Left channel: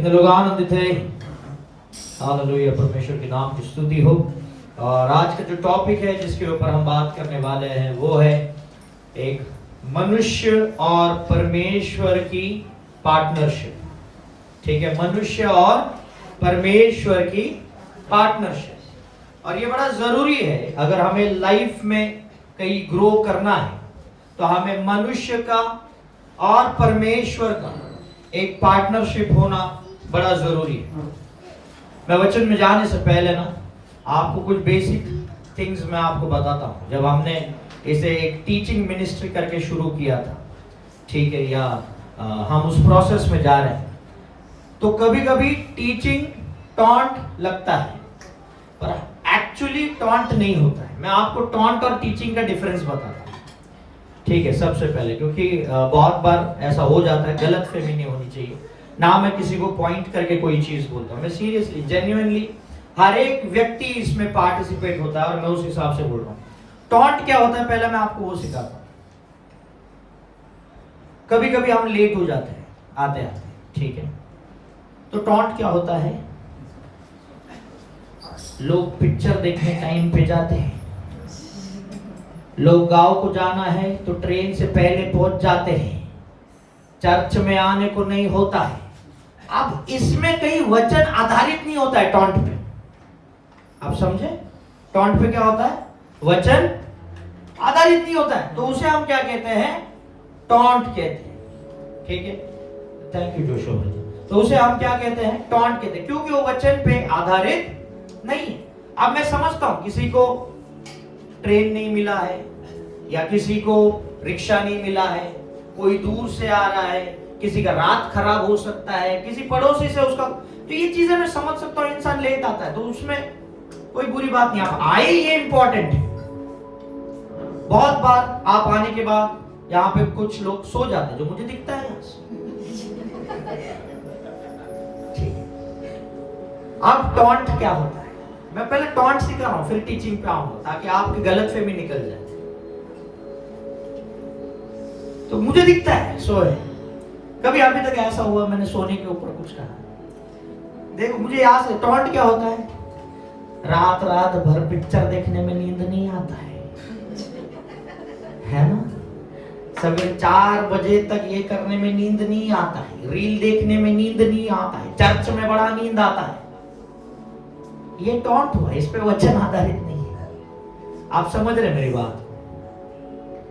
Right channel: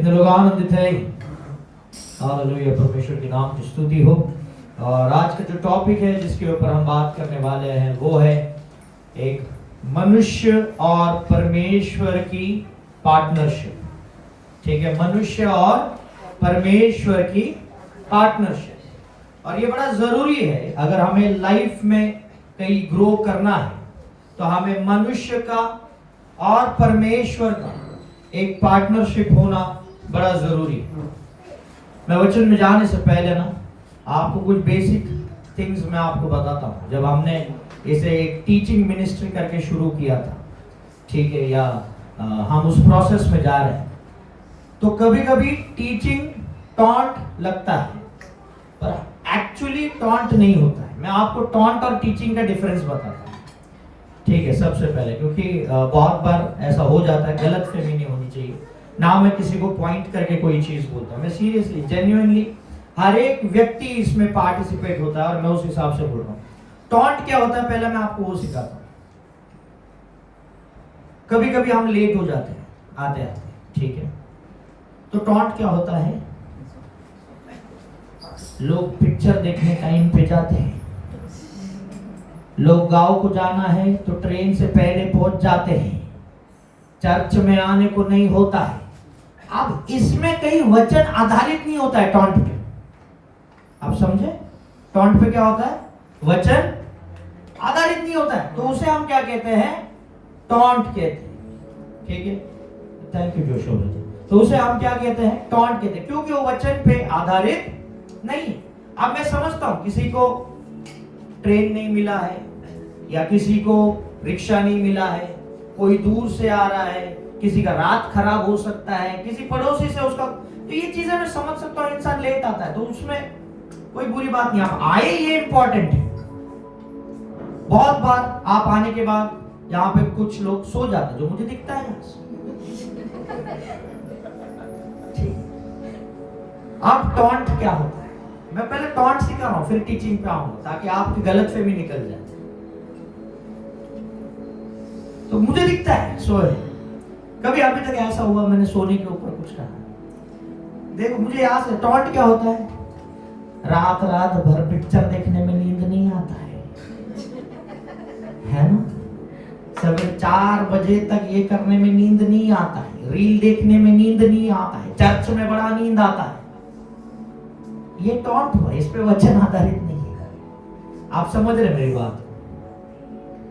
कितने लोग आनंदित हैं? हालेलुया, परमेश्वर के नाम की स्तुति हो। और आज का जो टॉपिक है जिसके ऊपर हम बात करने वाले हैं वो है एक मनुष्य और परमेश्वर की पार्टनरशिप। ठीक है, मनुष्य और परमेश्वर की पार्टनरशिप। और ये बड़ा जरूरी है, अगर हमें लाइफ में कहीं ग्रो करना है तो हमें मनुष्य का और परमेश्वर का एक पार्टनरशिप होना बड़ा जरूरी है। मैं वचन में जाने से पहले ना आपको कुछ बेसिक थिंग्स मैं आपको बताता हूँ। जब हमने इसे एक टीचिंग मिनिस्ट्री करके शुरू किया था, ठीक है, या हम उस प्रोसेस में जा रहे हैं, तो कभी कभी टीचिंग टॉन्ट लगता है पर एक्चुअली टॉन्ट नहीं होता है। मैं आपको टॉन्ट और टीचिंग का डिफरेंस बताता हूँ, ठीक है। सबसे पहले, क्योंकि बहुत बार ऐसा हो जाता है, गलतफहमी नहीं होनी चाहिए ना। मैं किसी को पॉइंट करके कोई चीज बोलता हूँ, मैं सीरियसली जेन्युइनली हर एक व्यक्ति इसमें पार्टिसिपेट होता है और मैं उस हिसाब से बोल रहा हूँ। टॉन्ट क्या होता है पहले मैं आपको वो सिखाता हूँ। कभी कभी हम लेट हो जाते हैं आते आते, ठीक है, तो टॉन्ट क्या होता है? लोग पिक्चर देखने टाइम पे जाते हैं, लोग गांव को जाना है तो ट्रेन से पहले पहुंच जाते हैं, चर्च में आने को नहीं होता है। अब इसमें कहीं वचन आधारित नहीं होता है टॉन्ट पे, आप समझे? टॉन्ट पे क्या होता है? वचन आधारित नहीं होता है, तो उसे हम क्या कहते हैं? टॉन्ट कहते हैं, ठीक है। थैंक यू जोशो जी। तो उसे हम क्या कहते हैं? टॉन्ट कहते हैं, क्योंकि वो वचन पे आधारित नहीं है। अब मैं समझता हूं किसी को ट्रेन नहीं मिला है, या किसी को रिक्शा नहीं मिला है, कोई दूर से आ रहा है, किसी का रात खराब हो सकता है, किसी पड़ोसी से उसका, तो ये चीजें मैं समझ सकता हूँ। इंसान लेट आता है तो उसमें कोई बुरी बात नहीं। आप आए ये इंपॉर्टेंट है। बहुत बार आप आने के बाद यहाँ पे कुछ लोग सो जाते हैं, जो मुझे दिखता है। अब टॉन्ट क्या होता है? मैं पहले टॉन्ट सिखा रहा हूं, फिर टीचिंग पे आऊंगा, ताकि आपकी गलतफहमी निकल जाए। तो मुझे दिखता है सोए, कभी अभी तक ऐसा हुआ मैंने सोने के ऊपर कुछ कहा? देखो, मुझे याद है टॉन्ट क्या होता है। रात रात भर पिक्चर देखने में नींद नहीं आता है ना? सवेरे 4 बजे तक ये करने में नींद नहीं आता है, रील देखने में नींद नहीं आता है, चर्च में बड़ा नींद आता है। ये टॉन्ट हुआ, इस पे वचन आधारित नहीं है। आप समझ रहे मेरी बात?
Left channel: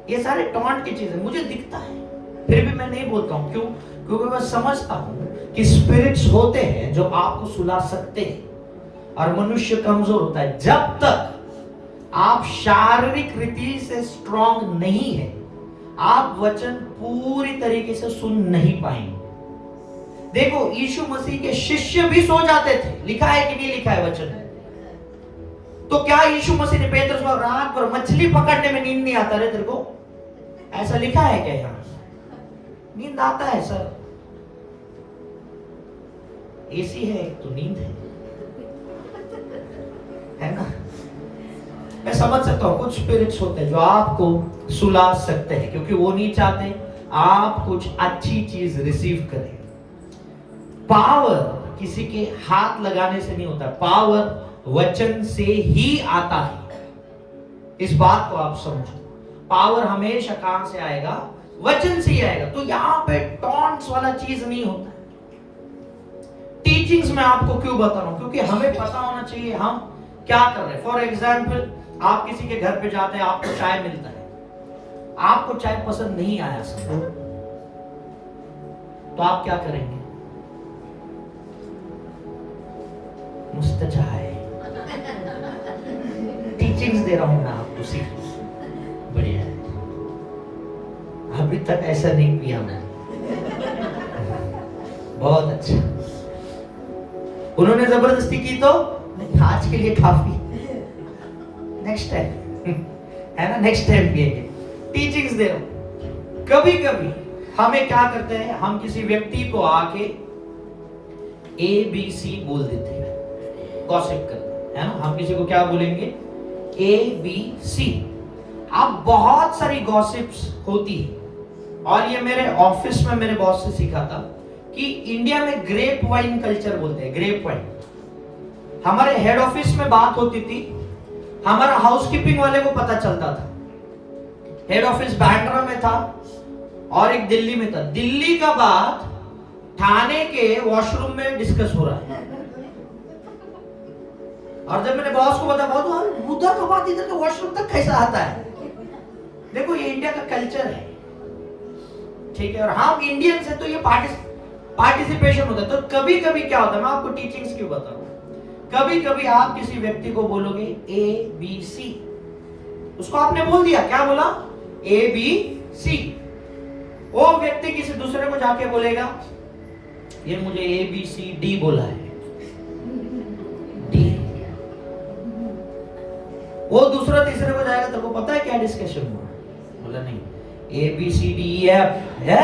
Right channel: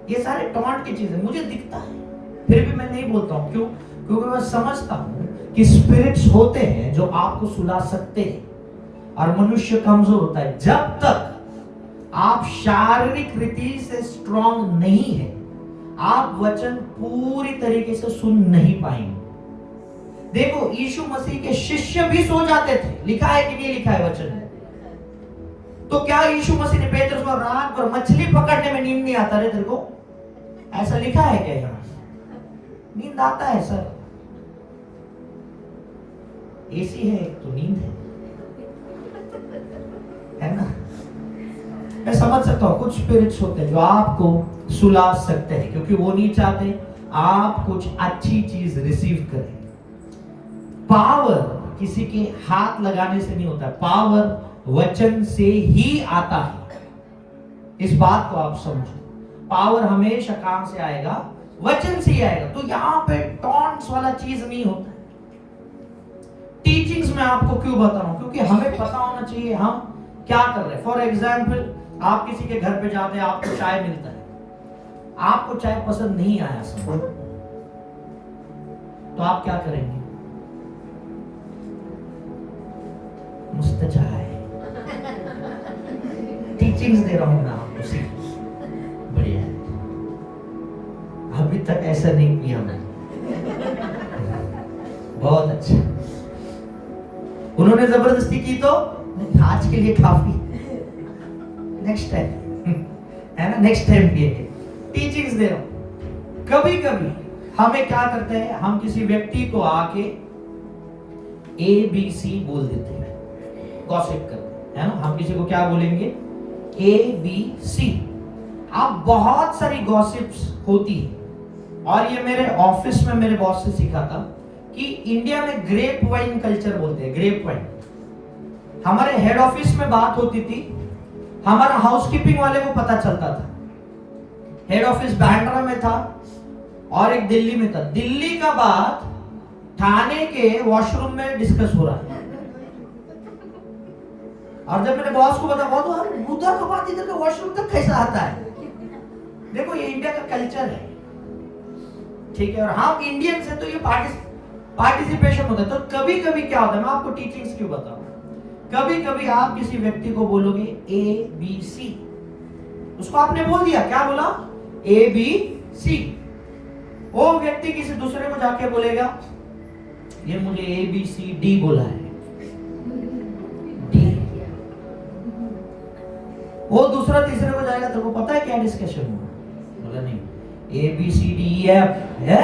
ये सारे टॉन्ट की चीजें मुझे दिखता है, फिर भी मैं नहीं बोलता हूं। क्यों? क्योंकि मैं समझता हूं कि स्पिरिट्स होते हैं जो आपको सुला सकते हैं, और मनुष्य कमजोर होता है। जब तक आप शारीरिक रीति से स्ट्रांग नहीं है, आप वचन पूरी तरीके से सुन नहीं पाएंगे। देखो, यीशु मसीह के शिष्य भी सो जाते थे, लिखा है कि नहीं लिखा है वचन में? तो क्या यीशु मसीह ने पेतरुस को रात भर मछली पकड़ने में नींद नहीं आता रे तेरे को? ऐसा लिखा है क्या यहाँ? नींद आता है सर, एसी है तो नींद है ना? मैं समझ सकता हूं कुछ स्पिरिट्स होते हैं जो आपको सुला सकते हैं, क्योंकि वो नहीं चाहते आप कुछ अच्छी चीज रिसीव करें। पावर किसी के हाथ लगाने से नहीं होता, पावर वचन से ही आता है। इस बात को आप समझो। पावर हमेशा कहां से आएगा? वचन से ही आएगा। तो यहां पे टॉन्ट्स वाला चीज नहीं होता। टीचिंग्स में आपको क्यों बता रहा हूं? क्योंकि हमें पता होना चाहिए हम क्या कर रहे हैं। फॉर एग्जाम्पल, आप किसी के घर पे जाते हैं, आपको चाय मिलता है, आपको चाय पसंद नहीं आया समझो, तो आप क्या करेंगे? मस्त चाय, टीचिंग्स दे रहा हूं मैं आपको, सीख बढ़िया है। अभी तक ऐसा नहीं किया मैंने, बहुत अच्छा। उन्होंने जबरदस्ती की तो आज के लिए काफी, नेक्स्ट टाइम है ना, नेक्स्ट टाइम पिएंगे। टीचिंग्स दे रहा हूं। कभी कभी हमें क्या करते हैं, हम किसी व्यक्ति को आके ABC बोल देते हैं, गॉसिप करते हैं, है ना? हम किसी को क्या बोलेंगे? ABC। अब बहुत सारी गॉसिप्स होती है, और ये मेरे ऑफिस में मेरे बॉस से सीखा था कि इंडिया में ग्रेप वाइन कल्चर बोलते हैं, ग्रेप वाइन। हमारे हेड ऑफिस में बात होती थी, हमारा हाउसकीपिंग वाले को पता चलता था। हेड ऑफिस बैंड्रा में था और एक दिल्ली में था। दिल्ली का बात थाने के वॉशरूम में डिस्कस हो रहा है, और जब मैंने बॉस को बताया, बहुत उधर का बात इधर का वॉशरूम तक कैसा आता है। देखो ये इंडिया का कल्चर है, ठीक है, और हम इंडियंस है तो ये पार्टिसिपेशन होता है। तो कभी कभी क्या होता है, मैं आपको टीचिंग्स क्यों बताऊं, कभी कभी आप किसी व्यक्ति को बोलोगे ABC, उसको आपने बोल दिया, क्या बोला, ABC। वो व्यक्ति किसी दूसरे को जाके बोलेगा, ये मुझे ABCD बोला है, D। वो दूसरा तीसरे को जाएगा, तो वो पता है क्या डिस्कशन हुआ, बोला नहीं ABCDEF है,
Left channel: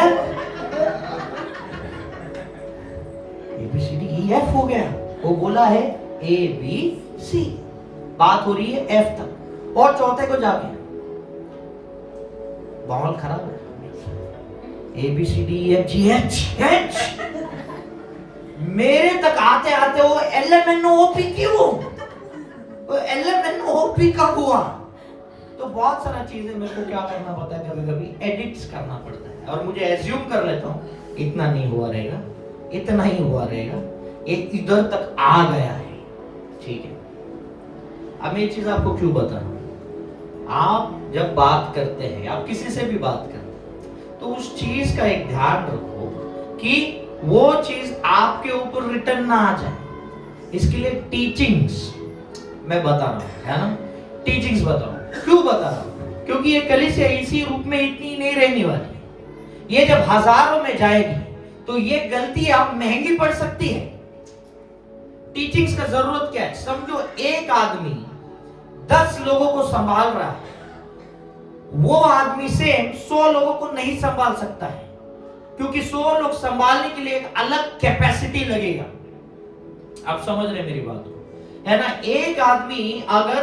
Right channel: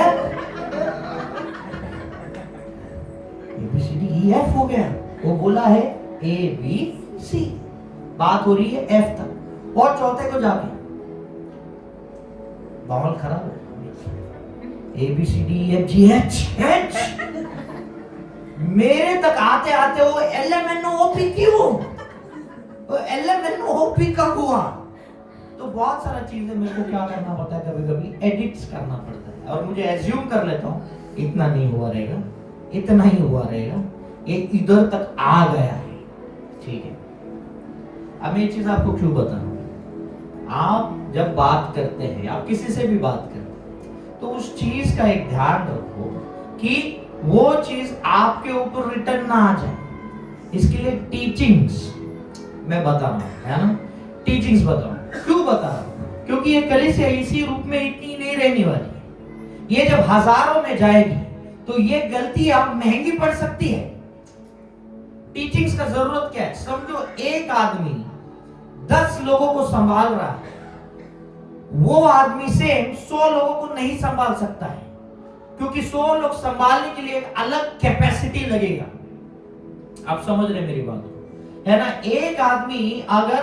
ABCDEF हो गया, वो बोला है ABC। बात हो रही है F तक, और चौथे को जाके माहौल खराब है, ABCDEFGH। मेरे तक आते आते वो LMNOP क्यों, वो LMNOP कब हुआ। तो बहुत सारा चीजें मेरे को क्या करना पड़ता है, कभी कभी एडिट्स करना पड़ता है, और मुझे एज्यूम कर लेता हूँ इतना नहीं हुआ रहेगा, इतना ही हुआ रहेगा, ये इधर तक आ गया है, ठीक है। अब मैं ये चीज आपको क्यों बता रहा हूं, आप जब बात करते हैं, आप किसी से भी बात करते हैं, तो उस चीज का एक ध्यान रखो कि वो चीज आपके ऊपर रिटर्न ना आ जाए। इसके लिए टीचिंग्स मैं बता रहा हूं, है ना, टीचिंग्स बता रहा हूं। क्यों बता रहा हूं, क्योंकि ये कलीसिया इसी रूप में इतनी नहीं रहने वाली। ये जब हजारों में जाएगी तो ये गलती आप महंगी पड़ सकती है। टीचिंग्स का जरूरत क्या है, समझो एक आदमी 10 लोगों को संभाल रहा है, वो आदमी सेम 100 लोगों को नहीं संभाल सकता है, क्योंकि 100 लोग संभालने के लिए एक अलग कैपेसिटी लगेगा। आप समझ रहे मेरी बात को, है ना। एक आदमी अगर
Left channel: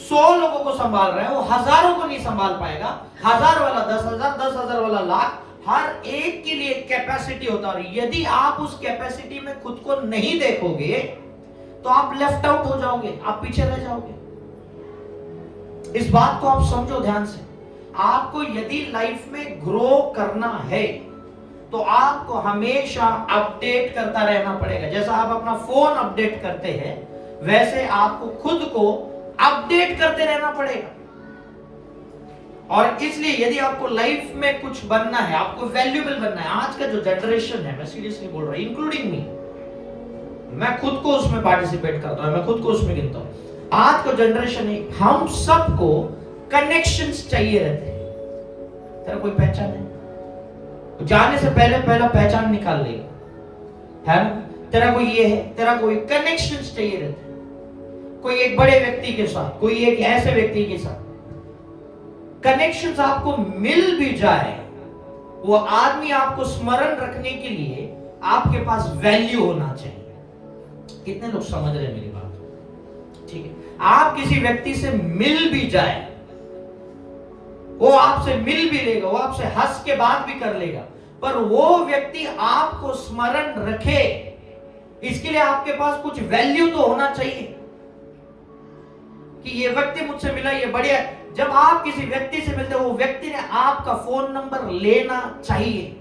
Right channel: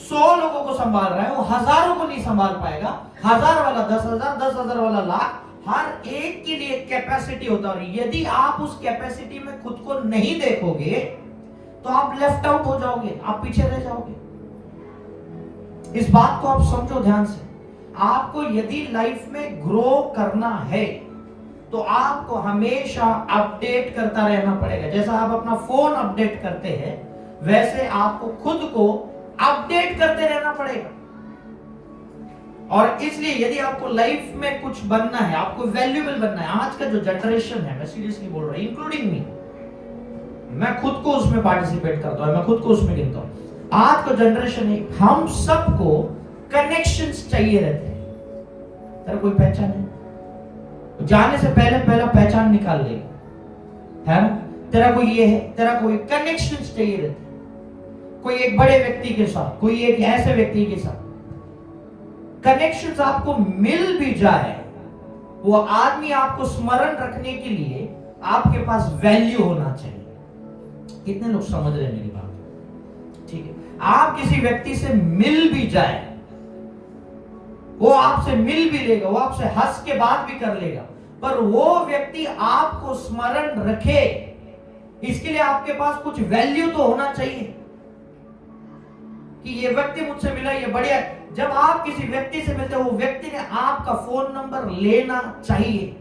100 लोगों को संभाल रहा है, वो हजारों को नहीं संभाल पाएगा। 1000 वाला 10,000, 10,000 वाला लाख, हर एक के लिए कैपेसिटी होता है। और यदि आप उस कैपेसिटी में खुद को नहीं देखोगे तो आप लेफ्ट आउट हो जाओगे, आप पीछे रह जाओगे। इस बात को आप समझो ध्यान से। आपको यदि लाइफ में ग्रो करना है तो आपको हमेशा अपडेट करता रहना पड़ेगा। जैसा आप अपना फोन अपडेट करते हैं, वैसे आपको खुद को अपडेट करते रहना पड़ेगा। और इसलिए यदि आपको लाइफ में कुछ बनना है, आपको वैल्यूएबल बनना है, आज का जो जनरेशन है, मैं सीरियसली बोल रहा हूं, इंक्लूडिंग मी, मैं खुद को उसमें पार्टिसिपेट करता हूं, मैं खुद को उसमें गिनता हूं। आज का जनरेशन है, हम सबको कनेक्शंस चाहिए रहते हैं। तेरा कोई पहचान है, जाने से पहले पहला पहचान निकाल ले, है ना। तेरा कोई ये है, तेरा कोई कनेक्शंस चाहिए रहते हैं, कोई एक बड़े व्यक्ति के साथ, कोई एक ऐसे व्यक्ति के साथ। कनेक्शंस आपको मिल भी जाए, वो आदमी आपको स्मरण रखने के लिए आपके पास वैल्यू होना चाहिए। कितने लोग समझ रहे हैं मेरी बात, ठीक है। आप किसी व्यक्ति से मिल भी जाए, वो आपसे मिल भी लेगा, वो आपसे हंस के बात भी कर लेगा, पर वो व्यक्ति आपको स्मरण रखे, इसके लिए आपके पास कुछ वैल्यू तो होना चाहिए कि ये व्यक्ति मुझसे मिला, ये बढ़िया। जब आप किसी व्यक्ति से मिलते हो, वो व्यक्ति ने आपका फोन नंबर लेना चाहिए,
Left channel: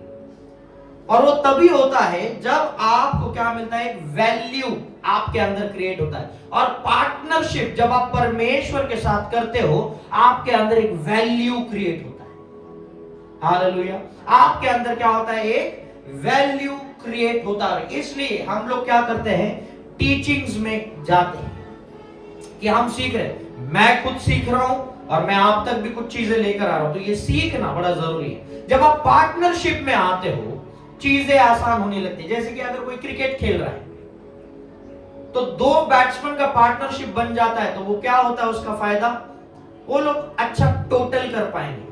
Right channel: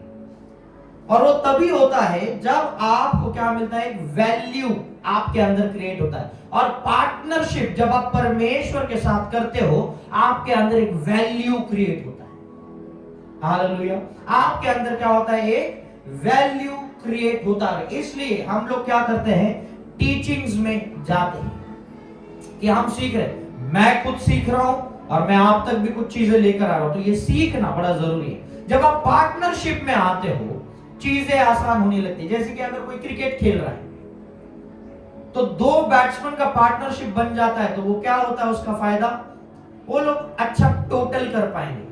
और वो तभी होता है जब आपको क्या मिलता है, वैल्यू आपके अंदर क्रिएट होता है। और पार्टनरशिप जब आप परमेश्वर के साथ करते हो, आपके अंदर एक वैल्यू क्रिएट होता है। हालेलुया। आपके अंदर क्या होता है, एक वैल्यू क्रिएट होता है। इसलिए हम लोग क्या करते हैं, टीचिंग्स में जाते हैं कि हम सीख रहे हैं। मैं खुद सीख रहा हूं और मैं आप तक भी कुछ चीजें लेकर आ रहा हूं, तो ये सीखना बड़ा जरूरी है। जब आप पार्टनरशिप में आते हो, चीजें आसान होने लगती है। जैसे कि अगर कोई क्रिकेट खेल रहा है तो 2 बैट्समैन का पार्टनरशिप बन जाता है, तो वो क्या होता है, उसका फायदा, वो लोग अच्छा टोटल कर पाएंगे।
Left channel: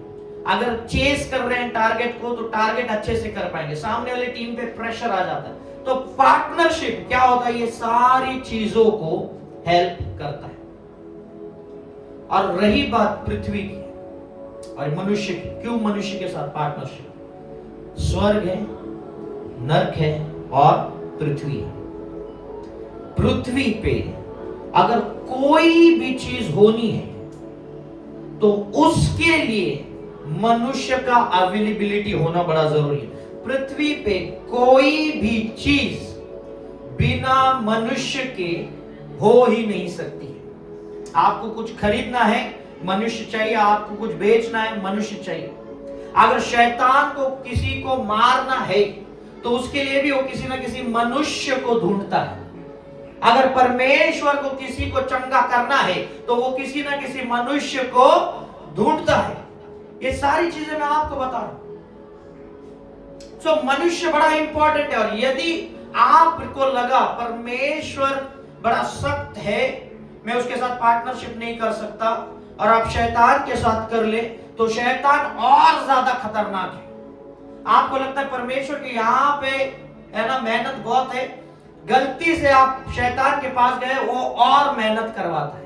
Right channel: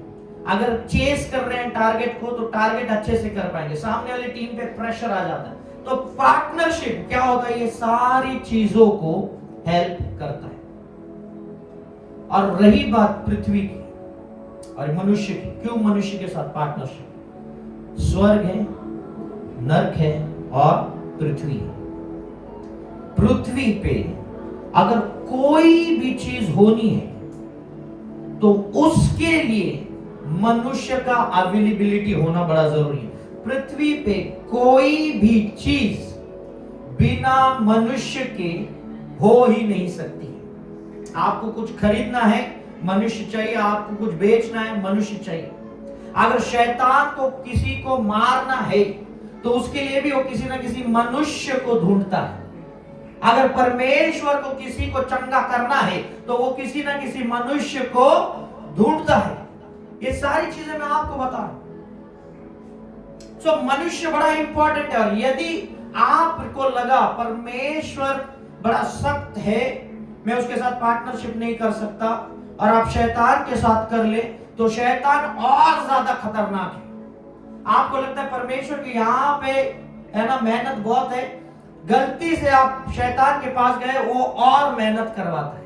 अगर चेस कर रहे हैं टारगेट को, तो टारगेट अच्छे से कर पाएंगे, सामने वाली टीम पे प्रेशर आ जाता है। तो पार्टनरशिप क्या होता है, ये सारी चीजों को हेल्प करता है। और रही बात पृथ्वी की और मनुष्य की, क्यों मनुष्य के साथ पार्टनरशिप, स्वर्ग है, नरक है, और पृथ्वी। पृथ्वी पे अगर कोई भी चीज होनी है तो उसके लिए मनुष्य का अवेलेबिलिटी होना बड़ा जरूरी है। पृथ्वी पे कोई भी चीज बिना मनुष्य के हो ही नहीं सकती। आपको कुछ खरीदना है, मनुष्य चाहिए। आपको कुछ बेचना है, मनुष्य चाहिए। अगर शैतान को किसी को मारना है तो उसके लिए भी वो किसी ना किसी मनुष्य को ढूंढता है। अगर परमेश्वर को किसी को चंगा करना है तो वो किसी ना किसी मनुष्य को ढूंढता है। ये सारी चीजें मैं आपको बता रहा हूं। मनुष्य बड़ा इंपॉर्टेंट है। और यदि आपको लगा परमेश्वर बड़ा सख्त है, मैं उसके साथ पार्टनरशिप नहीं कर सकता, और आप शैतान के साथ कर ले, तो शैतान और ज्यादा खतरनाक है। आपको लगता है परमेश्वर की यहां पे है ना मेहनत बहुत है, गलती से आप शैतान के पास गए, वो और मेहनत करवाता है।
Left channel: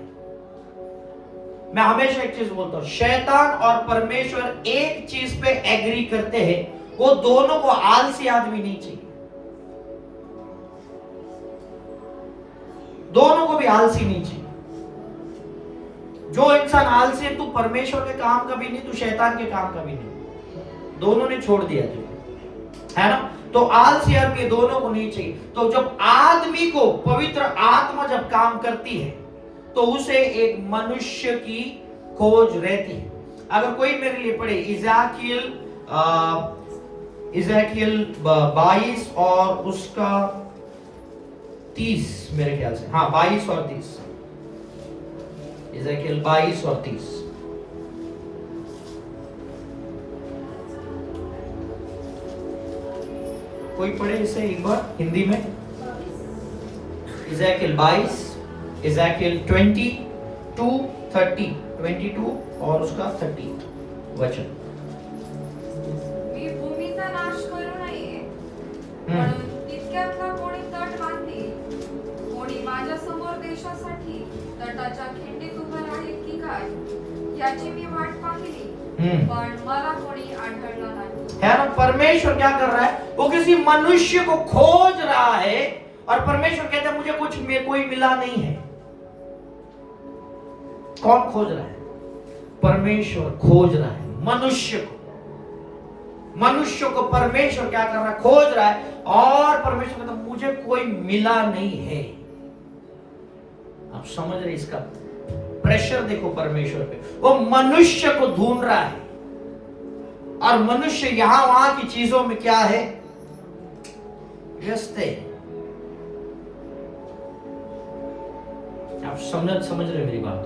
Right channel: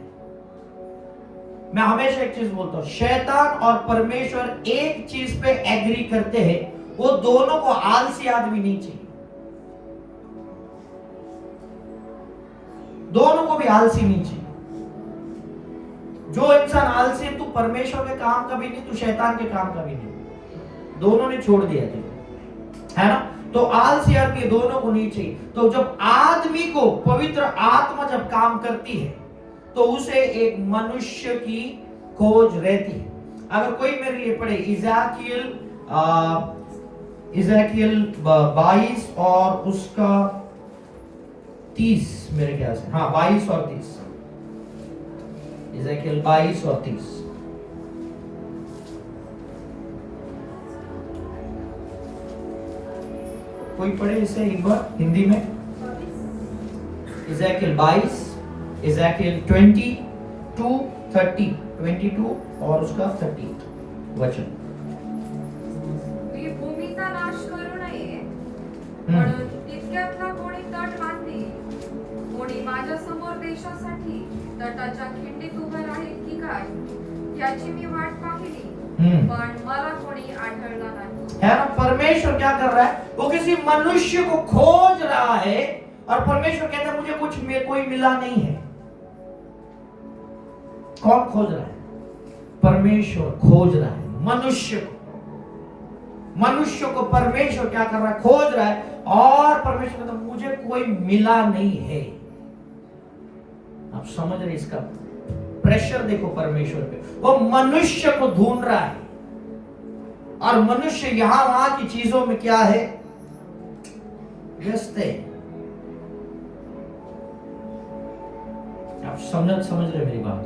मैं हमेशा एक चीज बोलता हूं, शैतान और परमेश्वर एक चीज पे एग्री करते हैं, वो दोनों को आलसी आदमी नहीं चाहिए। दोनों को भी आलसी नहीं चाहिए। जो इंसान आलसी है, तू परमेश्वर के काम का भी नहीं, तू शैतान के काम का भी नहीं। दोनों ने छोड़ दिया तुझे, है ना। तो आलसी आदमी दोनों को नहीं चाहिए। तो जब आदमी को पवित्र आत्मा जब काम करती है तो उसे एक मनुष्य की खोज रहती है। अगर कोई मेरे लिए पढ़े इज़ेकियल 22 और उसका 30, मेरे ख्याल से, हाँ 22 और 30। इज़ेकियल 22 और 30। कोई पढ़े इसे एक बार हिंदी में। इज़ेकियल 22, इज़ेकियल 22 और उसका 30 वचन। मी भूमीचा नाश करू नये म्हणून तितक्यातला कोणी तट बांधली, कोणी माझ्या समोर देशासाठी तटाच्या खिंडीत उभं राहील की काय, याची मी वाट पाहिली, पण मला कोणी आढळला नाही। है ना, परमेश्वर क्या कर रहा है, वो किसी मनुष्य को खोज रहा है, और परमेश्वर कहता है मुझे कोई मिला नहीं है। कौन खोज रहा है? परमेश्वर खोज रहा है मनुष्य को। मनुष्य को परमेश्वर क्या कर रहा है? खोज रहा है। और परमेश्वर कहता है मुझे कोई मिला नहीं है। आप समझ रहे इसका प्रेशर देखो परमेश्वर पे। वो मनुष्य को ढूंढ रहा है, और मनुष्य यहां वहां की चीजों में क्या है? व्यस्त है। आप समझ रहे मेरी बात?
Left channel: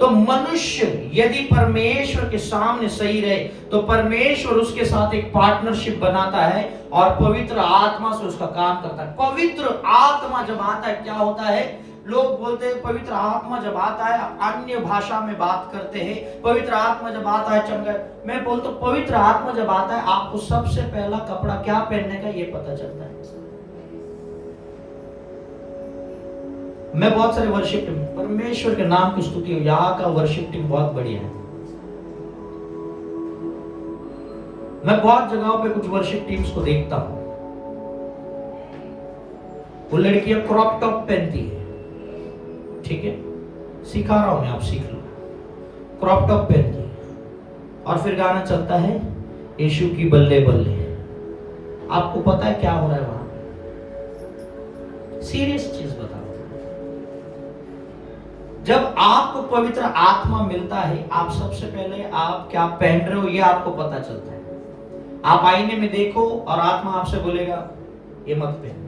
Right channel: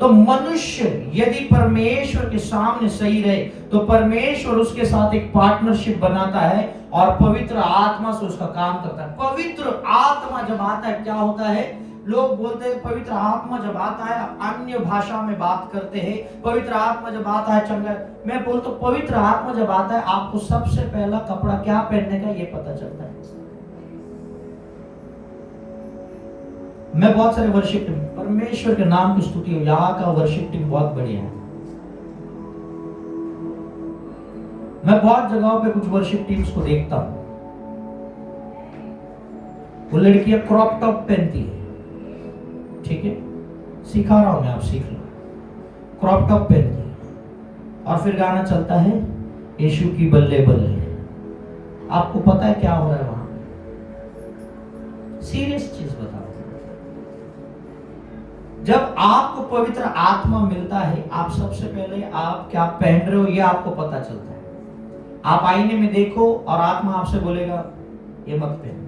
तो मनुष्य यदि परमेश्वर के सामने सही रहे तो परमेश्वर उसके साथ एक पार्टनरशिप बनाता है और पवित्र आत्मा से उसका काम करता है। पवित्र आत्मा जब आता है क्या होता है? लोग बोलते हैं पवित्र आत्मा जब आता है अन्य भाषा में बात करते हैं, पवित्र आत्मा जब आता है चंगा। मैं बोलता हूं पवित्र आत्मा जब आता है आपको सबसे पहला कपड़ा क्या पहनने का ये पता चलता है। मैं बहुत सारे वर्शिप टीम, परमेश्वर के नाम की स्तुति हो, यहाँ का वर्शिप टीम बहुत बढ़िया है। मैं बहुत जगहों पे कुछ वर्शिप टीम्स को देखता हूं, वो लड़कियां क्रॉप टॉप पहनती है, ठीक है, सिखा रहा हूं मैं, आप सीख लो। क्रॉप टॉप पहनती है और फिर गाना चलता है यीशु की बल्ले बल्ले। आपको पता है क्या हो रहा है वहां? सीरियस चीज बता। जब आपको पवित्र आत्मा मिलता है, आप सबसे पहले आप क्या पहन रहे हो ये आपको पता चलता है। आप आईने में देखो और आत्मा आपसे बोलेगा ये मत पहन।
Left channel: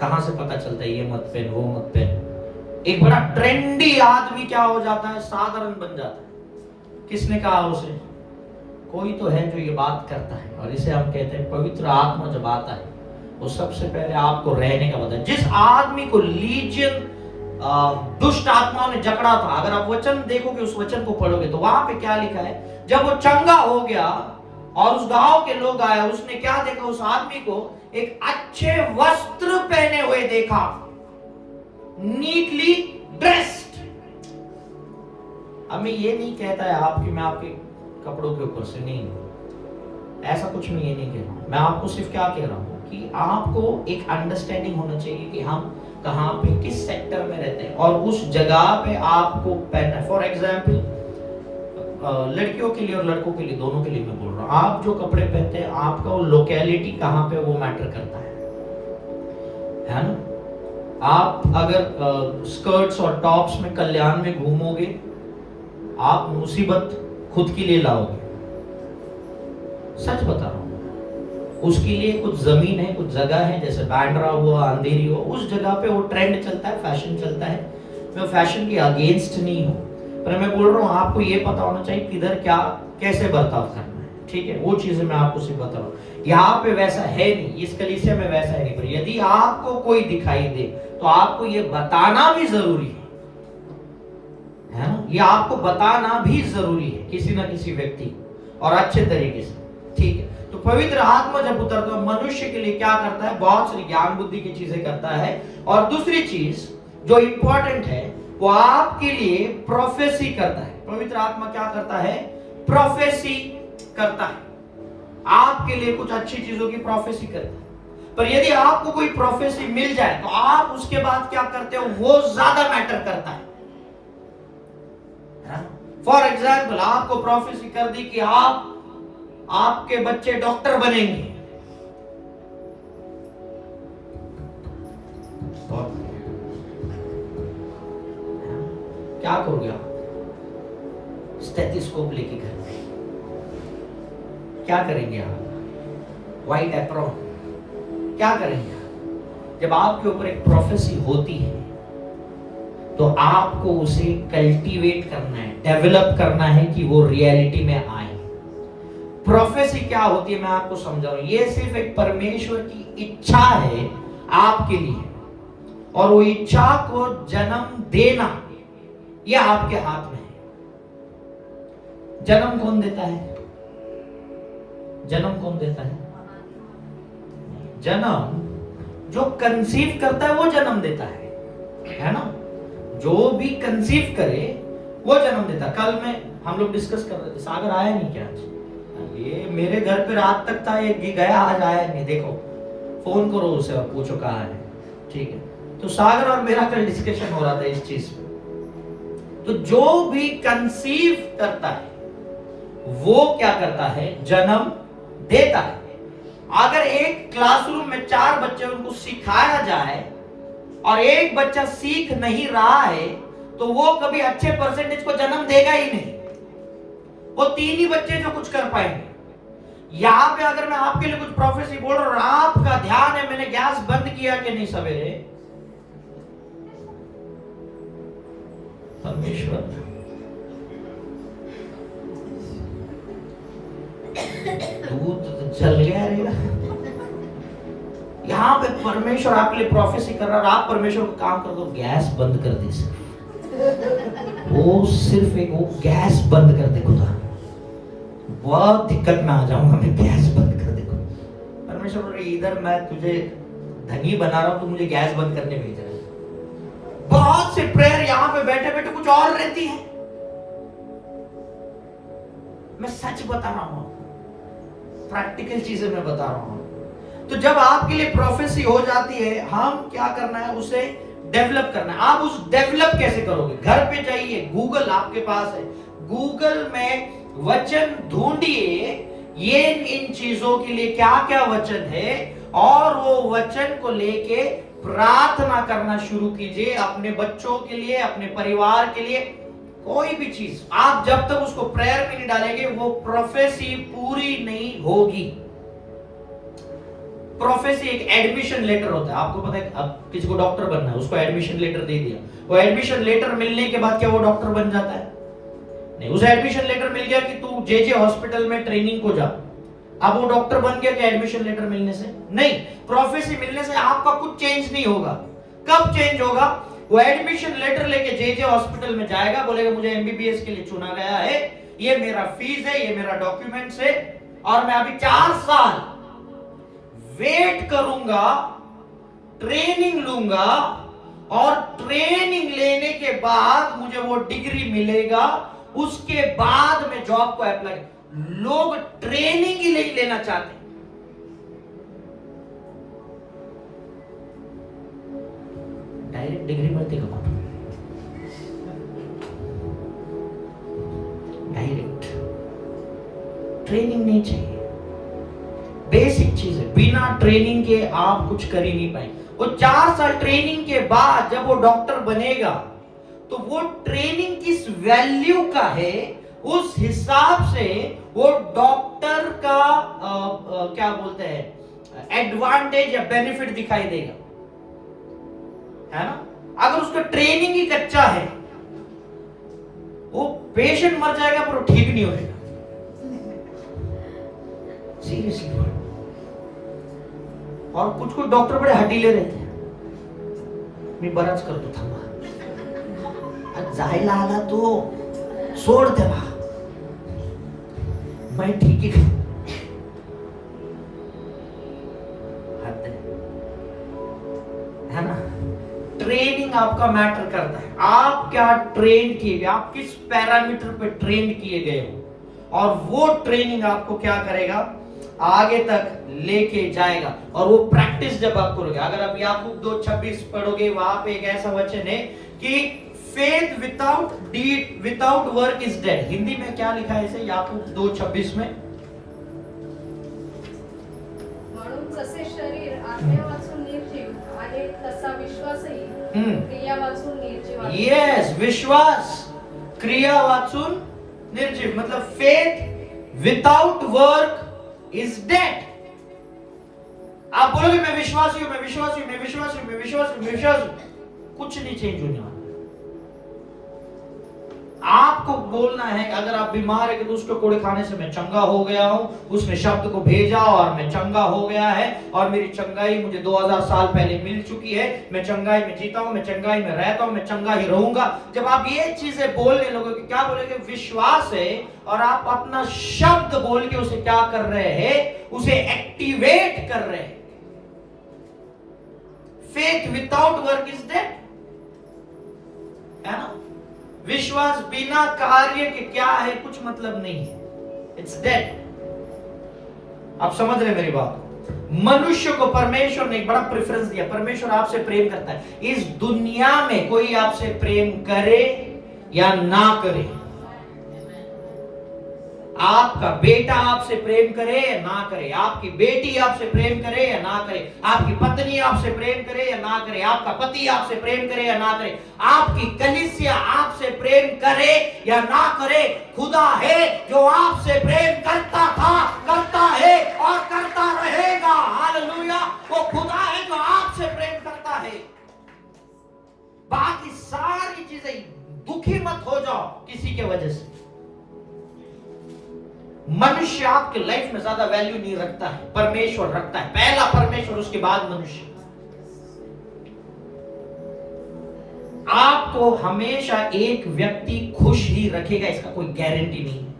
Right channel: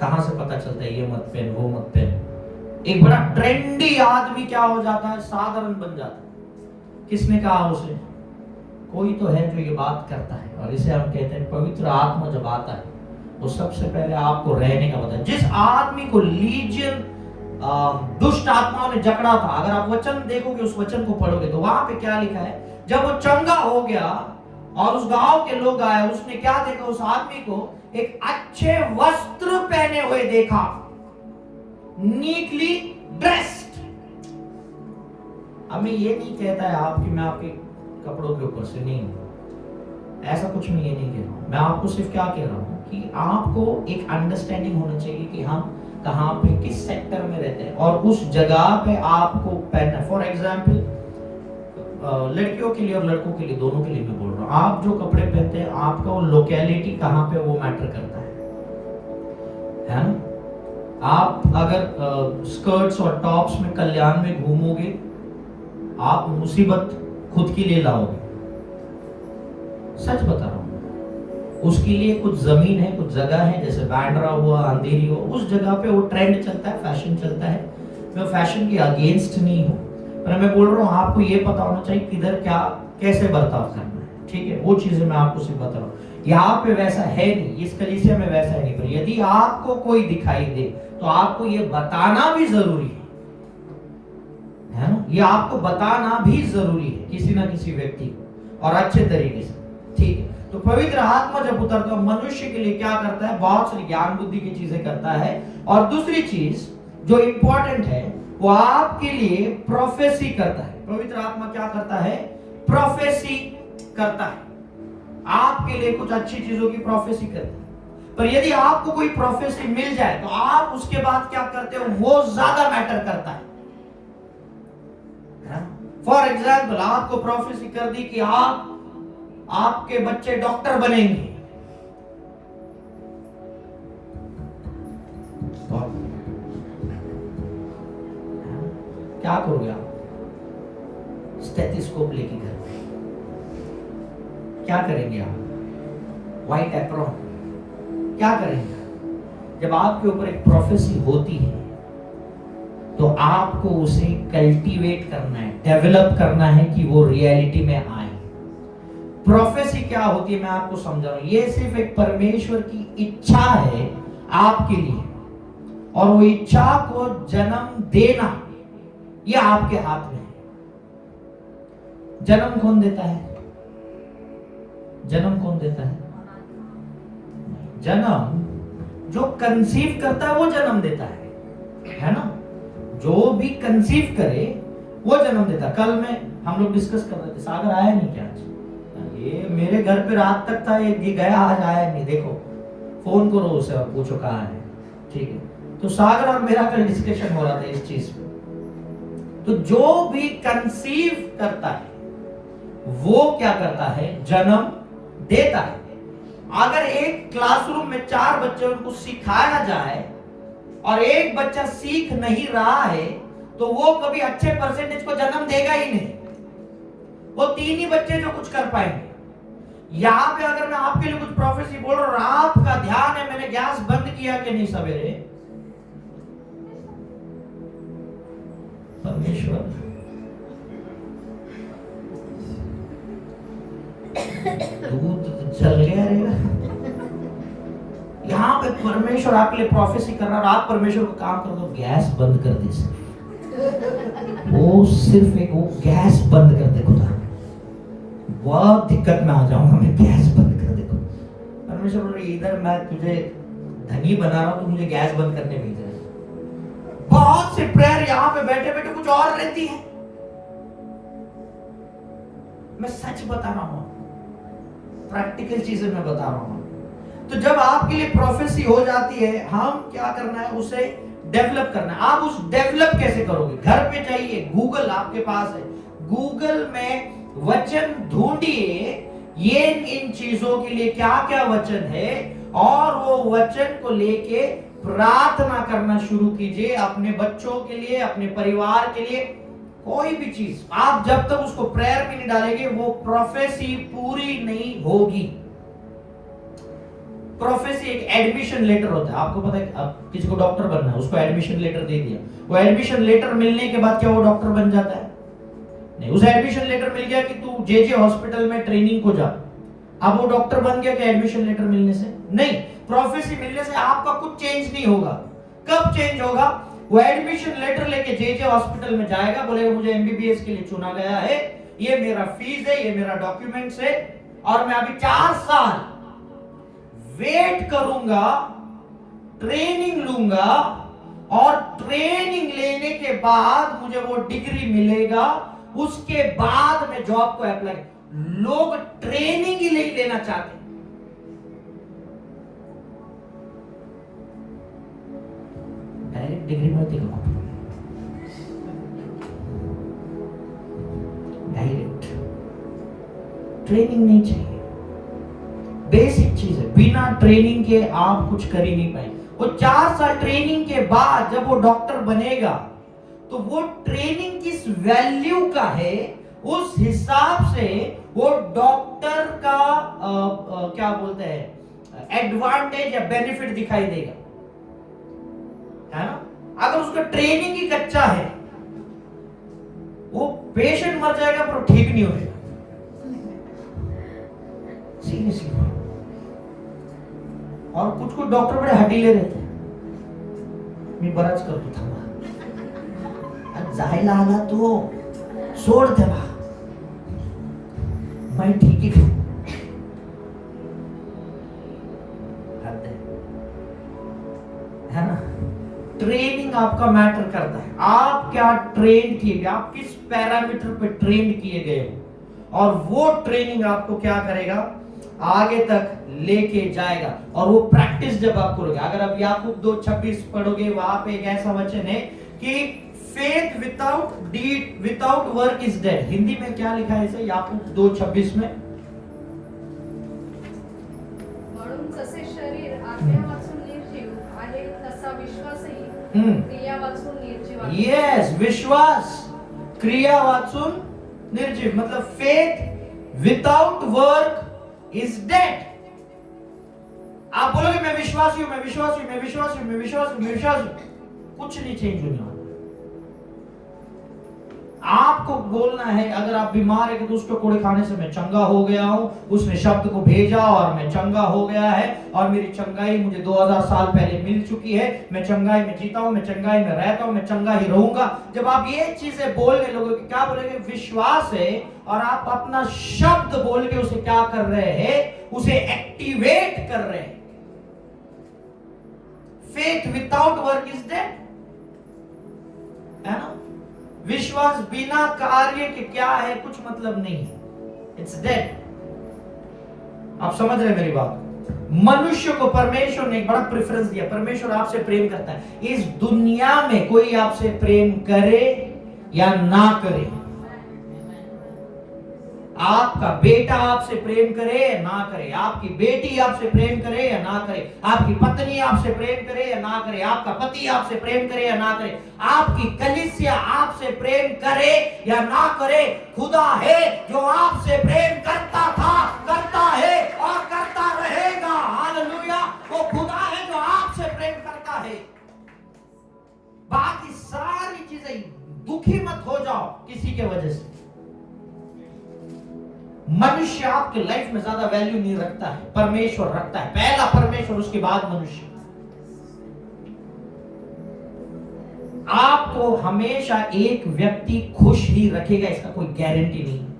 कहां से पता चलता है ये मत पहन, वो मत पहन? एक बड़ा ट्रेंडी आदमी क्या हो जाता है? साधारण बन जाता है। किसने कहा उसे? कोई तो है जो ये बात करता है, और इसे हम कहते हैं पवित्र आत्मा जब आता है वो सबसे पहले आपको रहने का पता है। जिस आदमी को लीजियन दुष्ट आत्माओं ने जकड़ा था, अगर आप वचन देखोगे, उस वचन को पढ़ोगे तो वहां पे क्या लिखा है? जब वो चंगा हो गया और उस गांव के लोग आए, उसने क्या देखा? उस आदमी को एक अच्छे वस्त्र पहने हुए देखा, नीटली ड्रेस्ड। अब मैं ये नहीं कहता है आपकी, मैं आपके कपड़ों के ऊपर से नहीं, ऐसा कुछ मैं ये नहीं कह रहा हूँ। मैं आपको सिर्फ क्या कह रहा हूँ कि आपको एक अंडरस्टैंडिंग होना चाहिए कि हम कहाँ पे किस सेक्टर में रहते हैं और उस जगह पे आपको पहनना। फॉर एग्जाम्पल लड़कियों के लिए और लड़कों के लिए, दोनों के लिए मैं बोल रहा हूँ, आप जो कपड़े पहनते हैं आपका वो लोकेलिटी कहाँ पे वो मैटर करता है ना। आप अगर स्कर्ट्स और टॉप्स में कल्याण में घूमोगे, आप मुसीबत खुद के लिए लाओगे। सच बता रहा हूं। उसके लिए कुछ जमीन है, कुछ जगह है, जैसे बांद्रा हुआ, अंधेरी हो, उस जगह पे वो ट्रेंड चलता है, फैशन चलता है। मैं फैशन के अगेंस्ट नहीं हूं, पर मैं बोल रहा हूं आपको ये पता होना चाहिए किधर क्या कैसे बर्ताव करना है। ठीक है, वो चीजें मैं आपको सिर्फ बता रहा हूं। यहाँ पे वैसा है नहीं, इस कलीसिया में वैसा है नहीं, पर यदि आपको कोई दिखाई दे तो आपको ये बताना भी जरूरी है ना। ये आपको बताना भी जरूरी है किसी ना किसी व्यक्ति और अच्छे तरीके से। ठीक है, तो पवित्र आत्मा जब उतरता है मनुष्य के लिए क्या करता है, बहुत सारी ज्ञान बुद्धि की चीजें करता है। और दूसरी चीज जो इंपॉर्टेंट है वो आपके लिए प्रोफेसी करता है। पवित्र आत्मा क्या करता है, प्रोफेसी करता है, आपके लिए कुछ अच्छी चीजों की प्रोफेसी करता है। पर यदि आपको कोई प्रोफेसी मिल जाए तो आप उसके बाद क्या करते हो वो ज्यादा मैटर करता है। फॉर एग्जाम्पल आपको प्रोफेसी कर दी कि आपके बच्चे डॉक्टर बनेंगे, क्या करोगे आप? स्टेथोस्कोप लेके घर पे क्या करेंगे आप? व्हाइट एप्रॉन क्या करेंगे? जब आपके ऊपर एक प्रोफेसी होती है तो आपको उसे कल्टीवेट करना है, डेवलप करना है कि वो रियलिटी में आए। प्रोफेसी क्या होती है मैं आपको समझा रहा हूं। ये सिर्फ एक परमेश्वर की इच्छा है आपके लिए, और वो इच्छा को जन्म देना ये आपके हाथ में है। जन्म कौन देता है? जन्म कौन देता है? जन्म जो कंसीव करता है वो जन्म देता है ना। जो भी कंसीव करे वो जन्म देता। कल में हम लोग डिस्कस कर रहे थे, सागर आया नहीं क्या आज? ये मेरे घर पे रात तक था, ये गया, आज आया नहीं। देखो फोन करो उसे और पूछो कहाँ है। ठीक है, तो सागर और मेरा कल डिस्कशन हो रहा था इस चीज पे। तो जो भी कंसीव करता है वो क्या करता है, जन्म देता है। अगर एक क्लासरूम में 4 बच्चे उनको सिखाया जाए और एक बच्चा सीख नहीं रहा है तो वो कभी अच्छे परसेंटेज को जन्म देगा ही नहीं। वो 3 ही बच्चे जो कुछ कर पाएंगे। यहां पे अगर मैं आपके लिए कुछ प्रोफेसी बोल रहा हूं, आपका ध्यान है मैंने गैस बंद किया कि नहीं सवेरे, परमेश्वर दूध तो जल गया रे। यहाँ पे परमेश्वर आपके लिए प्रोफेसी कर रहा है और आप परमेश्वर को काम कर दो, गैस बंद कर दे। वो सिर्फ एक वो गैस बंद कर दे खुदा, बहुत दिक्कत में आ जाऊंगा मैं, गैस बंद कर दे। परमेश्वर बोल रहे इधर मैं तुझे धनी बना रहा हूं, तो मुझे गैस बंद करने भेज रहे। बहुत से प्रेयर यहाँ पे बैठे बैठे कुछ और रहती है। मैं सच बता रहा हूं, प्रैक्टिकल चीजें मैं बता रहा हूं। तो जब आपके लिए प्रोफेसी हो जाती है, हम क्या करना है, उसे डेवलप करना है। आप उस डेवलप कैसे करोगे? घर पे जाइए, गूगल आपके पास है, गूगल में वचन ढूंढिए, ये इन चीजों के लिए क्या क्या वचन है, और वो वचन को लेके प्रार्थना करना शुरू कीजिए अपने बच्चों के लिए, अपने परिवार के लिए। कोई भी चीज आप जब तक उसको प्रेयर में नहीं डालेंगे वो प्रोफेसी पूरी नहीं होगी। प्रोफेसी एक एडमिशन लेटर होता है। आपको पता है अब किसी को डॉक्टर बनना है, उसको एडमिशन लेटर दे दिया, वो एडमिशन लेटर मिलने के बाद क्या वो डॉक्टर बन जाता है? नहीं। उसे एडमिशन लेटर मिल गया कि तू जे हॉस्पिटल में ट्रेनिंग को जा, अब वो डॉक्टर बन गया क्या एडमिशन लेटर मिलने से? नहीं। प्रोफेसी मिलने से आपका कुछ चेंज नहीं होगा। कब चेंज होगा? वो एडमिशन लेटर लेके जे हॉस्पिटल में जाएगा, बोलेगा मुझे एमबीबीएस के लिए चुना गया है, ये मेरा फीस है, ये मेरा डॉक्यूमेंट्स है, और मैं अभी 4 साल वेट करूंगा, ट्रेनिंग लूंगा, और ट्रेनिंग लेने के बाद मुझे वो डिग्री मिलेगा, उसके बाद मैं जॉब को अप्लाई। लोग ट्रेनिंग ही नहीं लेना चाहते। डायरेक्ट डिग्री मिलती का डायरेक्ट ट्रेनिंग नहीं चाहिए। बेसिक चीज है, बिना ट्रेनिंग के आप कुछ कर ही नहीं पाएंगे। वो 4 साल ट्रेनिंग के बाद जब वो डॉक्टर बनेगा तो वो ट्रेनिंग किस वैल्यू का है, उस हिसाब से वो डॉक्टर का क्या बोलते हैं एडवांटेज या बेनिफिट दिखाई देगा, है ना। अगर उसका ट्रेनिंग ही कच्चा है, वो पेशेंट मर जाएगा पर वो ठीक नहीं होगा। सीरियसली। और कुछ डॉक्टर बड़े हटीले रहते हैं। मी बराच करतो, थांबा जायला आला तो सोड तेव्हा मैं ठीक है ना। ट्रेनिंग आपका मैटर करता है, आप क्या ट्रेन किए गए, आप किस पैरामीटर पे ट्रेन किए गए हो, और वो ट्रेनिंग आपको क्या करेगा, आगे तक लेके जाएगा। और वो प्रैक्टिस जब आप करोगे, अगर आप याकूब 2:26 पढ़ोगे, वहां पे एक ऐसा वचन है कि faith without deed without work is dead. Hindi में क्या लिखा है इसे याकूब 2:26 में? म्हणून जसे शरीर आज्ञा वाचून निर्जीव आहे तसा विश्वासही क्रिया वाचून निर्जीव आहे। यस, विश्वास क्रिया वाचून निर्जीव, मतलब faith without work is dead. आप बोलोगे मैं विश्वासी हूं, मैं विश्वासी हूं, मैं विश्वासी हूं, मैं विश्वासी हूं, मैं विश्वासी हूं, कुछ नहीं चेंज होने वाला। आपको बोलना है अगर आप बीमार है कि उसको कोड़े खाने से मैं चंगा हो गया हूं, उसने शब्द को भेजा और मैं चंगा हो गया है, और मेरी चंगाई मुझे 2000 साल पहले मिल चुकी है, मैं चंगाई में जीता हूं, मैं चंगाई में रहता हूं, मैं चंगा ही रहूंगा। जब आप ये चीजें बोलने लोगोगे, क्या बोलेंगे, विश्वास है, और आप अपना शब्द बोल के उसे क्या कर रहे हैं, उसे एक्टिवेट कर रहे हैं। Faith without work is dead, है ना। विश्वास बिना कार्य के क्या है, कुछ मतलब नहीं है, इट्स डेड। आप समझ रहे मेरी बात। मनुष्य को परमेश्वर ने एक बड़ा प्रेफरेंस दिया। परमेश्वर आपसे प्रेम करता है। इस दुनिया में कोई आपसे प्रेम करे या ना करे, आपका बेटा आपसे प्रेम करे या ना करे, आपकी बेटी आपसे प्रेम करे या ना करे, आपकी पत्नी आपसे प्रेम करे या ना करे, आपका पति आपसे प्रेम करे या ना करे, आपकी कलीसिया आपसे प्रेम करे या ना करे, खुदा है जो आपसे प्रेम करता था, करता है और करता रहेगा। हालेलुया। वो खुदा है जो आपसे प्रेम करता है। बाकी सारी चीजें, दुखी मत हो जाओ किसी के वजह से। मनुष्य आपके लाइफ में ज्यादा वैल्यू नहीं रखता है, परमेश्वर रखता है। पहला परमेश्वर, उसके बाद मनुष्य। आपको हमेशा एक व्यक्ति खुश ही रखेगा, इसका कोई गारंटी नहीं है,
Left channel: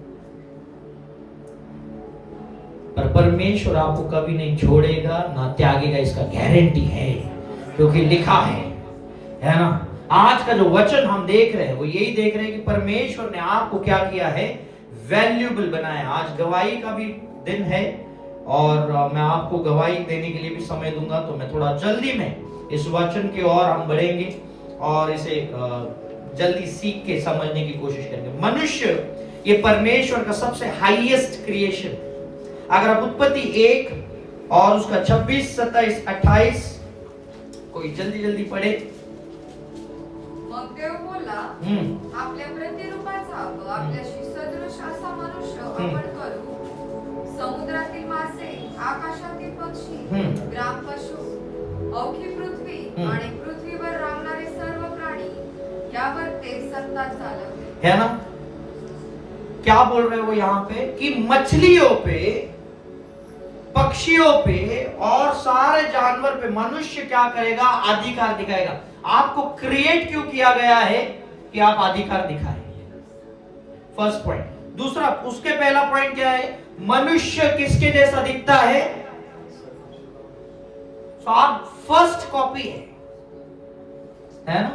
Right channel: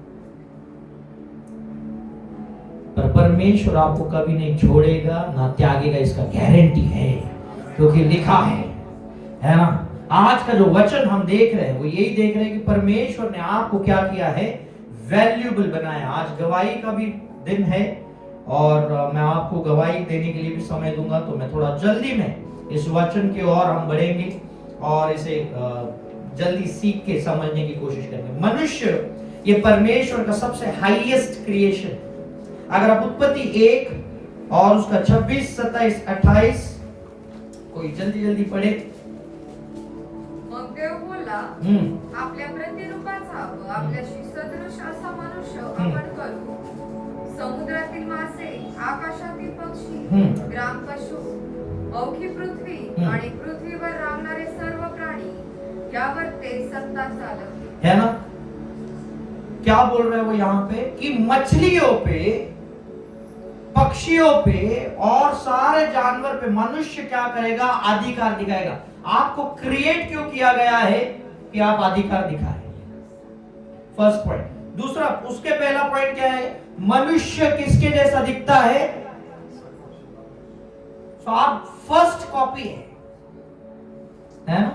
पर परमेश्वर आपको कभी नहीं छोड़ेगा ना त्यागेगा, इसका गारंटी है, क्योंकि लिखा है ना। आज का जो वचन हम देख रहे हैं वो यही देख रहे हैं कि परमेश्वर ने आपको क्या किया है, वैल्यूएबल बनाया। आज गवाही का भी दिन है, और मैं आपको गवाही देने के लिए भी समय दूंगा, तो मैं थोड़ा जल्दी में इस वचन की ओर हम बढ़ेंगे और इसे जल्दी सीख के समझने की कोशिश करेंगे। मनुष्य ये परमेश्वर का सबसे हाईएस्ट क्रिएशन। अगर आप उत्पत्ति 1 और उसका 26, 27, 28 कोई जल्दी पढ़े। मग देव बोलला, आपल्या प्रतिरूपाचा व आपल्याशी सदृश असा मनुष्य आपण करू, समुद्रातील मासे, आकाशातील पक्षी, ग्राम पशु, अवघी पृथ्वी आणि पृथ्वीवर रांगणारे सर्व प्राणी, यावर ते सत्ता चालवते। है ना। क्या बोल रहे हो यहाँ पे कि मछलियों पे, पक्षियों पे और सारे जानवर पे मनुष्य क्या करेगा, अधिकार दिखाएगा। आपको क्रिएट क्यों किया गया है कि आप अधिकार दिखाएं, फर्स्ट पॉइंट। दूसरा, उसके पहला पॉइंट क्या है, मनुष्य किसके जैसा दिखता है, तो आप फर्स्ट कॉपी है ना,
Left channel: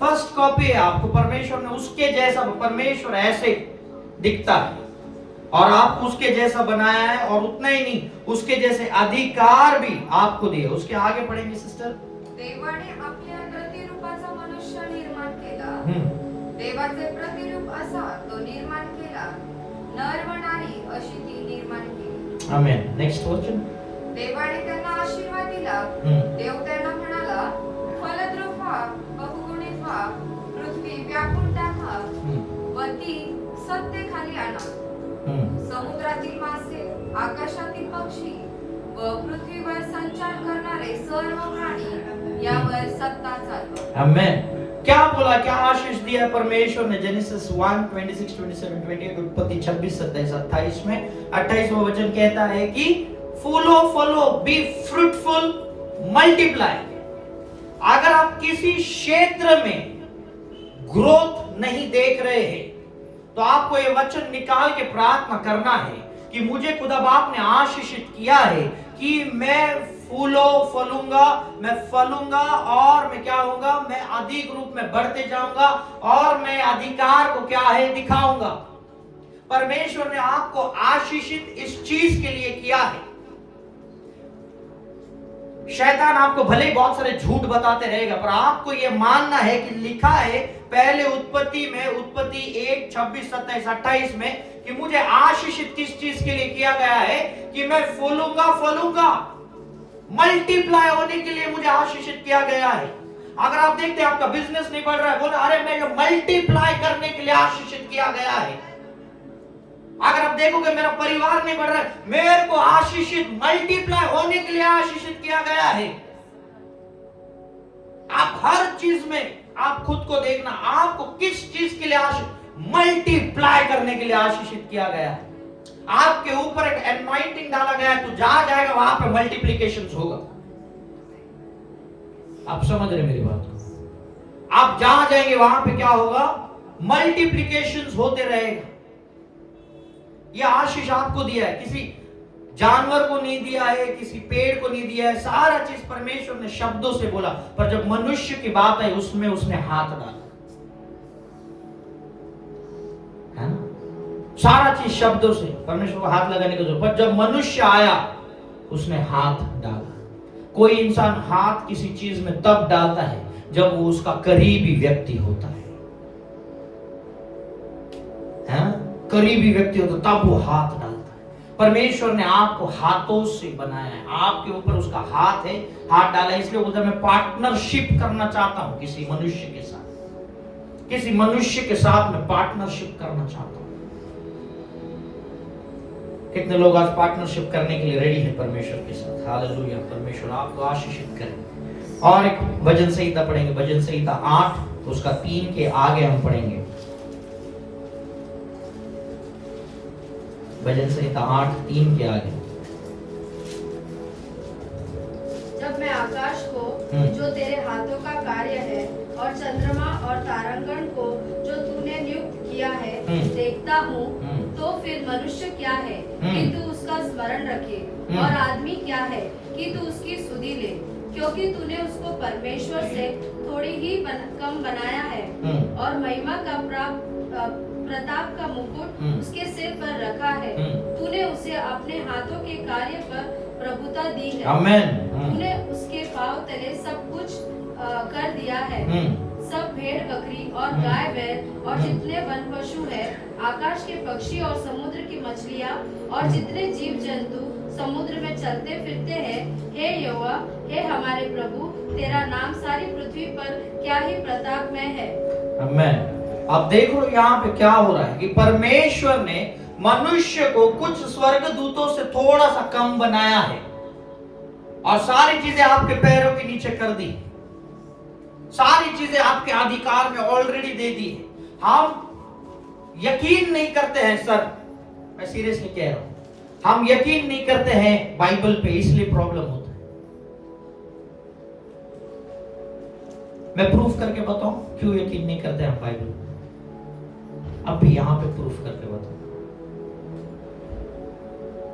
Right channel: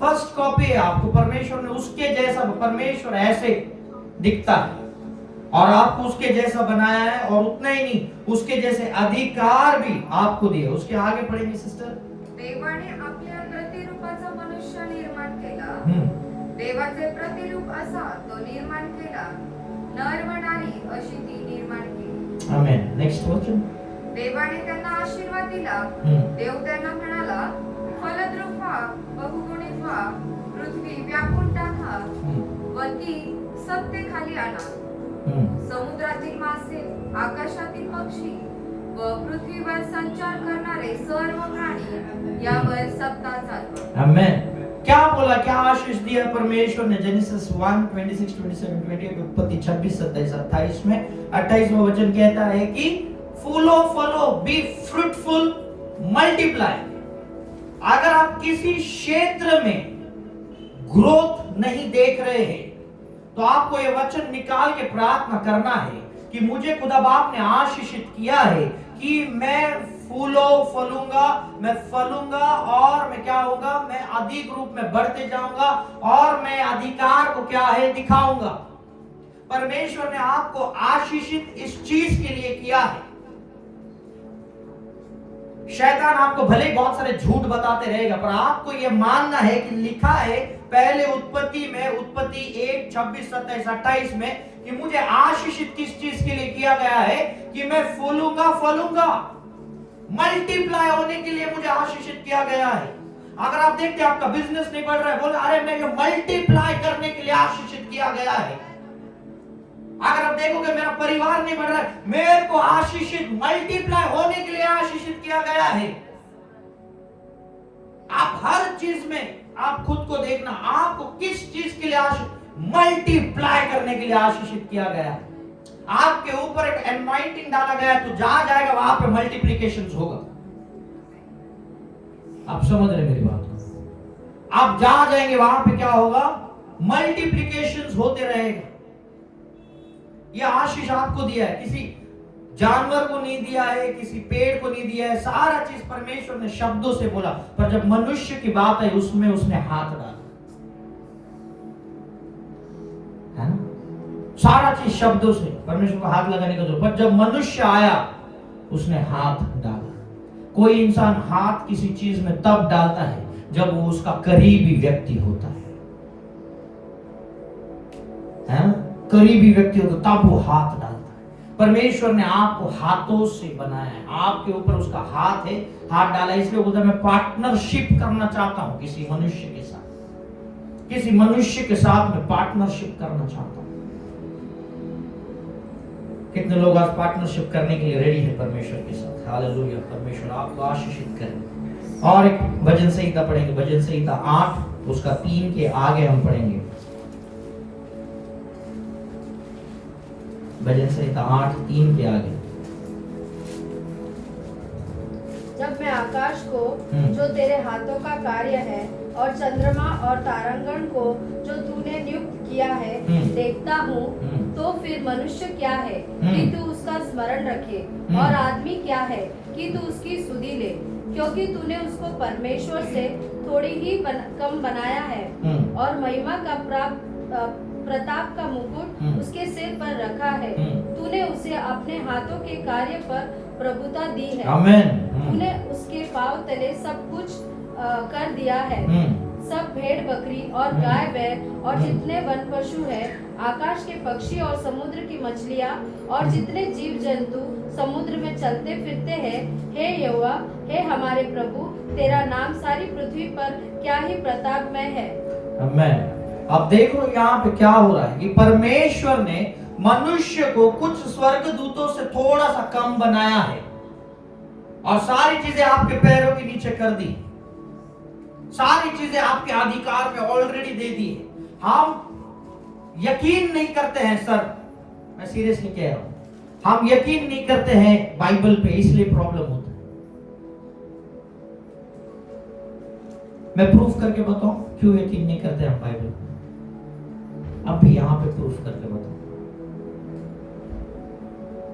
फर्स्ट कॉपी है। आपको परमेश्वर ने उसके जैसा, परमेश्वर ऐसे दिखता है। और आपको उसके जैसा बनाया है, और उतना ही नहीं, उसके जैसे अधिकार भी आपको दिए। उसके आगे पढ़ेंगे सिस्टर। देवाने आपल्या प्रतिरूपाचा मनुष्य निर्माण केला. हम्म देवाचे प्रतिरूप असा तो निर्माण केला, नर व नारी अशी ती निर्माण केली. आमेन. नेक्स्ट वचन. देवाने त्यांना आशीर्वाद दिला. देव त्यांना म्हणाला, फलद्रूप व्हा, बहुगुणित व्हा, पृथ्वी व्यापून टाका व ती सत्तेखाली आणा. समुद्रातील मासे, आकाशातील पक्षी व पृथ्वीवर संचार करणारे सर्व प्राणी यावर सत्ता चालवा. आमेन. क्या बोला, क्या आशीष दिया परमेश्वर ने? जेनेसिस 1:26, 27, 28, उत्पत्ति 26, 27, 28 में 28वां वचन कहता है कि फूलो फलो, बी फ्रूटफुल, मल्टीप्लाई. अगर आप किसी क्षेत्र में ग्रोथ नहीं देख रहे हैं तो आपको ये वचन निकाल के प्रार्थना करना है कि मुझे खुदा बाप ने आशीषित किया है कि मैं फूलो फलूंगा, मैं फलूंगा, और मैं क्या होगा, मैं अधिक रूप में बढ़ते जाऊंगा, और मैं अधिकार को क्या है दिखाऊंगा. परमेश्वर ने आपको आशीषित इस चीज के लिए किया है. शैतान आपको भले ही बहुत सारे झूठ बताते रहेगा, पर आपको यह मानना है कि लिखा है पहले उत्पत्ति में, उत्पत्ति 1, 26, 27, 28 में, कि मुझे आशीषित किस चीज के लिए किया गया है, कि मैं फूलूंगा फलूंगा, मल्टीप्लाई होने के लिए मुझे आशीषित किया गया है. अगर आप देखते हैं आपका बिजनेस नहीं बढ़ रहा है, बोले अरे मैं मल्टीप्लाई करने के लिए आशीषित किया गया है. अगर आप देखोगे मेरा परिवार नहीं बढ़ रहा है, मेरे को आशीषित मल्टीप्लाई होने के लिए आशीषित किया गया है. आप हर चीज में आप खुद को देखना, आपको किस चीज के लिए आशीषित, मल्टीप्लाई करने के लिए आशीषित किया गया है. आपके ऊपर एक एनवाइटिंग डाला गया है, तो जहां जाएगा वहां पे मल्टीप्लिकेशन होगा. आप समझ रहे मेरी बात को? आप जहां जाएंगे वहां पे क्या होगा, मल्टीप्लिकेशन होते रहेगा. यह आशीष आपको दिया है, किसी जानवर को नहीं दिया है, किसी पेड़ को नहीं दिया है. सारा चीज परमेश्वर ने शब्दों से बोला, पर जब मनुष्य की बात आई उसमें उसने हाथ डाला, है ना. सारा चीज शब्दों से, परमेश्वर को हाथ लगाने की जरूरत, पर जब मनुष्य आया उसने हाथ डाला. कोई इंसान हाथ किसी चीज में तब डालता है जब वो उसका करीबी व्यक्ति होता है ना. करीबी व्यक्ति होता तब वो हाथ डालता है. परमेश्वर ने आपको हाथों से बनाया है, आपके ऊपर उसका हाथ है, हाथ डाला. इसलिए बोलता है मैं पार्टनरशिप करना चाहता हूं किसी मनुष्य के साथ, किसी मनुष्य के साथ मैं पार्टनरशिप करना चाहता हूं. कितने लोग आज पार्टनरशिप करने के लिए रेडी है परमेश्वर के साथ? हालेलुया. परमेश्वर आपको आशीषित करे. और एक भजन संहिता पढ़ेंगे, भजन संहिता 8 उसका 3 के आगे हम पढ़ेंगे. भजन संहिता 8:3 के आगे. जब मैं आकाश को जो तेरे हाथों का कार्य है और चंद्रमा और तारांगण को जो तूने नियुक्त किया है देखता हूँ, तो फिर मनुष्य क्या है कि तू उसका स्मरण रखे, और आदमी क्या है कि तू उसकी सुधि ले, क्योंकि तूने उसको परमेश्वर से थोड़ी ही कम बनाया है, और महिमा का प्रताप का मुकुट उसके सिर पर रखा है. तूने उसे अपने हाथों के कार्य पर प्रभुता दी है. आमेन. तूने उसके पांव तले सब कुछ कर दिया है. सब भेड़ बकरी और गाय बैल और जितने वन पशु है, आकाश के पक्षी और समुद्र की मछलियाँ और जितने जीव जंतु समुद्र में चलते फिरते हैं, हे यहोवा, हे हमारे प्रभु, तेरा नाम सारी पृथ्वी पर क्या ही प्रतापमय है. आमेन. अब देखो यहाँ पे क्या हो रहा है कि परमेश्वर ने मनुष्य को कुछ स्वर्गदूतों से थोड़ा सा कम बनाया है, और सारी चीजें आपके पैरों के नीचे कर दी, सारी चीजें आपके अधिकार में ऑलरेडी दे दी है. हम यकीन नहीं करते हैं सर, मैं सीरियसली कह रहा हूं, हम यकीन नहीं करते हैं बाइबल पे, इसलिए प्रॉब्लम होता है. मैं प्रूफ करके बताऊं क्यों यकीन नहीं करते हम बाइबल पे. अभी यहां पे प्रूफ करके बताऊं.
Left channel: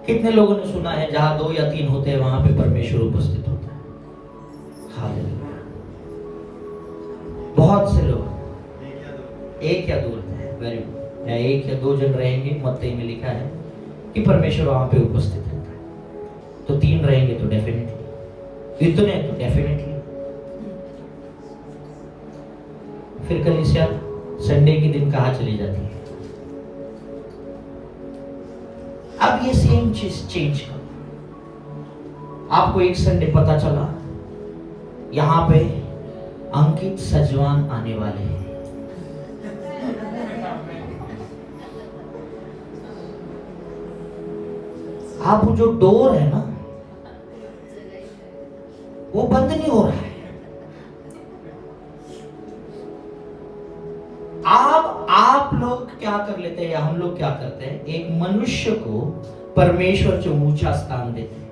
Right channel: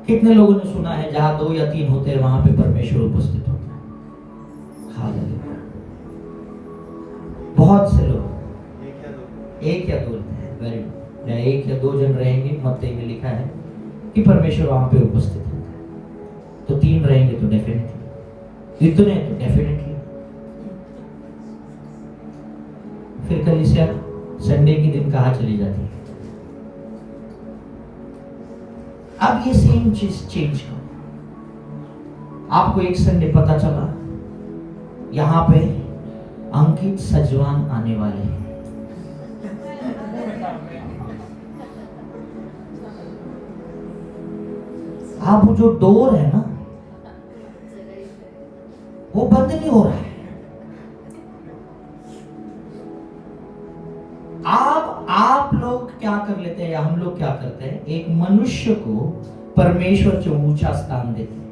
कितने लोगों ने सुना है जहां 2 या 3 होते हैं वहां पे परमेश्वर उपस्थित होता है? हालेलुया. बहुत से लोग 1 या 2 होते हैं, वेरी गुड. या 1 या 2 जन रहेंगे, मत्ती में लिखा है कि परमेश्वर वहां पे उपस्थित है, तो 3 रहेंगे तो डेफिनेटली, इतने तो डेफिनेटली। फिर कलीसिया संडे के दिन कहाँ चली जाती है? अब ये सेम चीज चेंज करो। आपको एक संडे पता चला यहां पे अंकित सजवान आने वाले हैं, अब वो जो डोर है ना वो बंद नहीं हो रहा है। आप लोग क्या कर लेते हैं या हम लोग क्या करते हैं, एक मनुष्य को परमेश्वर से ऊंचा स्थान देते हैं।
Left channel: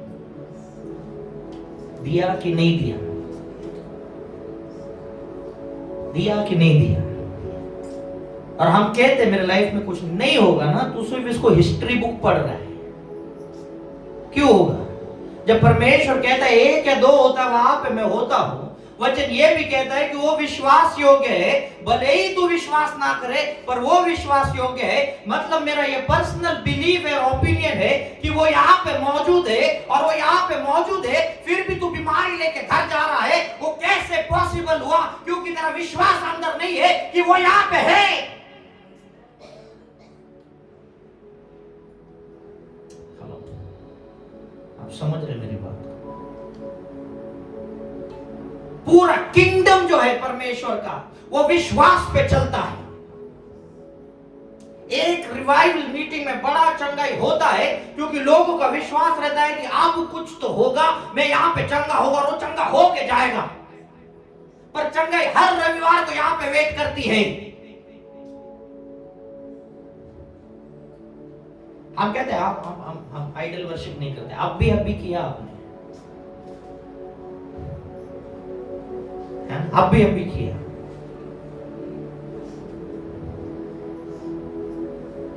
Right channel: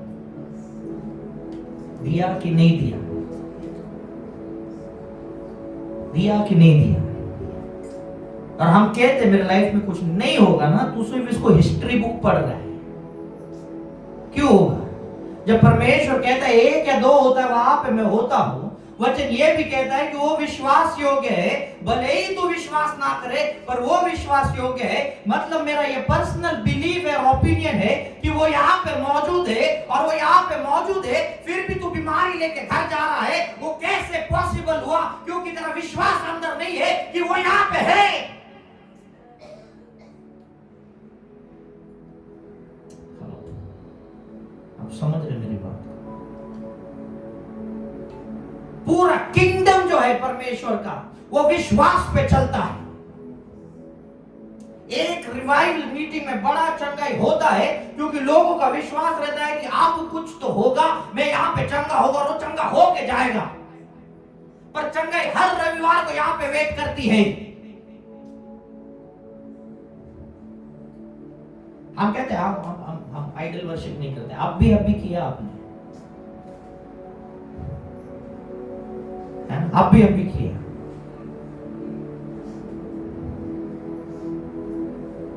दिया कि नहीं दिया, दिया कि नहीं दिया, और हम कहते मेरे लाइफ में कुछ नहीं होगा ना, तो सिर्फ इसको हिस्ट्री बुक पढ़ रहा है। क्यों होगा? जब परमेश्वर कहता है 1 या 2 होता है वहां पे मैं होता हूं। वचन ये भी कहता है कि वो विश्वास योग्य है, भले ही तू विश्वास ना करे पर वो विश्वास योग्य है। मतलब मेरा ये पर्सनल बिलीव है, ओपिनियन है कि वो यहाँ पे मौजूद है, और वो यहाँ पे मौजूद है, फिर भी तू बीमारी लेके घर जा रहा है। वो कैसे पॉसिबल हुआ? क्योंकि तेरा विश्वास अंदर नहीं है कि वो यहाँ पे है। आप समझ रहे मेरी बात? पूरा किंगडम जो है परमेश्वर का वो विश्वास पे चलता है। एक रिवाइवल मीटिंग में बड़ा चंगाई होता है क्योंकि लोगों का विश्वास रहता है कि अब कुछ तो होगा, मैं यहां पे चंगा होगा, और वो चंगा होके जाएगा। पर चंगाई हर रविवार को यहां पे वेट करती है। हम कहते हैं हम आइडल वर्शिप नहीं करते। अब भी किया आपने, अब भी किया।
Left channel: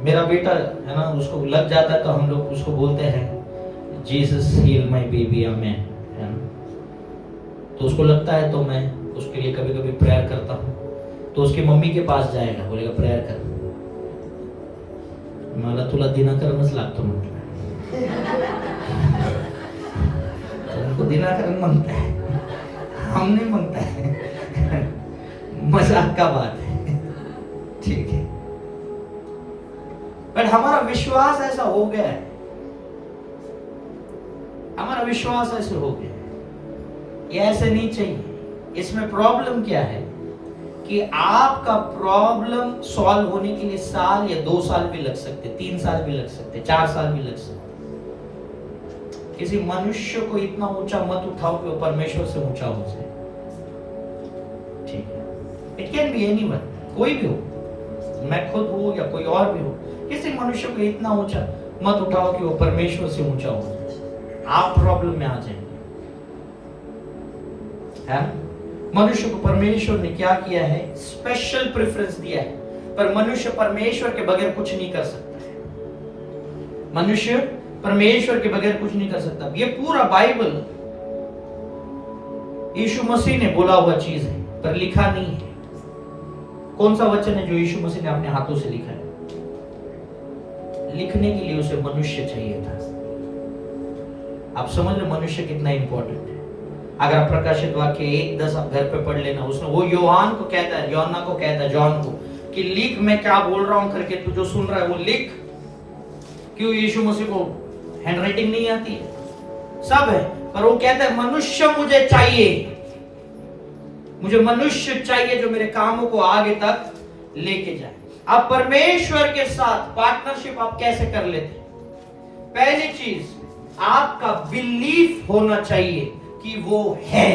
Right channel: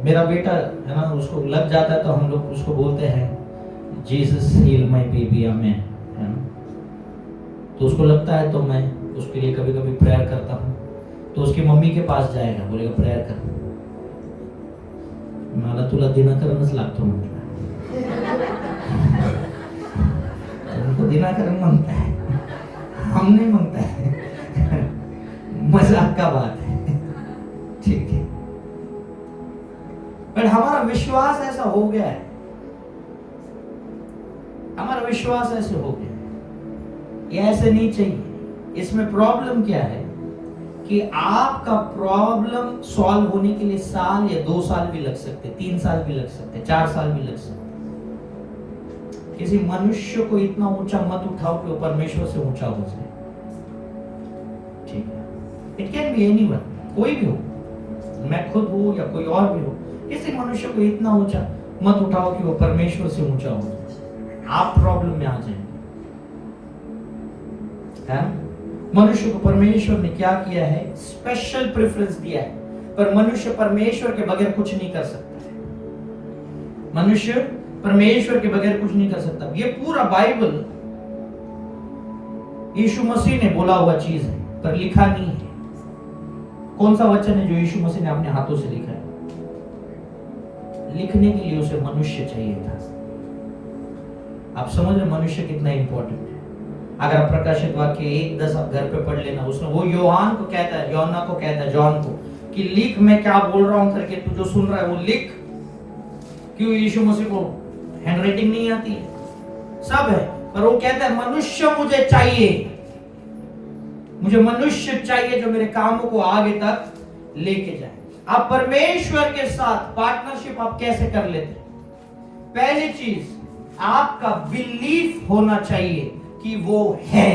मेरा बेटा है ना, उसको लग जाता है तो हम लोग उसको बोलते हैं जीसस हील माय बेबी, आमेन, है ना। तो उसको लगता है तो मैं उसके लिए कभी कभी प्रेयर करता हूँ। तो उसकी मम्मी के पास जाएगा, बोलेगा प्रेयर कर, मला तुला दिनाकरणच लागतो म्हटलं। तो दिनाकरण मांगता है, हम नहीं मांगता है। मजाक का बात है, ठीक है। पर हमारा विश्वास ऐसा हो गया है, हमारा विश्वास ऐसे हो गया है। ये ऐसे नहीं चाहिए। इसमें प्रॉब्लम क्या है कि आपका प्रॉब्लम सॉल्व होने के लिए साल या 2 साल भी लग सकते, 3 साल भी लग सकते, 4 साल भी लग सकते। किसी मनुष्य को इतना ऊंचा मत उठाओ कि वो परमेश्वर से ऊंचा हो जाए, ठीक है। इट कैन बी एनीवन, कोई भी हो, मैं खुद हूं या कोई और भी हो। किसी मनुष्य को इतना ऊंचा मत उठाओ कि वो परमेश्वर से ऊंचा हो जाए, आप प्रॉब्लम में आ जाएंगे, है। मनुष्य को परमेश्वर ने क्या किया है? स्पेशल प्रेफरेंस दिया है। पर मनुष्य परमेश्वर के बगैर कुछ नहीं कर सकता है। मनुष्य परमेश्वर के बगैर कुछ नहीं कर सकता। ये पूरा बाइबल यीशु मसीह ने बोला हुआ चीज है, पर लिखा नहीं है। कौन सा वचन है जो यीशु मसीह ने अपने हाथों से लिखा है? लिखने के लिए उसे मनुष्य चाहिए था। आप समझ रहे मनुष्य कितना इंपॉर्टेंट है? अगर आप प्रकाशित वाक्य 1:10 आप घर पे पढ़ लेना, उसमें वो योहान को कहता है, योना को कहता है, जॉन को, कि लिख मैं क्या बोल रहा हूं करके, तू जो सुन रहा है वो लिख। क्यों? यीशु मसीह को हैंडराइटिंग नहीं आती है, सब है, पर वो कहता है मनुष्य मुझे चाहिए, मुझे मनुष्य चाहिए जो मेरे कामों को आगे तक लेके जाए। आप परमेश्वर के साथ पार्टनरशिप आप कैसे कर लेते? पहली चीज, आपका बिलीफ होना चाहिए कि वो है।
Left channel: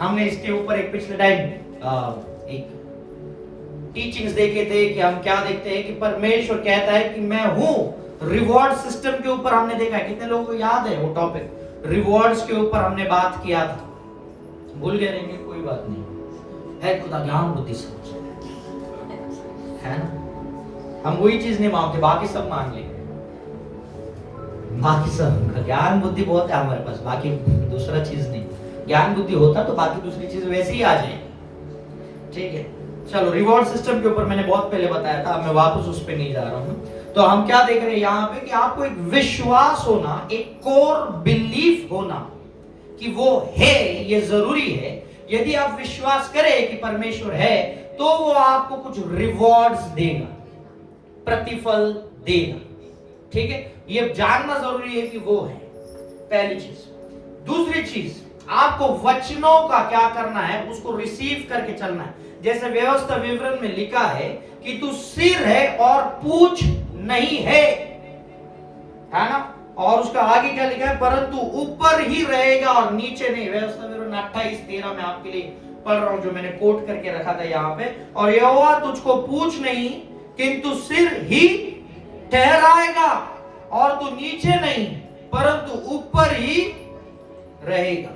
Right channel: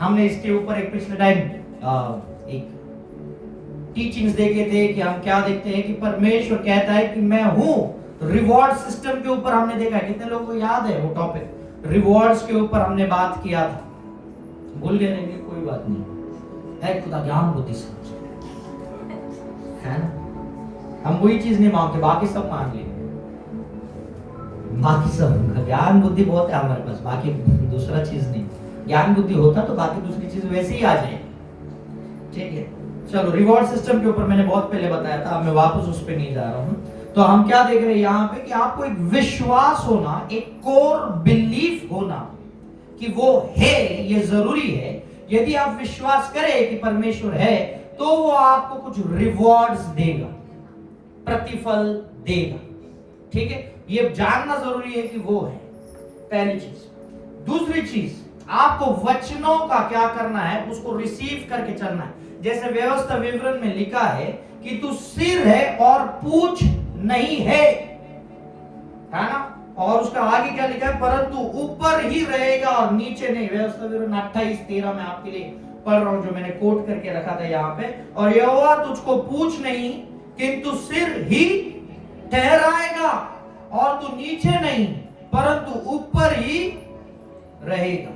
हमने इसके ऊपर एक पिछले टाइम एक टीचिंग्स देखे थे कि हम क्या देखते हैं कि परमेश्वर कहता है कि मैं हूं। रिवॉर्ड सिस्टम के ऊपर हमने देखा है, कितने लोगों को याद है वो टॉपिक? रिवॉर्ड्स के ऊपर हमने बात किया था, भूल गए नहीं, कोई बात नहीं है, खुदा ज्ञान बुद्धि से है ना। हम वही चीज नहीं मांगते, बाकी सब मांग लेंगे, बाकी सब ज्ञान बुद्धि बहुत है हमारे पास, बाकी दूसरा चीज नहीं। ज्ञान बुद्धि होता तो बाकी दूसरी चीज वैसे ही आ जाए, ठीक है। चलो, रिवॉर्ड सिस्टम के ऊपर मैंने बहुत पहले बताया था, अब मैं वापस उस पर नहीं जा रहा हूँ। तो हम क्या देख रहे हैं यहाँ पे कि आपको एक विश्वास होना, एक कोर बिलीफ होना कि वो है, ये जरूरी है। यदि आप विश्वास करें कि परमेश्वर है तो वो आपको कुछ रिवॉर्ड्स देगा, प्रतिफल देगा। ठीक है, ये जानना जरूरी है कि वो है, पहली चीज। दूसरी चीज, आपको वचनों का क्या करना है, उसको रिसीव करके चलना है। जैसे व्यवस्था विवरण में लिखा है कि तू सिर है और पूछ नहीं है ना। और उसका आगे क्या लिखा है, परंतु ऊपर ही रहेगा और नीचे नहीं। व्यवस्था विवरण 28:13 में आपके लिए पढ़ रहा हूं, जो मैंने कोट करके रखा था यहाँ पे। और यहोवा तुझको पूछ नहीं किंतु सिर ही ठहराएगा, और तू नीचे नहीं परंतु ऊपर ही रहेगा।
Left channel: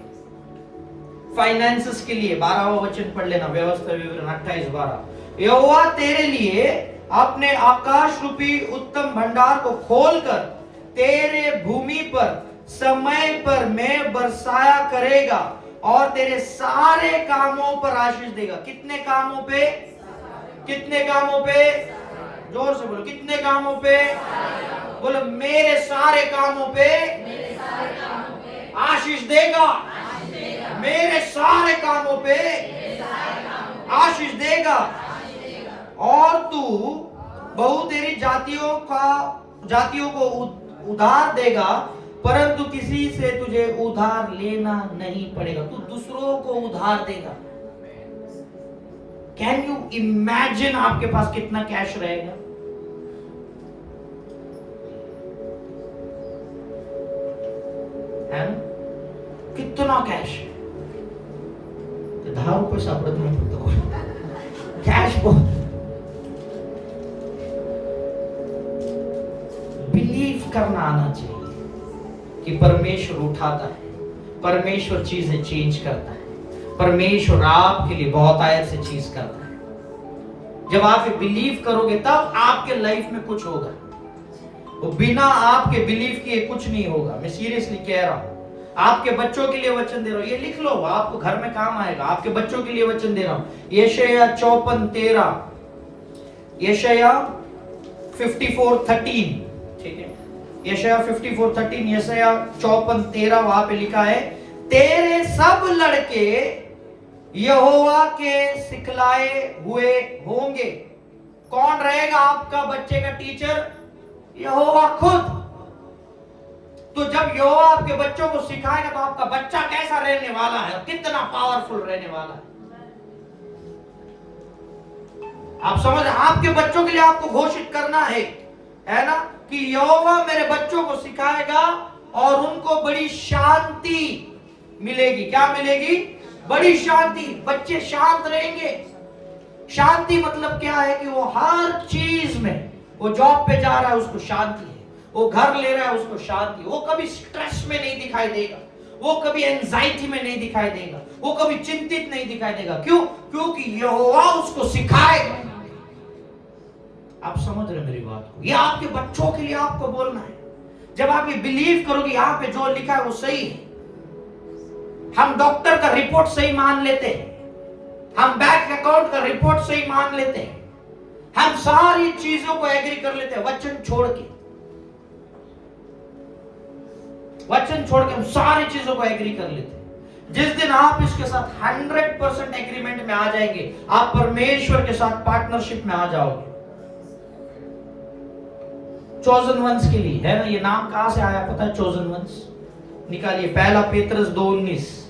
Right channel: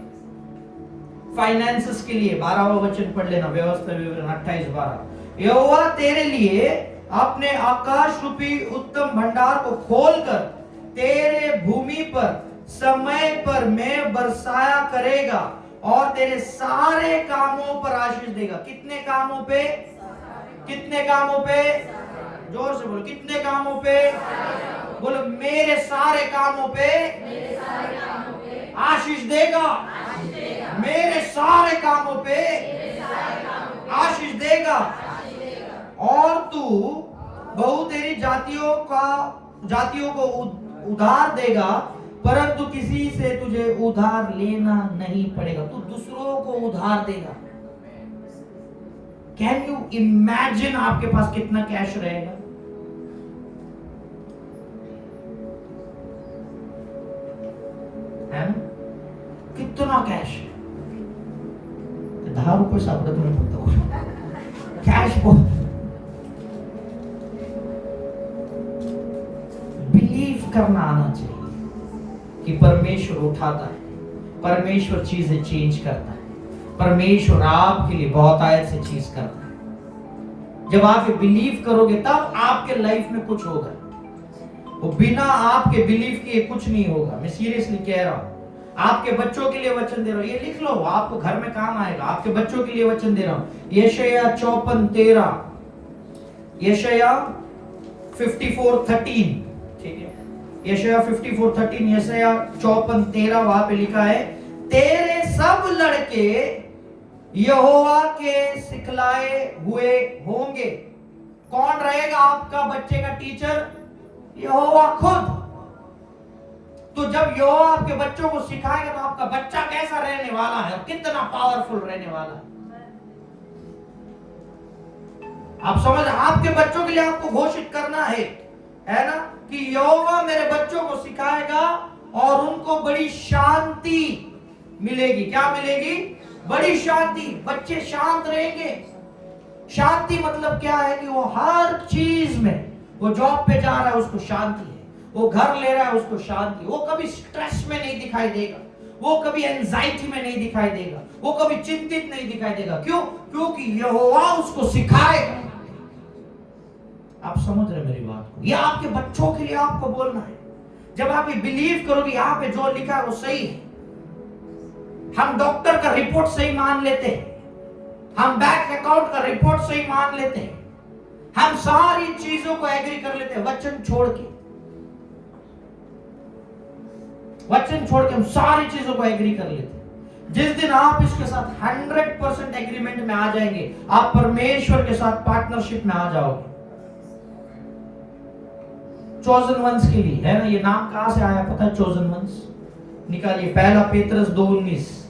फाइनेंसेस के लिए 12वां वचन पढ़ लेना, व्यवस्था विवरण 28:12। यहोवा तेरे लिए अपने आकाश रूपी उत्तम भंडार को खोलकर तेरे भूमि पर समय पर में बरसाया करेगा और तेरे सारे कामों पर आशीष देगा। कितने कामों पे? कितने कामों पे? जोर से बोलो, कितने कामों पे? बोलो, मेरे सारे कामों पे आशीष देगा। मेरे सारे कामों पे आशीष देगा। और तू बहु तेरी जातियों को उधार देगा, परंतु किसी से तुझे उधार लेना नहीं पड़ेगा। तू दूसरों को उधार देगा। कैन यू इमेजिन आपके पास कितना कैश रहेगा? है ना? कितना कैश? 10 रुपये सापडत नाही फक्त कैश बहुत। बिलीव करना आना चाहिए कि परमेश्वर उठाता है, परमेश्वर चीजें चेंज करता है, परमेश्वर आपके लिए बहुत आयत से चीज करता है। जब आप ये बिलीव करोगे तब आपके लाइफ में कुछ होगा। वो बिना आपके बिलीव किए कुछ नहीं होगा। मैं सीरियसली कह रहा हूं। आपके बच्चों के लिए वचन दे रहा हूं, ये लिख लो, आपको घर में काम आएगा। आपके बच्चों के लिए वचन दे रहा हूं, यशायाह 54:13, यशायाह 54:13। ठीक है, यशायाह 54:13, यशायाह 54:13 वहां पे लिखा है, तेरे सब लड़के यहोवा के सिखलाए हुए होंगे। कौन रहेगा आपका बच्चे का टीचर? यहोवा खुद। तो जब यहोवा आपके बच्चों को सिखाएगा तो आपका बच्चा कैसा रहने वाला है, कितना पावरफुल रहने वाला है। आप समझ, आपके बच्चों के लिए आपको घोषित करना है ना, कि यहोवा मेरे बच्चों को सिखाएगा और उनको बड़ी शांति मिलेगी। क्या मिलेगी? बड़ी शांति। बच्चे शांत रहेंगे। शांति मतलब क्या है कि वो हर चीज में, वो जॉब पे जा रहा है उसको शांति है, वो घर ले रहा है उसको शांति, वो कभी स्ट्रेस में नहीं दिखाई देगा, वो कभी एंजाइटी में नहीं दिखाई देगा, वो कभी चिंतित नहीं दिखाई देगा। क्यों? क्योंकि यहोवा उसको सिखाएगा। आप समझ रहे मेरी बात को? ये आपके बच्चों के लिए आपको बोलना है। जब आप ये बिलीव करोगे यहाँ पे जो लिखा है वो सही है। हम डॉक्टर का रिपोर्ट सही मान लेते हैं, हम बैंक अकाउंट का रिपोर्ट सही मान लेते हैं, हम सारी चीजों को एग्री कर लेते हैं, वचन छोड़ के हम सारी चीजों को एग्री कर लेते हैं। जिस दिन आप इसके साथ 100% एग्रीमेंट में आ जाएंगे, आप परमेश्वर के साथ पार्टनरशिप में आ जाओगे। चोजन वंस के लिए है ना, ये नाम कहां से आया पता है? चोजन वंस निकालिए, पहला पेत्रस 2:19।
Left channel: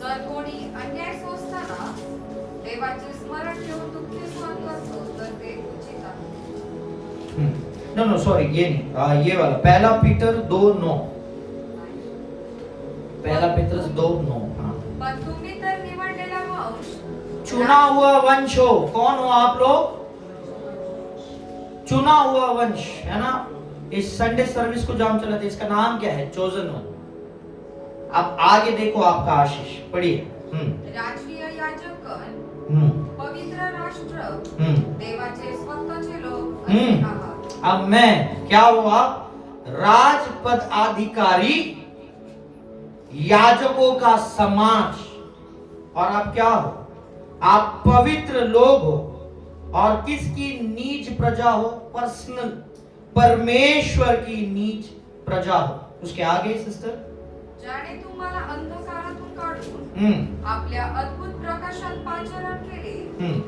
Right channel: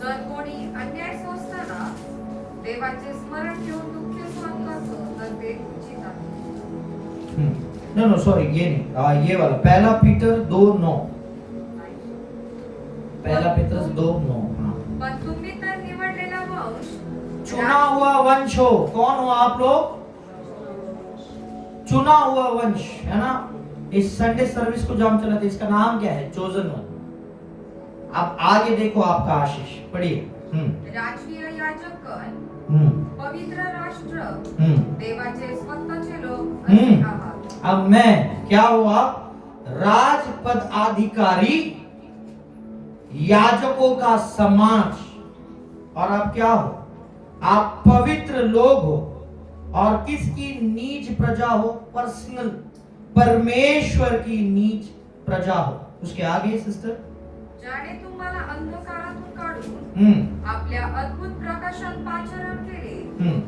जर कोणी अन्याय सोसताना देवाचे स्मरण ठेवून दुःखी सहन करतो तर ते उचित आहे। नो सॉरी, ये नहीं, ये वाला पहला पीटर 2:9, पहला पेत्रस 2:9। पण तुम्ही तर निवडलेला वंश, चुना हुआ वंश हो। कौन हो आप लोग? चुना हुआ वंश, है ना। इस संडे सर्विस को जो हम चलाते इसका नाम क्या है? Chosen one. अब आगे देखो आपका आशीष, पढ़िए। राजकीय याजकगण, पवित्र राष्ट्र, देवाचे स्वतःचे लोक असे आहात। अब मैं क्या हुआ? राजपद अधिकारी, याजकों का समाज, और आप क्या हो? आप पवित्र लोग हो। और किसकी नीच प्रजा हो? पर्सनल, परमेश्वर की नीच प्रजा हो। उसके आगे सिस्टर, ज्याने तुम्हाला अंधकारातून काढून आपल्या अद्भुत प्रकाशात पाचारण केले,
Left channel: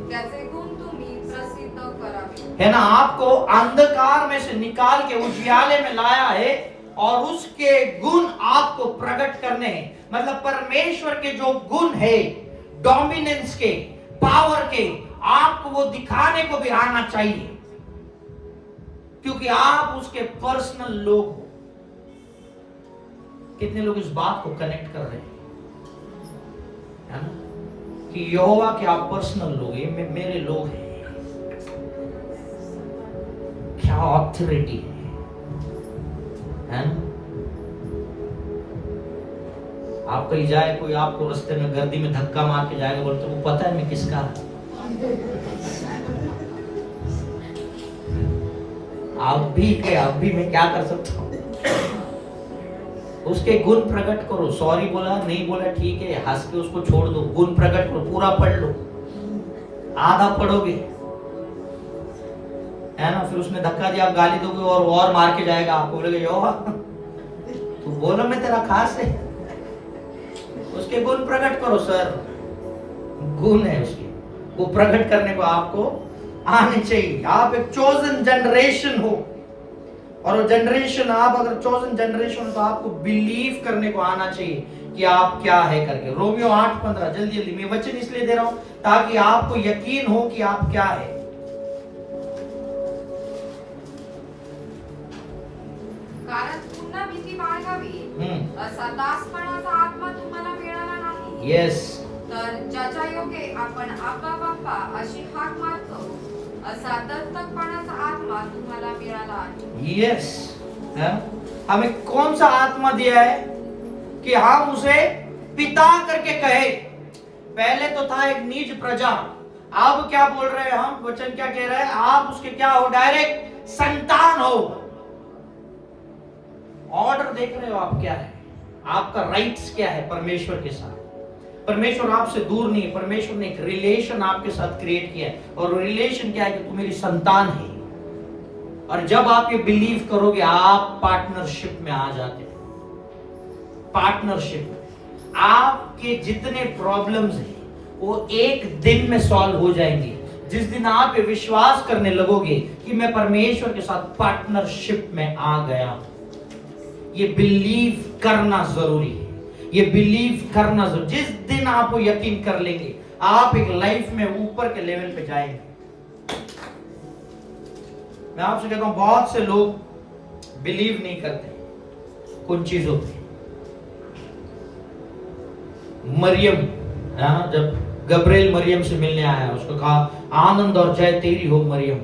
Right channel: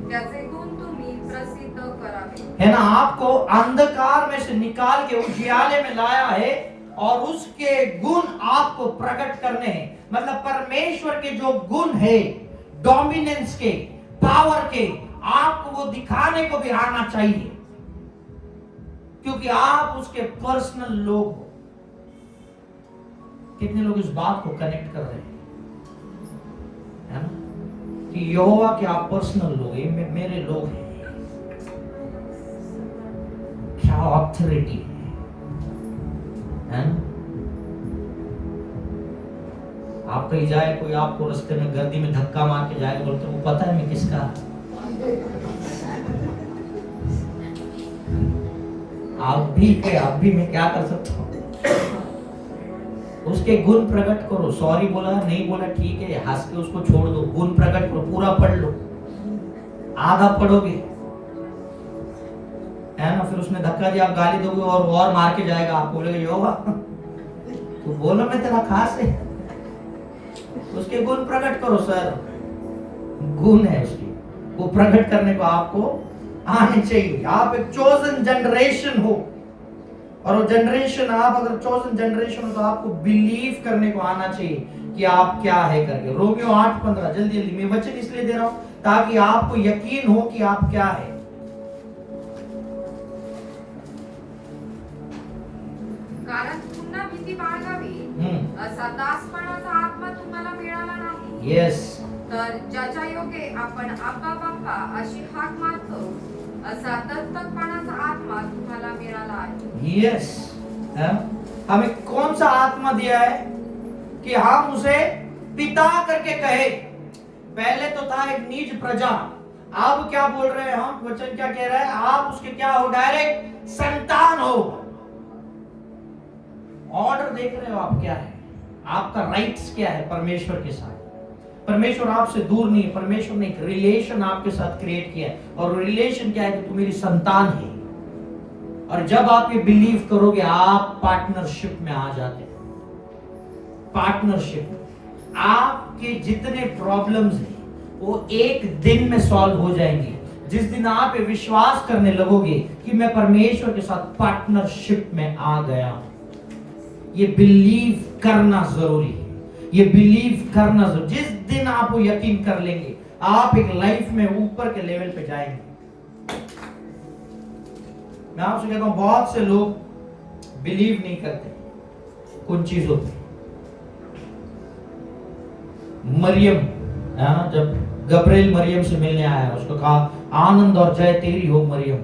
त्याचे गुण तुम्ही प्रसिद्ध करावे। है ना, आपको अंधकार में से निकाल के उजियाले में लाया है और उसके गुण आपको प्रकट करने हैं। मतलब परमेश्वर के जो गुण है, डोमिनेंस के, पावर के, आपको वो दिखाने को भी आना चाहिए, क्योंकि आप उसके पर्सनल लोग हो। कितने लोग इस बात को कनेक्ट कर रहे हैं, है ना, कि यहोवा के आप पर्सनल लोग, ये मेरे लोग हैं। क्या ऑथोरिटी है ना? आप कहीं जाए, कोई आपको रास्ते में गर्दी में धक्का मार के जाएगा, बोलते वो पता है मैं किसका। आप भी मैं क्या कर सकता हूं? उसके गुण प्रकट करो। सॉरी बोला, नहीं बोला, ठीक है, हंस के उसको छोड़ दो। गुण प्रकट करो, पूरा पढ़ लो। आधा पढ़ोगे, है ना, फिर उसने धक्का दिया, आप गाली दोगे और मार के जाएगा। आपको बोलेगा यहोवा तू बोलो मैं तेरा खास है। उसके गुण प्रकट करो। सर, गुण है उसके, वो प्रकट करने को आपको आने चाहिए। आप एक चोजन जनरेशन हो, और वो जनरेशन, आप अगर चोजन जनरेशन हो तो आपको बिलीव करने को आना चाहिए कि आप क्या है करके। रोमियो 8:15, जल्दी जल्दी मैं वचन इसलिए दे रहा हूं ताकि आपको यकीन हो कि आप क्या है। कारण पुन्हा भीती बाळगावी असा दासपणाचा आत्मा तुम्हाला मिळाला नाही। यस, तर ज्याच्या योगे आपण आप्पा बाप्पा अशी हाक मारतो, असा दत्तकपणाचा आत्मा तुम्हाला मिळाला आहे। यस, हमें कौन सा आत्मा दिया है कि हम उसे पिता करके कहे। पहले तो था एक नीच प्रजा, अब क्या बोल रहे हैं हम? वचन क्या कह रहा है? आप उसके क्या हो? डायरेक्ट संतान हो। ऑर्डर देख रहे हो आप क्या है? आपका राइट्स क्या है परमेश्वर के साथ? परमेश्वर आपसे दूर नहीं है। परमेश्वर ने एक रिलेशन आपके साथ क्रिएट किया है, और रिलेशन क्या है कि तू मेरी संतान है। और जब आप ये बिलीव करोगे, आप पार्टनरशिप में आ जाते हैं। पार्टनरशिप, आपके जितने प्रॉब्लम्स हैं वो एक दिन में सॉल्व हो जाएंगे, जिस दिन आप ये विश्वास करने लगोगे कि मैं परमेश्वर के साथ पार्टनरशिप में आ गया। ये बिलीव करना जरूरी है, ये बिलीव करना जरूरी। जिस दिन आप वो यकीन कर लेंगे, आप एक लाइफ में ऊपर के लेवल पे जाएंगे। मैं आपसे कहता हूं, बहुत से लोग बिलीव नहीं करते कुछ चीजों पे। मरियम, जब गब्रिएल मरियम से मिलने आया, उसको कहा आनंद और जय तेरी हो मरियम।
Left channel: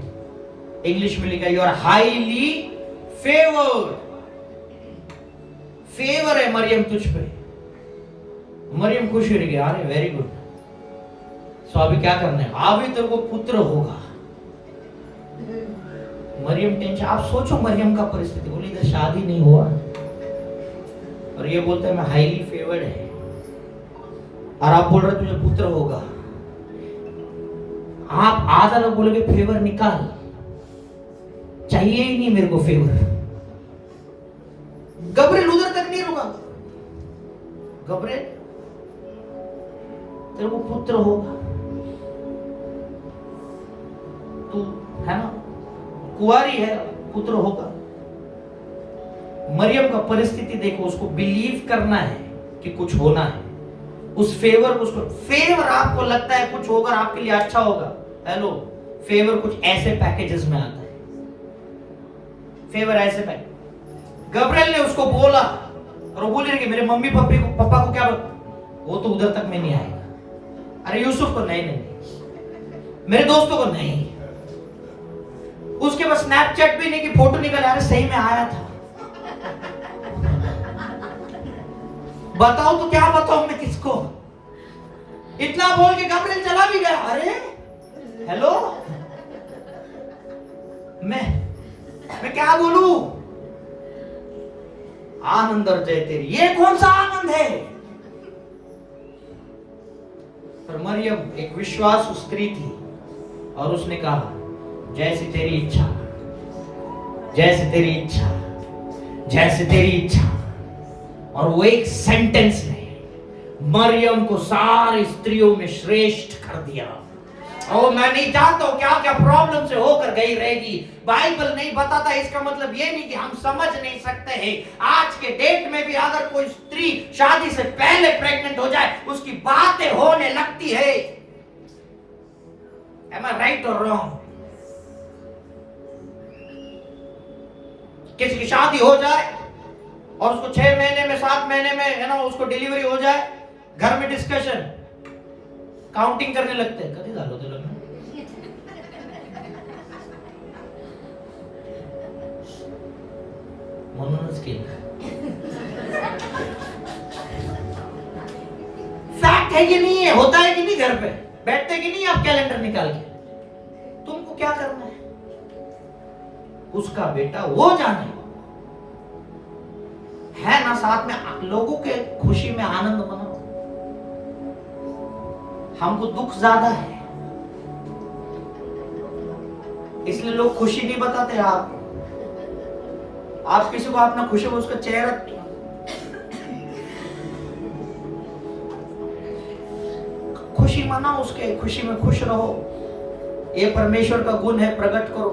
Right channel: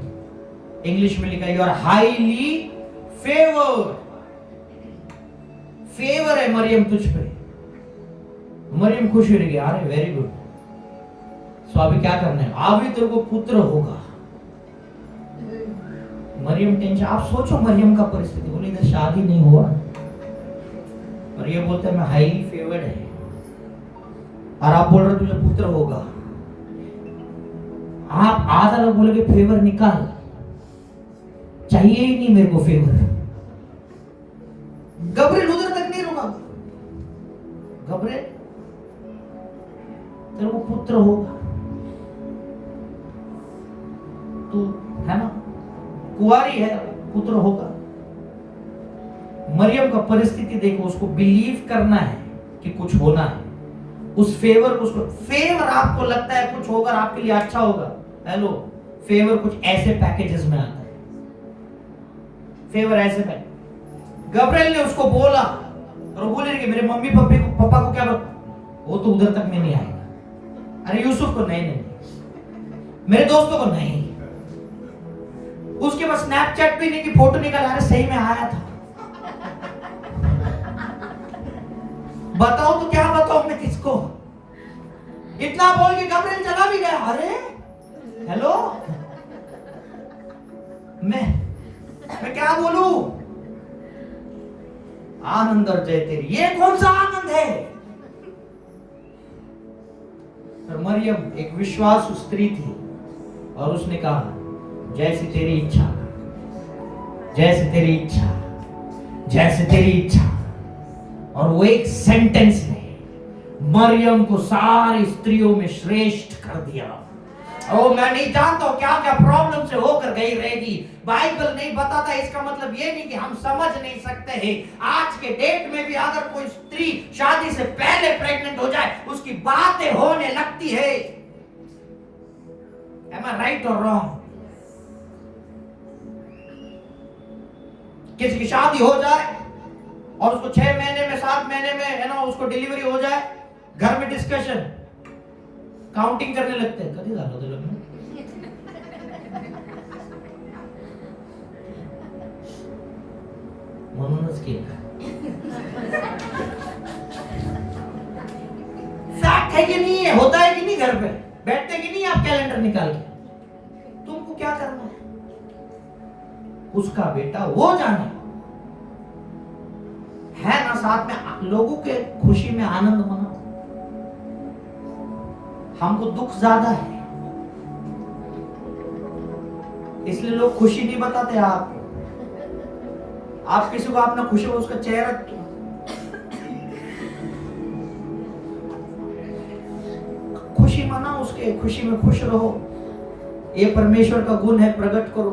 इंग्लिश में लिखा, you are highly favoured. Favour है मरियम तुझ पे। मरियम खुश हो रही है, अरे वेरी गुड। सो अभी क्या करना है? अभी तेरे को पुत्र होगा। मरियम टेंशन। आप सोचो मरियम का परिस्थिति, बोले इधर शादी नहीं हुआ और ये बोलते हैं मैं हाईली फेवर्ड है, और आप बोल रहे तुझे पुत्र होगा। आप आधा लोग बोलोगे फेवर निकाल, चाहिए ही नहीं मेरे को फेवर। गब्रिएल उधर तक नहीं रुका। गब्रिएल, तेरे को पुत्र होगा, तू है ना, कुंवारी है, पुत्र होगा। मरियम का परिस्थिति देखो, उसको बिलीव करना है कि कुछ होना है। उस फेवर को, उसको फेवर आपको लगता है कुछ होगा, आपके लिए अच्छा होगा। हेलो, फेवर कुछ ऐसे पैकेजेस में आता है। फेवर ऐसे पैकेज। गब्रिएल ने उसको बोला, और वो बोले कि मेरे मम्मी पापा को क्या बोला? वो तो उधर तक में नहीं आएगा। अरे यूसुफ को नहीं, मेरे दोस्तों को नहीं। उसके पास स्नैपचैट भी नहीं कि फोटो निकल आ रहे, सही में आया था। बताओ तो क्या बताऊं मैं किसको? इतना बोल के गब्रिएल चला भी गया। अरे हेलो, मैं क्या बोलूं? आनंद और जय तेरी। ये कौन सा आनंद है? पर मरियम एक विश्वासु स्त्री थी और उसने कहा जैसे तेरी इच्छा, जैसे तेरी इच्छा, जैसे तेरी इच्छा। और वो एक सेंटेंस ने मरियम को सारी स्त्रियों में श्रेष्ठ कर दिया। ओ मैं नहीं जानता हूं क्या क्या प्रॉब्लम से होकर गई रहेगी, बाइबल नहीं बताता। इसका मतलब ये नहीं कि हम समझ नहीं सकते हैं। आज के डेट में भी अगर कोई स्त्री शादी से पहले प्रेग्नेंट हो जाए, उसकी बातें होने लगती है। Am I right or wrong? किसी की शादी हो जाए और उसको 6 महीने में 7 महीने में उसको डिलीवरी हो जाए, घर में डिस्कशन, काउंटिंग करने लगते हैं, कभी झालं होतं लग्न? म्हणूनच केलं। फैक्ट है कि नहीं है? होता है कि नहीं? घर पे बैठते कि नहीं आप कैलेंडर निकाल के? तुमको क्या करना है? उसका बेटा वो जाने है ना, साथ में लोगों के खुशी में आनंद मनाओ। हमको दुख ज्यादा है, इसलिए लोग खुशी नहीं बताते। आप किसी को अपना खुशी में उसका चेहरा, खुशी मनाओ, उसके खुशी में खुश रहो। ये परमेश्वर का गुण है, प्रकट करो।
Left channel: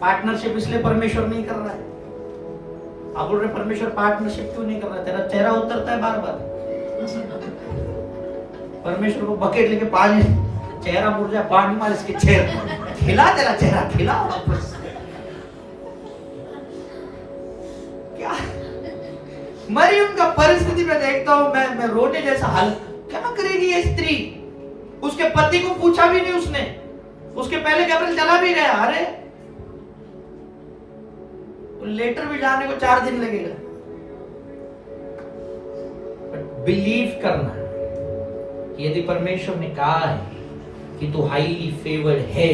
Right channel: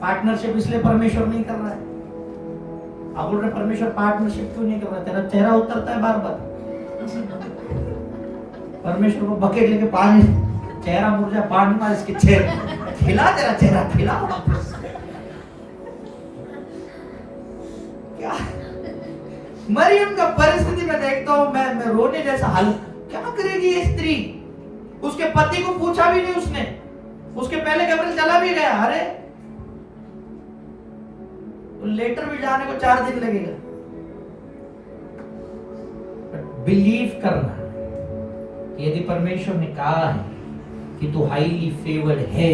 पार्टनरशिप इसलिए परमेश्वर नहीं कर रहा है। आप बोल रहे परमेश्वर पार्टनरशिप क्यों नहीं कर रहा है? तेरा चेहरा उतरता है बार बार। परमेश्वर को बकेट लेके पानी, चेहरा मुड़ जाए, पानी मार इसके चेहरे, खिला तेरा चेहरा, खिला वापस। क्या मरियम का परिस्थिति में देखता हूं मैं रोने जैसा हाल। क्या करेगी ये स्त्री? उसके पति को पूछा भी नहीं उसने, उसके पहले गैब्रिएल चला भी गया। अरे लेटर भी जाने को 4 दिन लगेगा। बिलीव करना, यदि परमेश्वर ने कहा है कि तू हाईली फेवर्ड है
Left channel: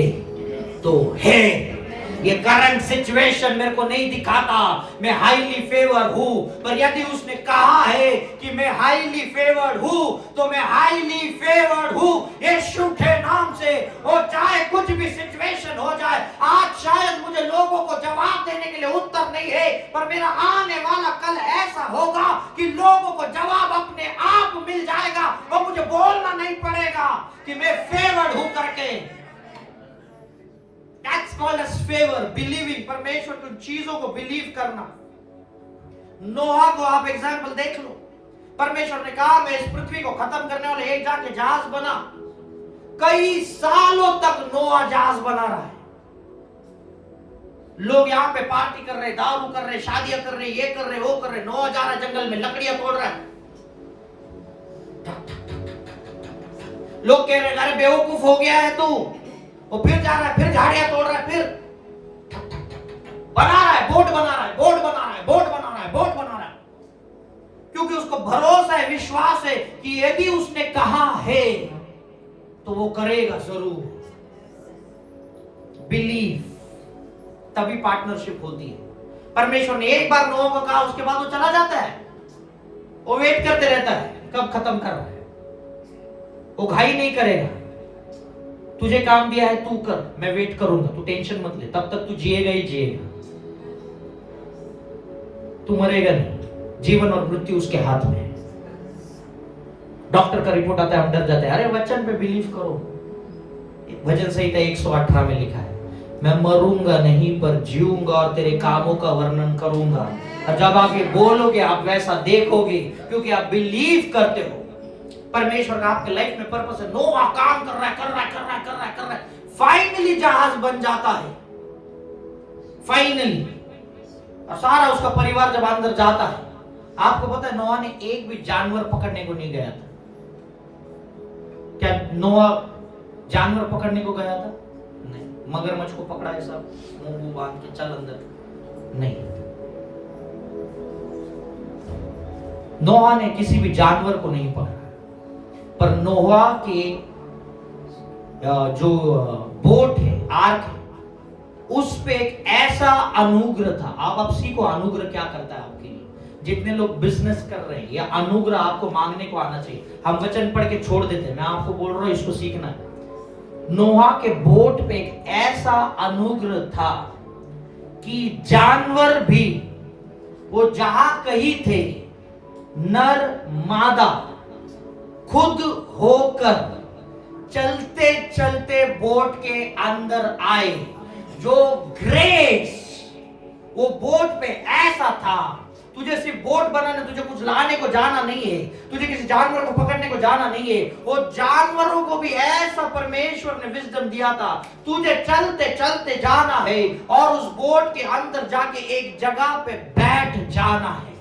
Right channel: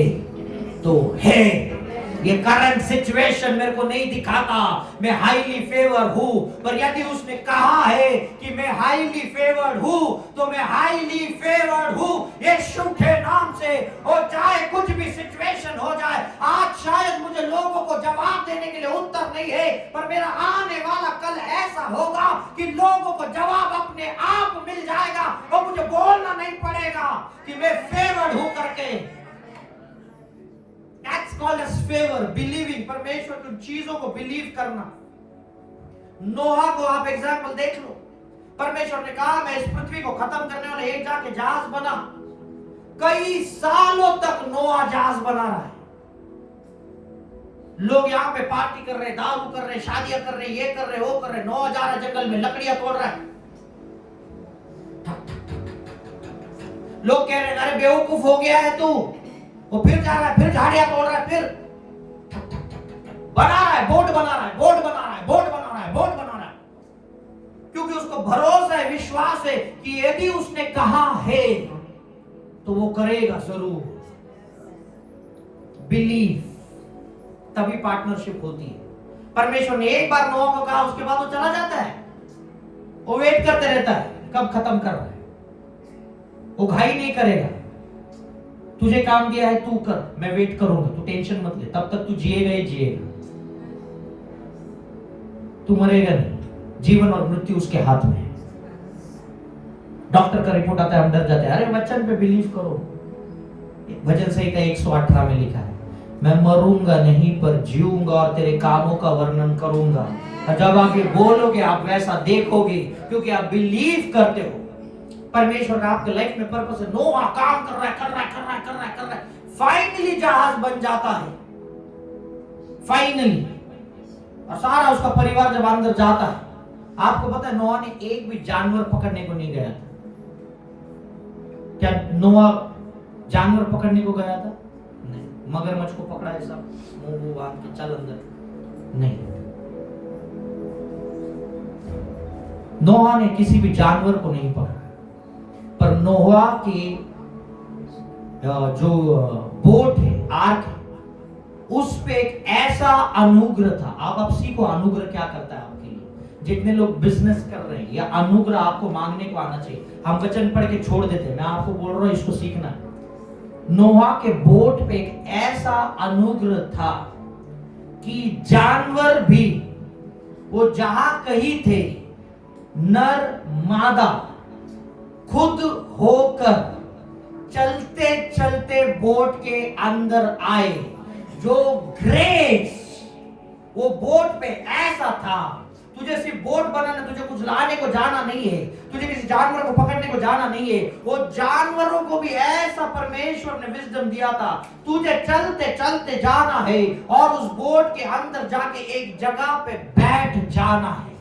तो है। ये करंट सिचुएशन मेरे को नहीं दिखाता मैं हाईली फेवर्ड हूं, पर यदि उसने कहा है कि मैं हाईली फेवर्ड हूं तो मैं हाईली फेवर्ड हूं यीशु के नाम से। और चाहे कुछ भी सिचुएशन हो जाए, आज शायद मुझे लोगों को जवाब देने के लिए उत्तर नहीं है, पर मेरा आने वाला कल ऐसा होगा कि लोगों को जवाब अपने आप मिल जाएगा और मुझे बोलना नहीं पड़ेगा कि मैं फेवर्ड हूं करके। That's called as favor, believing। परमेश्वर की चीजों को बिलीव करना। नोहा को आप एग्जाम्पल देख लो। परमेश्वर ने कहा मैं इस पृथ्वी को खत्म करने वाला, एक जाके जहाज बना। कई सालों तक नोहा जहाज बना रहा है। लोग यहाँ पे पार्टी कर रहे, दारू कर रहे, शादियां कर रहे, ये कर रहे, वो कर रहे। नोहा जा रहा है जंगल में, लकड़ियां तोड़ रहा है। लोग कह रहे अरे बेवकूफ हो गया है तू। वो फिर जा रहा है, फिर झाड़ियां तोड़ रहा है, फिर बना रहा है, बोट बना रहा है, बोट बना रहा है, बोट बना रहा है, बोट बना रहा है। क्योंकि उसको भरोसा है, विश्वास है कि यदि उसने कहा है तो वो करेगा जरूर। बिलीव, तभी पार्टनरशिप होती है। परमेश्वर ने एक बार नोह को कहा, उसके बाद वो चला जाता है। वो वेट करते रहता है कब खत्म कर रहा है। वो घाई नहीं करेगा। तुझे काम दिया है तू कर, मैं वेट करूंगा, तू टेंशन मत ले। तब तक तू जिएगा ही जिएगा, तू मरेगा नहीं। जीवन और मृत्यु उसके हाथ में है। डॉक्टर का रिपोर्ट आता है, हम डर जाते हैं। अरे वचन पे बिलीव करो। भजन संहिता 118 में लिखा है, मैं मरूंगा नहीं पर जीऊंगा और तेरे कामों का वर्णन करूंगा। जब आगे बोलोगे आप वैसा देखोगे, क्योंकि आप बिलीव करते हो। परमेश्वर का आपके लाइफ में पर्पस है। नोहा काम कर रहा है, कर रहा है, कर रहा है, कर रहा है, कर रहा है। फाइनली जहाज बन जाता है, फाइनली। और सारा उसका परिवार जब अंदर जाता है, आपको पता है नोहा ने एक भी जानवर पकड़ने को नहीं गया था। क्या नोहा जानवर पकड़ने को गया था? नहीं। मगरमच्छ को पकड़ा है सब, मुंह बांध के चल अंदर, नहीं। नोहा ने किसी भी जानवर को नहीं पकड़ा। पर नोहा के जो बोट है, आर्क है, उस पे एक ऐसा अनुग्रह था। आप सीखो अनुग्रह क्या करता है आपके लिए। जितने लोग बिजनेस कर रहे हैं या अनुग्रह आपको मांगने को आना चाहिए, हम वचन पढ़ के छोड़ देते हैं, मैं आपको बोल रहा हूं इसको सीखना है। नोहा के बोट पे एक ऐसा अनुग्रह था कि जानवर भी वो जहां कहीं थे, नर मादा खुद होकर चलते चलते बोट के अंदर आए। जो ग्रेस वो बोट पे ऐसा था, तुझे सिर्फ बोट बनाने, तुझे कुछ लाने को जाना नहीं है, तुझे किसी जानवर को पकड़ने को जाना नहीं है, वो जानवरों को भी ऐसा परमेश्वर ने विजडम दिया था, तुझे चलते चलते जाना है और उस बोट के अंदर जाके एक जगह पे बैठ जाना है।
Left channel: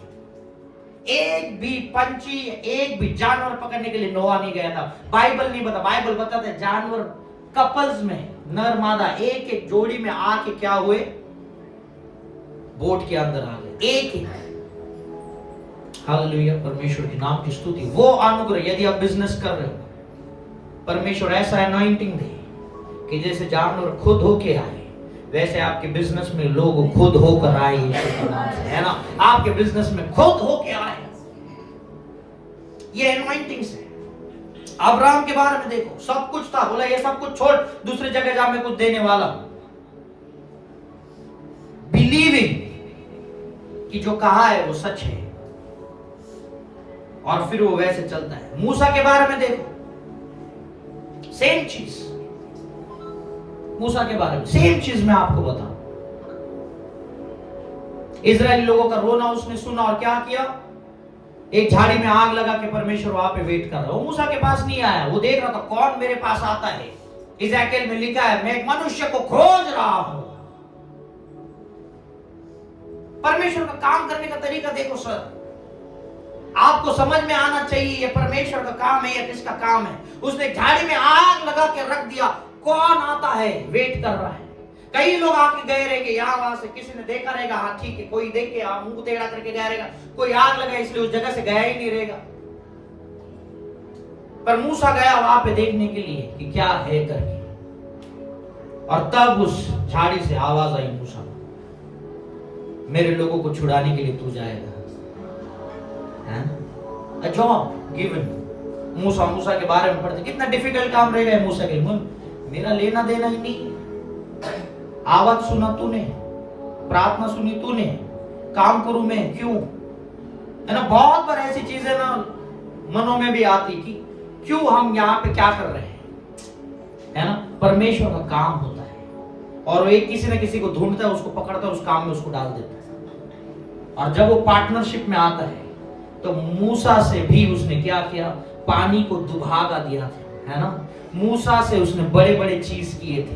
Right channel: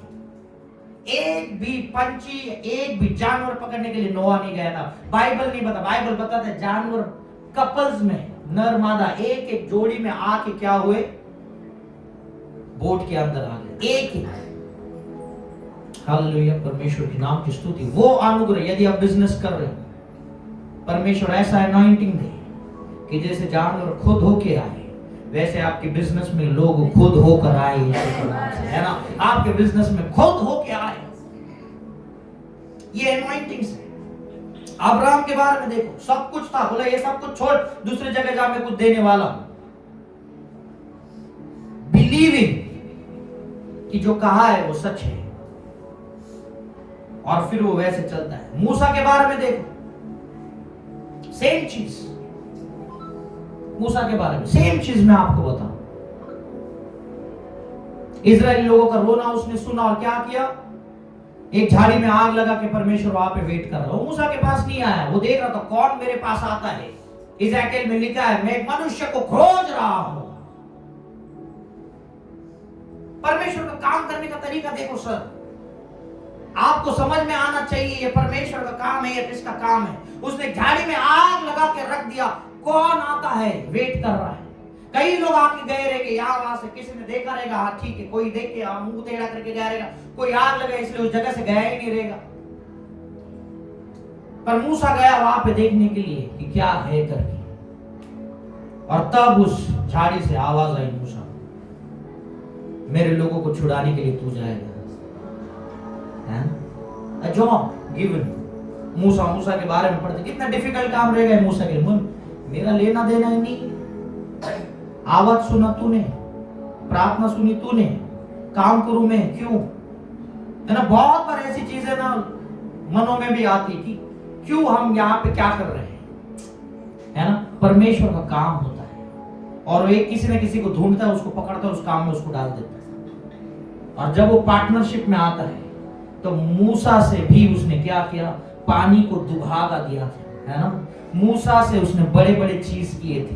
एक भी पंछी, एक भी जानवर पकड़ने के लिए नोआ नहीं गया था। बाइबल नहीं बता, बाइबल बताता है जानवर कपल्स में, नर मादा एक एक जोड़ी में आके क्या हुए, बोट के अंदर आ गए, एक एक। हालेलुया, परमेश्वर के नाम की स्तुति। वो अनुग्रह, यदि आप बिजनेस कर रहे हो, परमेश्वर ऐसा अनॉइंटिंग दे कि जैसे जानवर खुद होके आए, वैसे आपके बिजनेस में लोग खुद होकर आए, यीशु के नाम से, है ना। आपके बिजनेस में खुद होके आए, ये अनॉइंटिंग से। अब्राहम के बारे में देखो, सब कुछ था, बोला ये सब कुछ छोड़, दूसरी जगह जा मैं कुछ देने वाला हूं। बिलीविंग कि जो कहा है वो सच है, और फिर वो वैसे चलता है। मूसा के बारे में देखो, सेम चीज। मूसा के बारे में सेम चीज मैं आपको बताऊं। इजरायली लोगों का रोना उसने सुना और क्या किया, एक झाड़ी में आग लगा के परमेश्वर वहां पे वेट कर रहा। वो मूसा के पास नहीं आया, वो देख रहा था कौन मेरे पास आता है। इज़राइल में लिखा है, मैं एक मनुष्य को खोज रहा हूं। परमेश्वर का काम करने का तरीका देखो सर, आपको समझ में आना चाहिए ये परमेश्वर का काम है या किसका काम है। उसने झाड़ी में आग लगा के रख दिया, कौन आता है, वेट कर रहा है। कई लोग आके गए रहेंगे यहां वहां से, किसी ने देखा रहेगा, हाँ ठीक है, कोई देख के मुंह टेढ़ा करके गया रहेगा, कोई आग लगा इसलिए उस जगह से गया ही नहीं रहेगा। पर मूसा गया वहां पे देखने के लिए कि क्या है करके, और तब उस झाड़ी से आवाज आई, मूसा मेरे लोगों को छुड़ाने के लिए तू जाएगा। Job given. मूसा के बारे में पढ़ते, कितना डिफिकल्ट काम रहेगा मूसा के लिए। मेरा लेना देना ही नहीं, आवाज सुना तूने, प्रार्थना सुनी तूने, काम करूं मैं क्यों, है ना। बहुत बार ऐसी चीजें ना मनों में भी आती कि क्यों हम यहाँ पे क्या कर रहे हैं, है ना। परमेश्वर का काम होता है और वो एक किसी न किसी को ढूंढता है, उसको पकड़ता है, उस काम में उसको डाल देता है। और जब वो पार्टनरशिप में आता है तो मूसा से भी उसने क्या किया, पानी को दुभागा दिया था, है ना। मूसा से उसने बड़े बड़े चीज किए थे।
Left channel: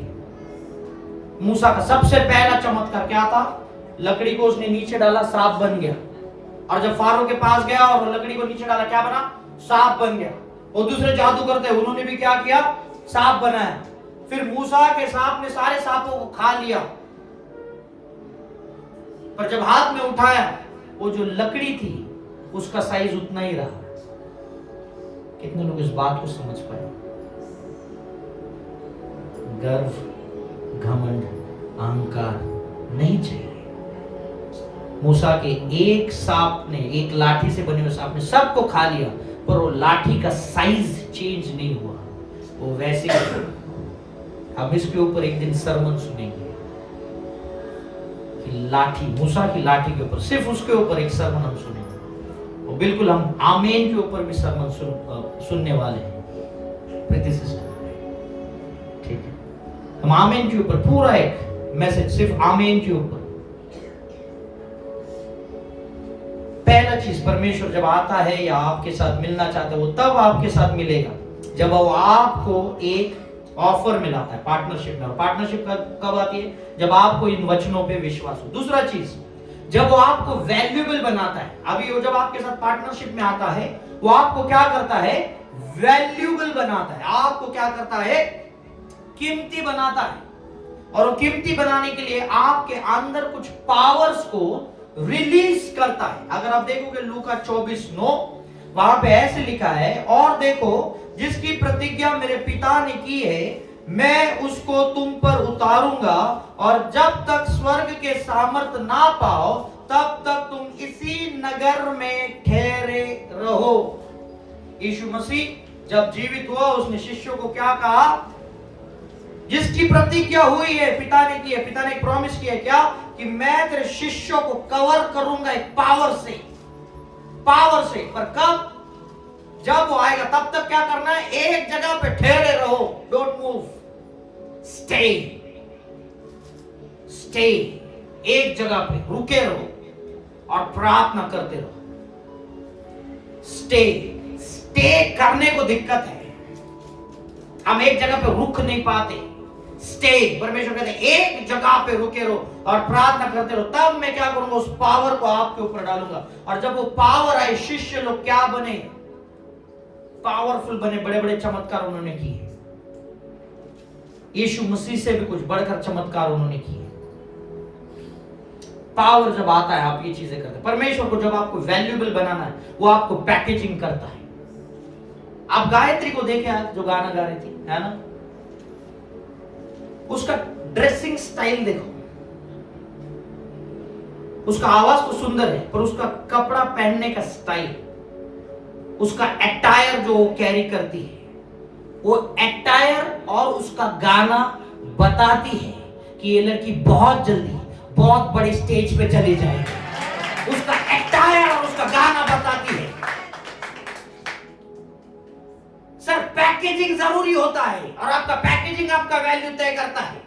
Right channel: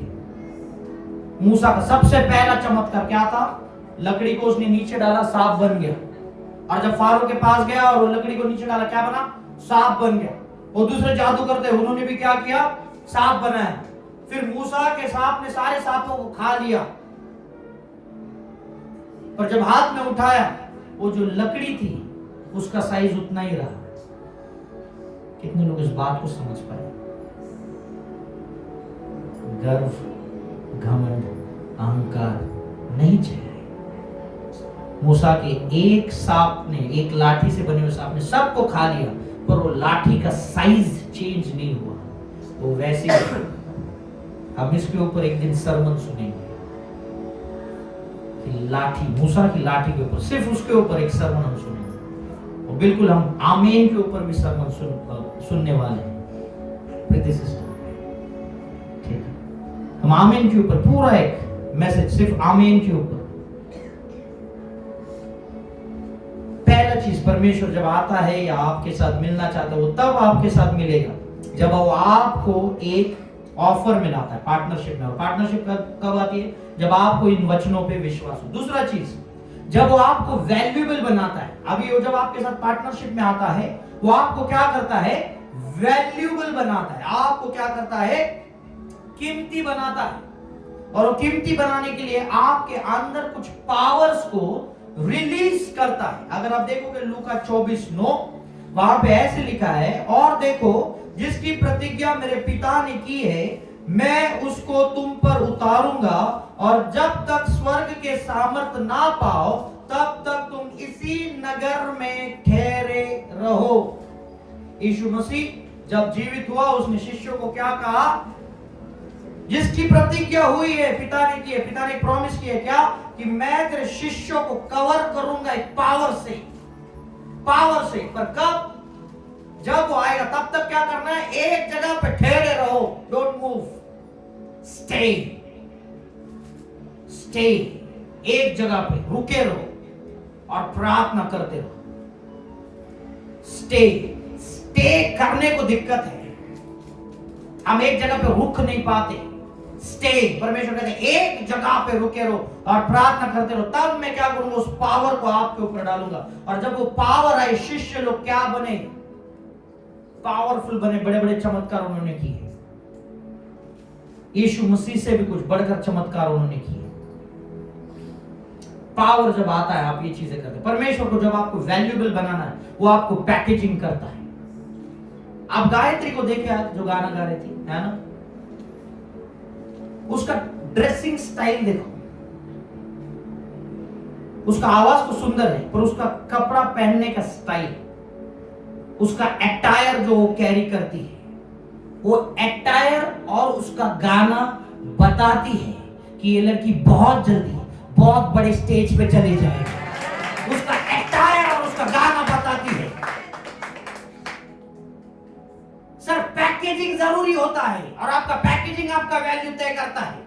मूसा का सबसे पहला चमत्कार क्या था, लकड़ी को उसने नीचे डाला, सांप बन गया। और जब फारो के पास गया और वो लकड़ी को नीचे डाला, क्या बना, सांप बन गया। वो दूसरे जादू करते उन्होंने भी क्या किया, सांप बनाया। फिर मूसा के सांप ने सारे सांपों को खा लिया, पर जब हाथ में उठाया वो जो लकड़ी थी उसका साइज उतना ही रहा। कितने लोग इस बात को समझ पाए। गर्व, घमंड, अहंकार नहीं चाहिए। मूसा के एक सांप ने, एक लाठी से बने हुए सांप ने सबको खा लिया, पर वो लाठी का साइज चेंज नहीं हुआ, वो वैसे ही। हम इसके ऊपर एक दिन सरमन सुनेंगे कि लाठी, मूसा की लाठी के ऊपर, सिर्फ उसके ऊपर एक सरमन हम सुनेंगे। और बिल्कुल हम आमीन के ऊपर भी सरमन सुनने वाले हैं, प्रीति सिस्टर, ठीक है। हम आमीन के ऊपर पूरा एक मैसेज सिर्फ आमीन के ऊपर। पहला चीज, परमेश्वर जब आता है या आपके साथ मिलना चाहता है, वो तब आपके साथ मिलेगा जब वो आपको एक ऑफर मिलाता है, पार्टनरशिप में। और पार्टनरशिप कब आती है, जब आपको इन वचनों पे विश्वास हो। दूसरा चीज, जब वो आपको वैल्यूएबल बनाता है। अभी वो जब आपके साथ पार्टनरशिप में आता है, वो आपको क्या करता है, वैल्यूएबल बनाता है। आपको क्या करता है, कीमती बनाता है। और वो कीमती बनाने के लिए आपके अंदर कुछ पावर्स को रिलीज करता है। अगर आप देखोगे लूका 24:9, वहां पे ऐसे लिखा है, और देखो जिसकी प्रतिज्ञा मेरे पिता ने की है, मैं उसको तुम पर उतारूंगा, और जब तक स्वर्ग के सामर्थ ना पाओ तब तक तुम इसी नगर नगर में ठहरे रहो। यीशु मसीह जब जीवित हुआ उसने शिष्यों को क्या कहा? जिसकी प्रतिज्ञा हुई है, पिता ने की है, पिता ने प्रॉमिस किया है क्या? कि मैं तेरे शिष्यों को कवर करूंगा एक पावर से। पर कब? जब वो आएगा तब तक क्या करना है? एक जगह पे ठहरे रहो, डोंट मूव, स्टे। एक जगह पे रुके रहो और प्रार्थना करते रहो। स्टे करने को दिक्कत है, हम एक जगह पे रुक नहीं पाते। स्टे, परमेश्वर कहते हैं एक जगह पे रुके रहो और प्रार्थना करते रहो, तब मैं क्या करूंगा? उस पावर को आपके ऊपर डालूंगा। और जब वो पावर आए, शिष्य लोग क्या बने? पावरफुल बने, बड़े बड़े चमत्कार उन्होंने किए। यीशु मसीह से भी कुछ बढ़कर चमत्कार उन्होंने किए। पावर जब आता है आप ये चीजें करते हैं। परमेश्वर को जब आपको वैल्यूएबल बनाना है, वो आपको पैकेजिंग करता है। आप गायत्री को देखे आज जो गाना गा रही थी, है ना? उसका ड्रेसिंग स्टाइल देखो, उसका आवाज तो सुंदर है, पर उसका कपड़ा पहनने का स्टाइल, उसका एटायर जो वो कैरी करती है, वो एटायर और उसका गाना बताती है कि ये लड़की बहुत जल्दी बहुत बड़े स्टेज पे चली जाएगी। उसका एटायर और उसका गाना बताती है। सर, पैकेजिंग जरूरी होता है और आपका पैकेजिंग आपका वैल्यू तय करता है।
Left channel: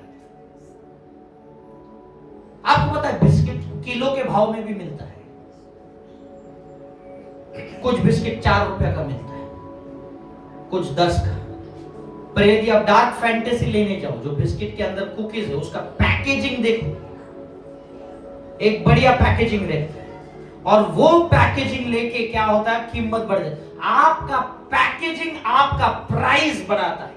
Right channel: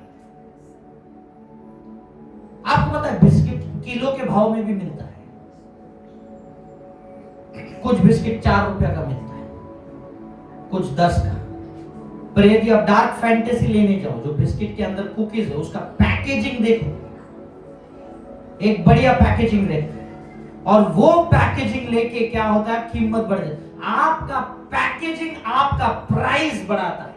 आपको पता है बिस्किट किलो के भाव में भी मिलता है। कुछ बिस्किट 4 रुपए का मिलता है, कुछ 10 का। पर यदि आप डार्क फैंटेसी लेने जाओ, जो बिस्किट के अंदर कुकीज है, उसका पैकेजिंग देखो, एक बढ़िया पैकेजिंग देखते हैं, और वो पैकेजिंग लेके क्या होता है? कीमत बढ़ जाती है। आपका पैकेजिंग आपका प्राइस बढ़ाता है,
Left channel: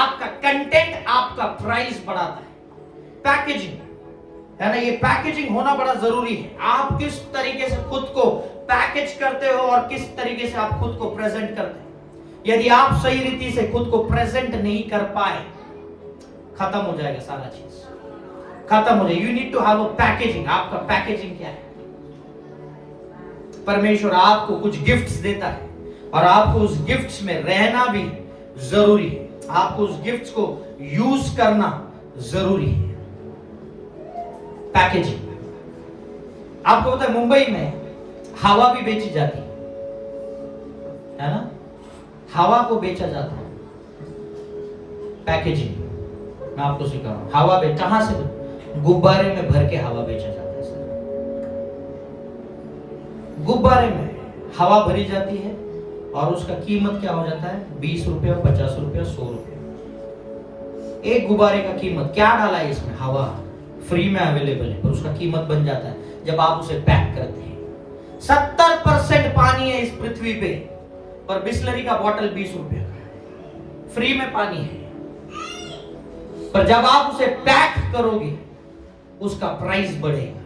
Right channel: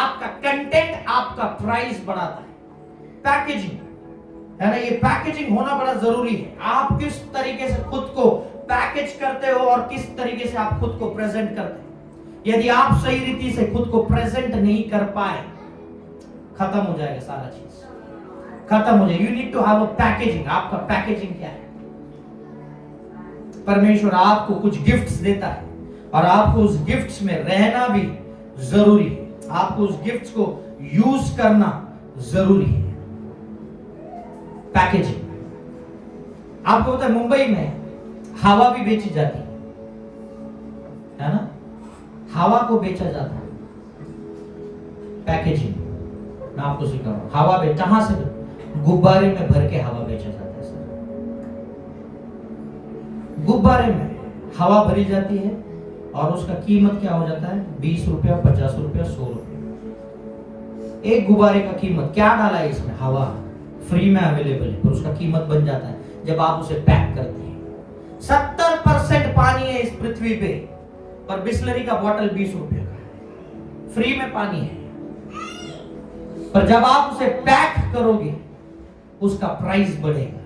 आपका कंटेंट आपका प्राइस बढ़ाता है। पैकेजिंग है ना, ये पैकेजिंग होना बड़ा जरूरी है। आप किस तरीके से खुद को पैकेज करते हो और किस तरीके से आप खुद को प्रेजेंट करते हो। यदि आप सही रीति से खुद को प्रेजेंट नहीं कर पाए, खत्म हो जाएगा सारा चीज, खत्म हो जाएगा। You need to have a packaging. आपका पैकेजिंग क्या है? परमेश्वर आपको कुछ गिफ्ट्स देता है और आपको उस गिफ्ट्स में रहना भी जरूरी है। आपको उस गिफ्ट्स को यूज करना जरूरी है। पैकेजिंग। आपको पता है मुंबई में हवा भी बेची जाती है ना? हवा को बेचा जाता है, पैकेजिंग। मैं आपको सिखा रहा हूं, हवा कहां से? गुब्बारे में भर के हवा बेचा जाता है सर। गुब्बारे में हवा भरी जाती है और उसका कीमत क्या हो जाता है? 20 रुपया, 50 रुपया, 100 रुपया। एक गुब्बारे का कीमत क्या डाला है इसमें? हवा फ्री में अवेलेबल है, पर उसका कीमत बन जाता है जब आप उसे पैक करते हैं। 70% पानी है इस पृथ्वी पे, पर बिस्लरी का बोतल 20 रुपया का है, फ्री में पानी है। पर जब आप उसे पैक करोगे, उसका प्राइस बढ़ेगा।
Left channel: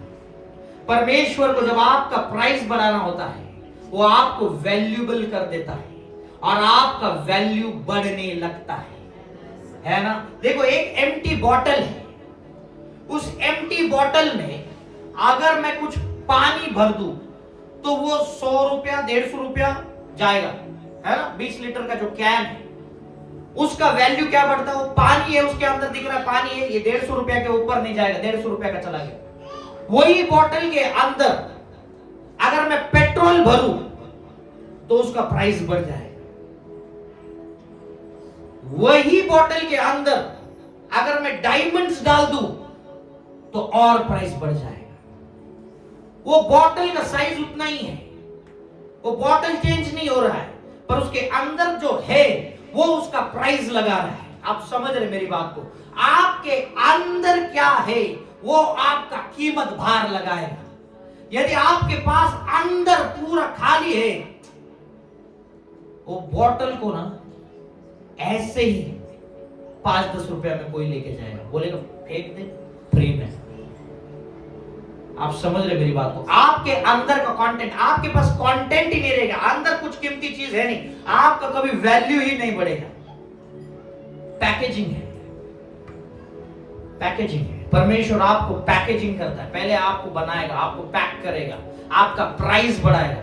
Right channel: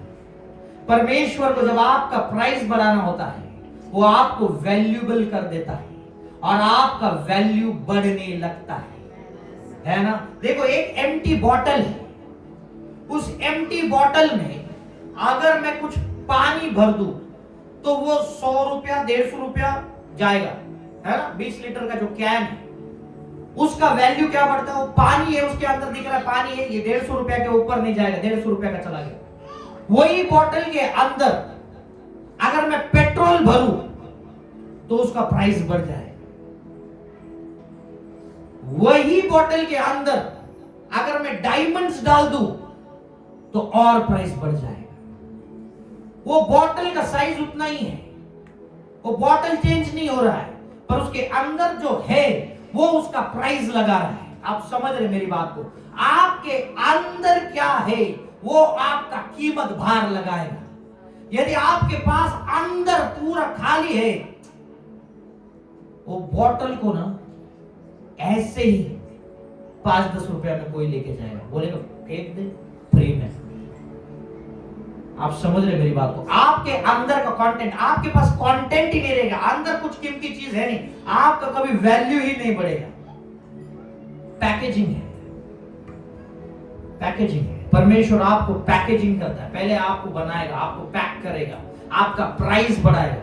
परमेश्वर को जब आपका प्राइस बढ़ाना होता है, वो आपको वैल्यूएबल कर देता है और आपका वैल्यू बढ़ने लगता है ना? देखो, एक एम्प्टी बॉटल है, उस एम्प्टी बॉटल में अगर मैं कुछ पानी भर दूं तो वो 100 रुपया, 150 रुपया जाएगा, है ना? 20 लीटर का जो कैन है, उसका वैल्यू क्या बढ़ता है? वो पानी है, उसके अंदर दिख रहा है पानी है, ये 150 रुपया के ऊपर नहीं जाएगा, 150 रुपया का चला गया। वही बोतल के अंदर अगर मैं पेट्रोल भरूं तो उसका प्राइस बढ़ जाएगा। वही बोतल के अंदर अगर मैं डायमंड्स डाल दूं तो और प्राइस बढ़ जाएगा। वो बोतल का साइज उतना ही है, वो बोतल चेंज नहीं हो रहा है, पर उसके अंदर जो है वो उसका प्राइस लगा रहा है। आप समझ रहे मेरी बात को? आपके अंदर क्या है वो आपका कीमत भार लगाएगा। यदि आपके पास अंदर पूरा खाली है, वो बोतल को ना ऐसे ही 5-10 रुपया में कोई लेके जाएगा, बोलेगा फेंक दे फ्री में। आप समझ रहे मेरी बात को? आपके अंदर का कंटेंट, आपके पास कंटेंट ही नहीं रहेगा, अंदर कुछ कीमती चीज है नहीं, आपका कभी वैल्यू ही नहीं बढ़ेगा। पैकेजिंग है, पैकेजिंग है। परमेश्वर आपको पैकेजिंग करता है, पहले आपको बनाएगा, आपको पैक करेगा, आपका प्राइस बढ़ाएगा।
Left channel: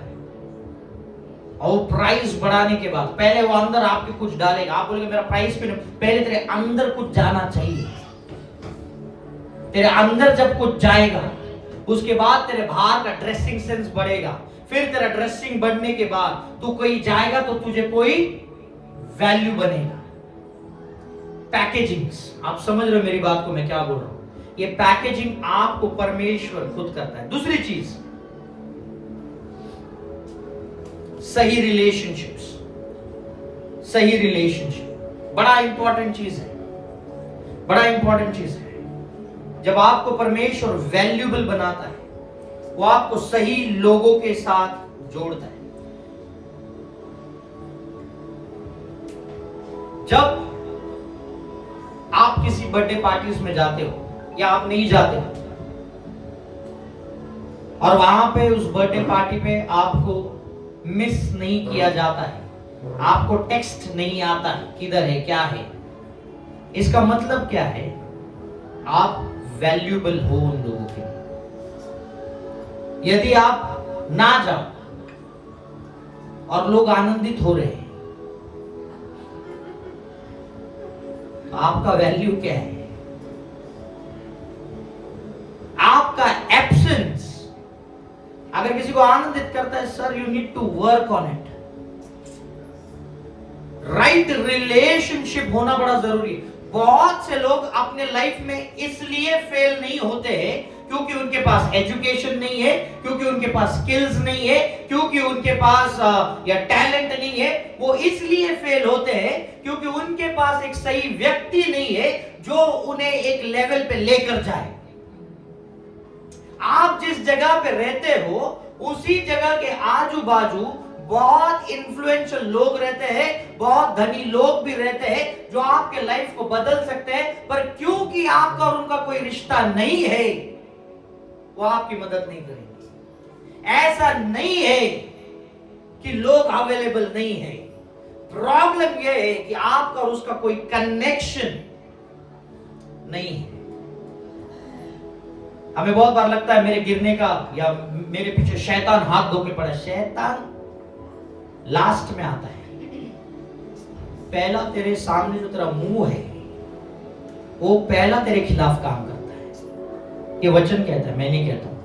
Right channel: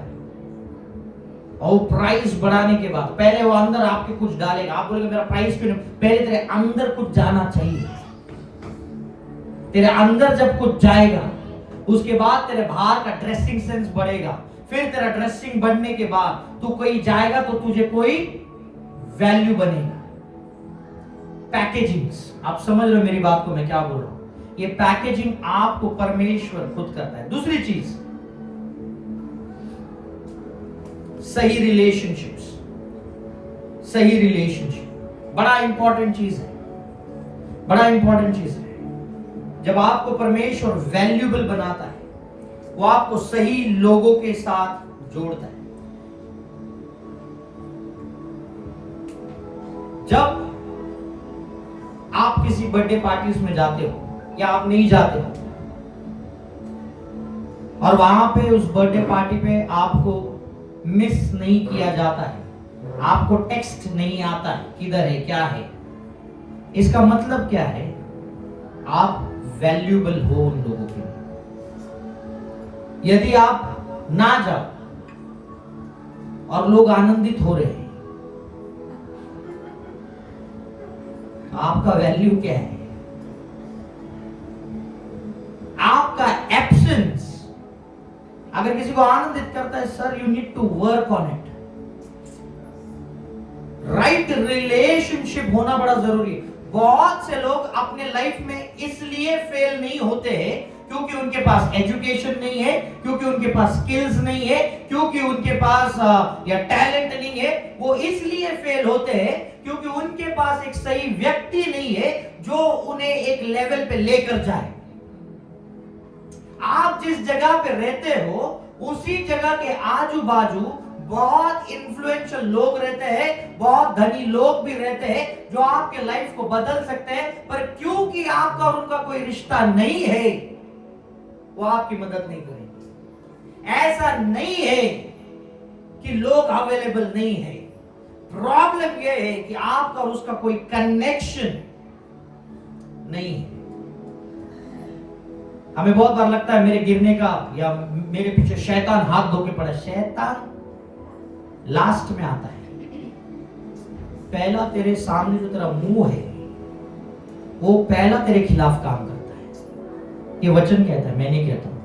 और प्राइस बढ़ाने के बाद पहले वो अंदर आपके कुछ डालेगा। आप बोलेंगे मेरा प्राइस क्यों नहीं? पहले तेरे अंदर कुछ जाना चाहिए। तेरे अंदर जब कुछ जाएगा उसके बाद तेरे बाहर का ड्रेसिंग सेंस बढ़ेगा। फिर तेरा ड्रेसिंग बढ़ने के बाद तू कहीं जाएगा तो तुझे कोई वैल्यू बनेगा। पैकेजिंग, आप समझ रहे हो मेरी बात को मैं क्या बोल रहा हूं? ये पैकेजिंग आपको परमेश्वर खुद करता है। दूसरी चीज, सही रिलेशनशिप्स। सही रिलेशनशिप बड़ा इंपॉर्टेंट चीज है, बड़ा इंपॉर्टेंट चीज है। जब आपको परमेश्वर वैल्यूएबल बनाता है, वो आपको सही लोगों के साथ जोड़ता है। जब आप किसी बर्थडे पार्टीज में जाते हो या आप नहीं जाते हो और वहां पे उस बर्थडे पार्टी पे आपको मिस नहीं किया जाता है, आपको टेक्स्ट नहीं आता है किधर है क्या है, इसका मतलब क्या है? आप वैल्यूएबल हो उन लोगों के लिए। यदि आप ना जाओ और लोग आनंदित हो रहे हैं, तो आपका वैल्यू क्या है? आपका एब्सेंस अगर किसी को आनंदित करता है, sir you need to work on it. Right relationship होना बड़ा जरूरी है। बहुत से लोग अपने लाइफ में इसलिए फेल नहीं होते हैं क्योंकि उनके पास एजुकेशन नहीं है, क्योंकि उनके पास स्किल्स नहीं है, क्योंकि उनके पास या टैलेंट नहीं है। वो इसलिए फेल होते हैं क्योंकि उनके पास एक सही व्यक्ति नहीं है जो उन्हें एक लेवल पे लेकर जाए। आप जिस जगह पे रहते हो उसी जगह के आजू बाजू बहुत इन्फ्लुएंशियल लोग रहते हैं, बहुत धनी लोग भी रहते हैं जो आपके लाइफ को बदल सकते हैं, पर क्योंकि आपका और उनका कोई रिश्ता नहीं है वो आपकी मदद नहीं करेंगे। ऐसा नहीं है कि लोग अवेलेबल नहीं है, प्रॉब्लम यह है कि आपका और उसका कोई कनेक्शन नहीं है। हमें बहुत बार लगता है मेरे गिरने का या मेरे पीछे शैतान हाथ धो के पड़ा। शैतान लास्ट में आता है। पहला तेरे सामने जो तेरा मुंह है वो पहला तेरे खिलाफ काम करता है। ये वचन कहता है, मैं नहीं कहता हूं,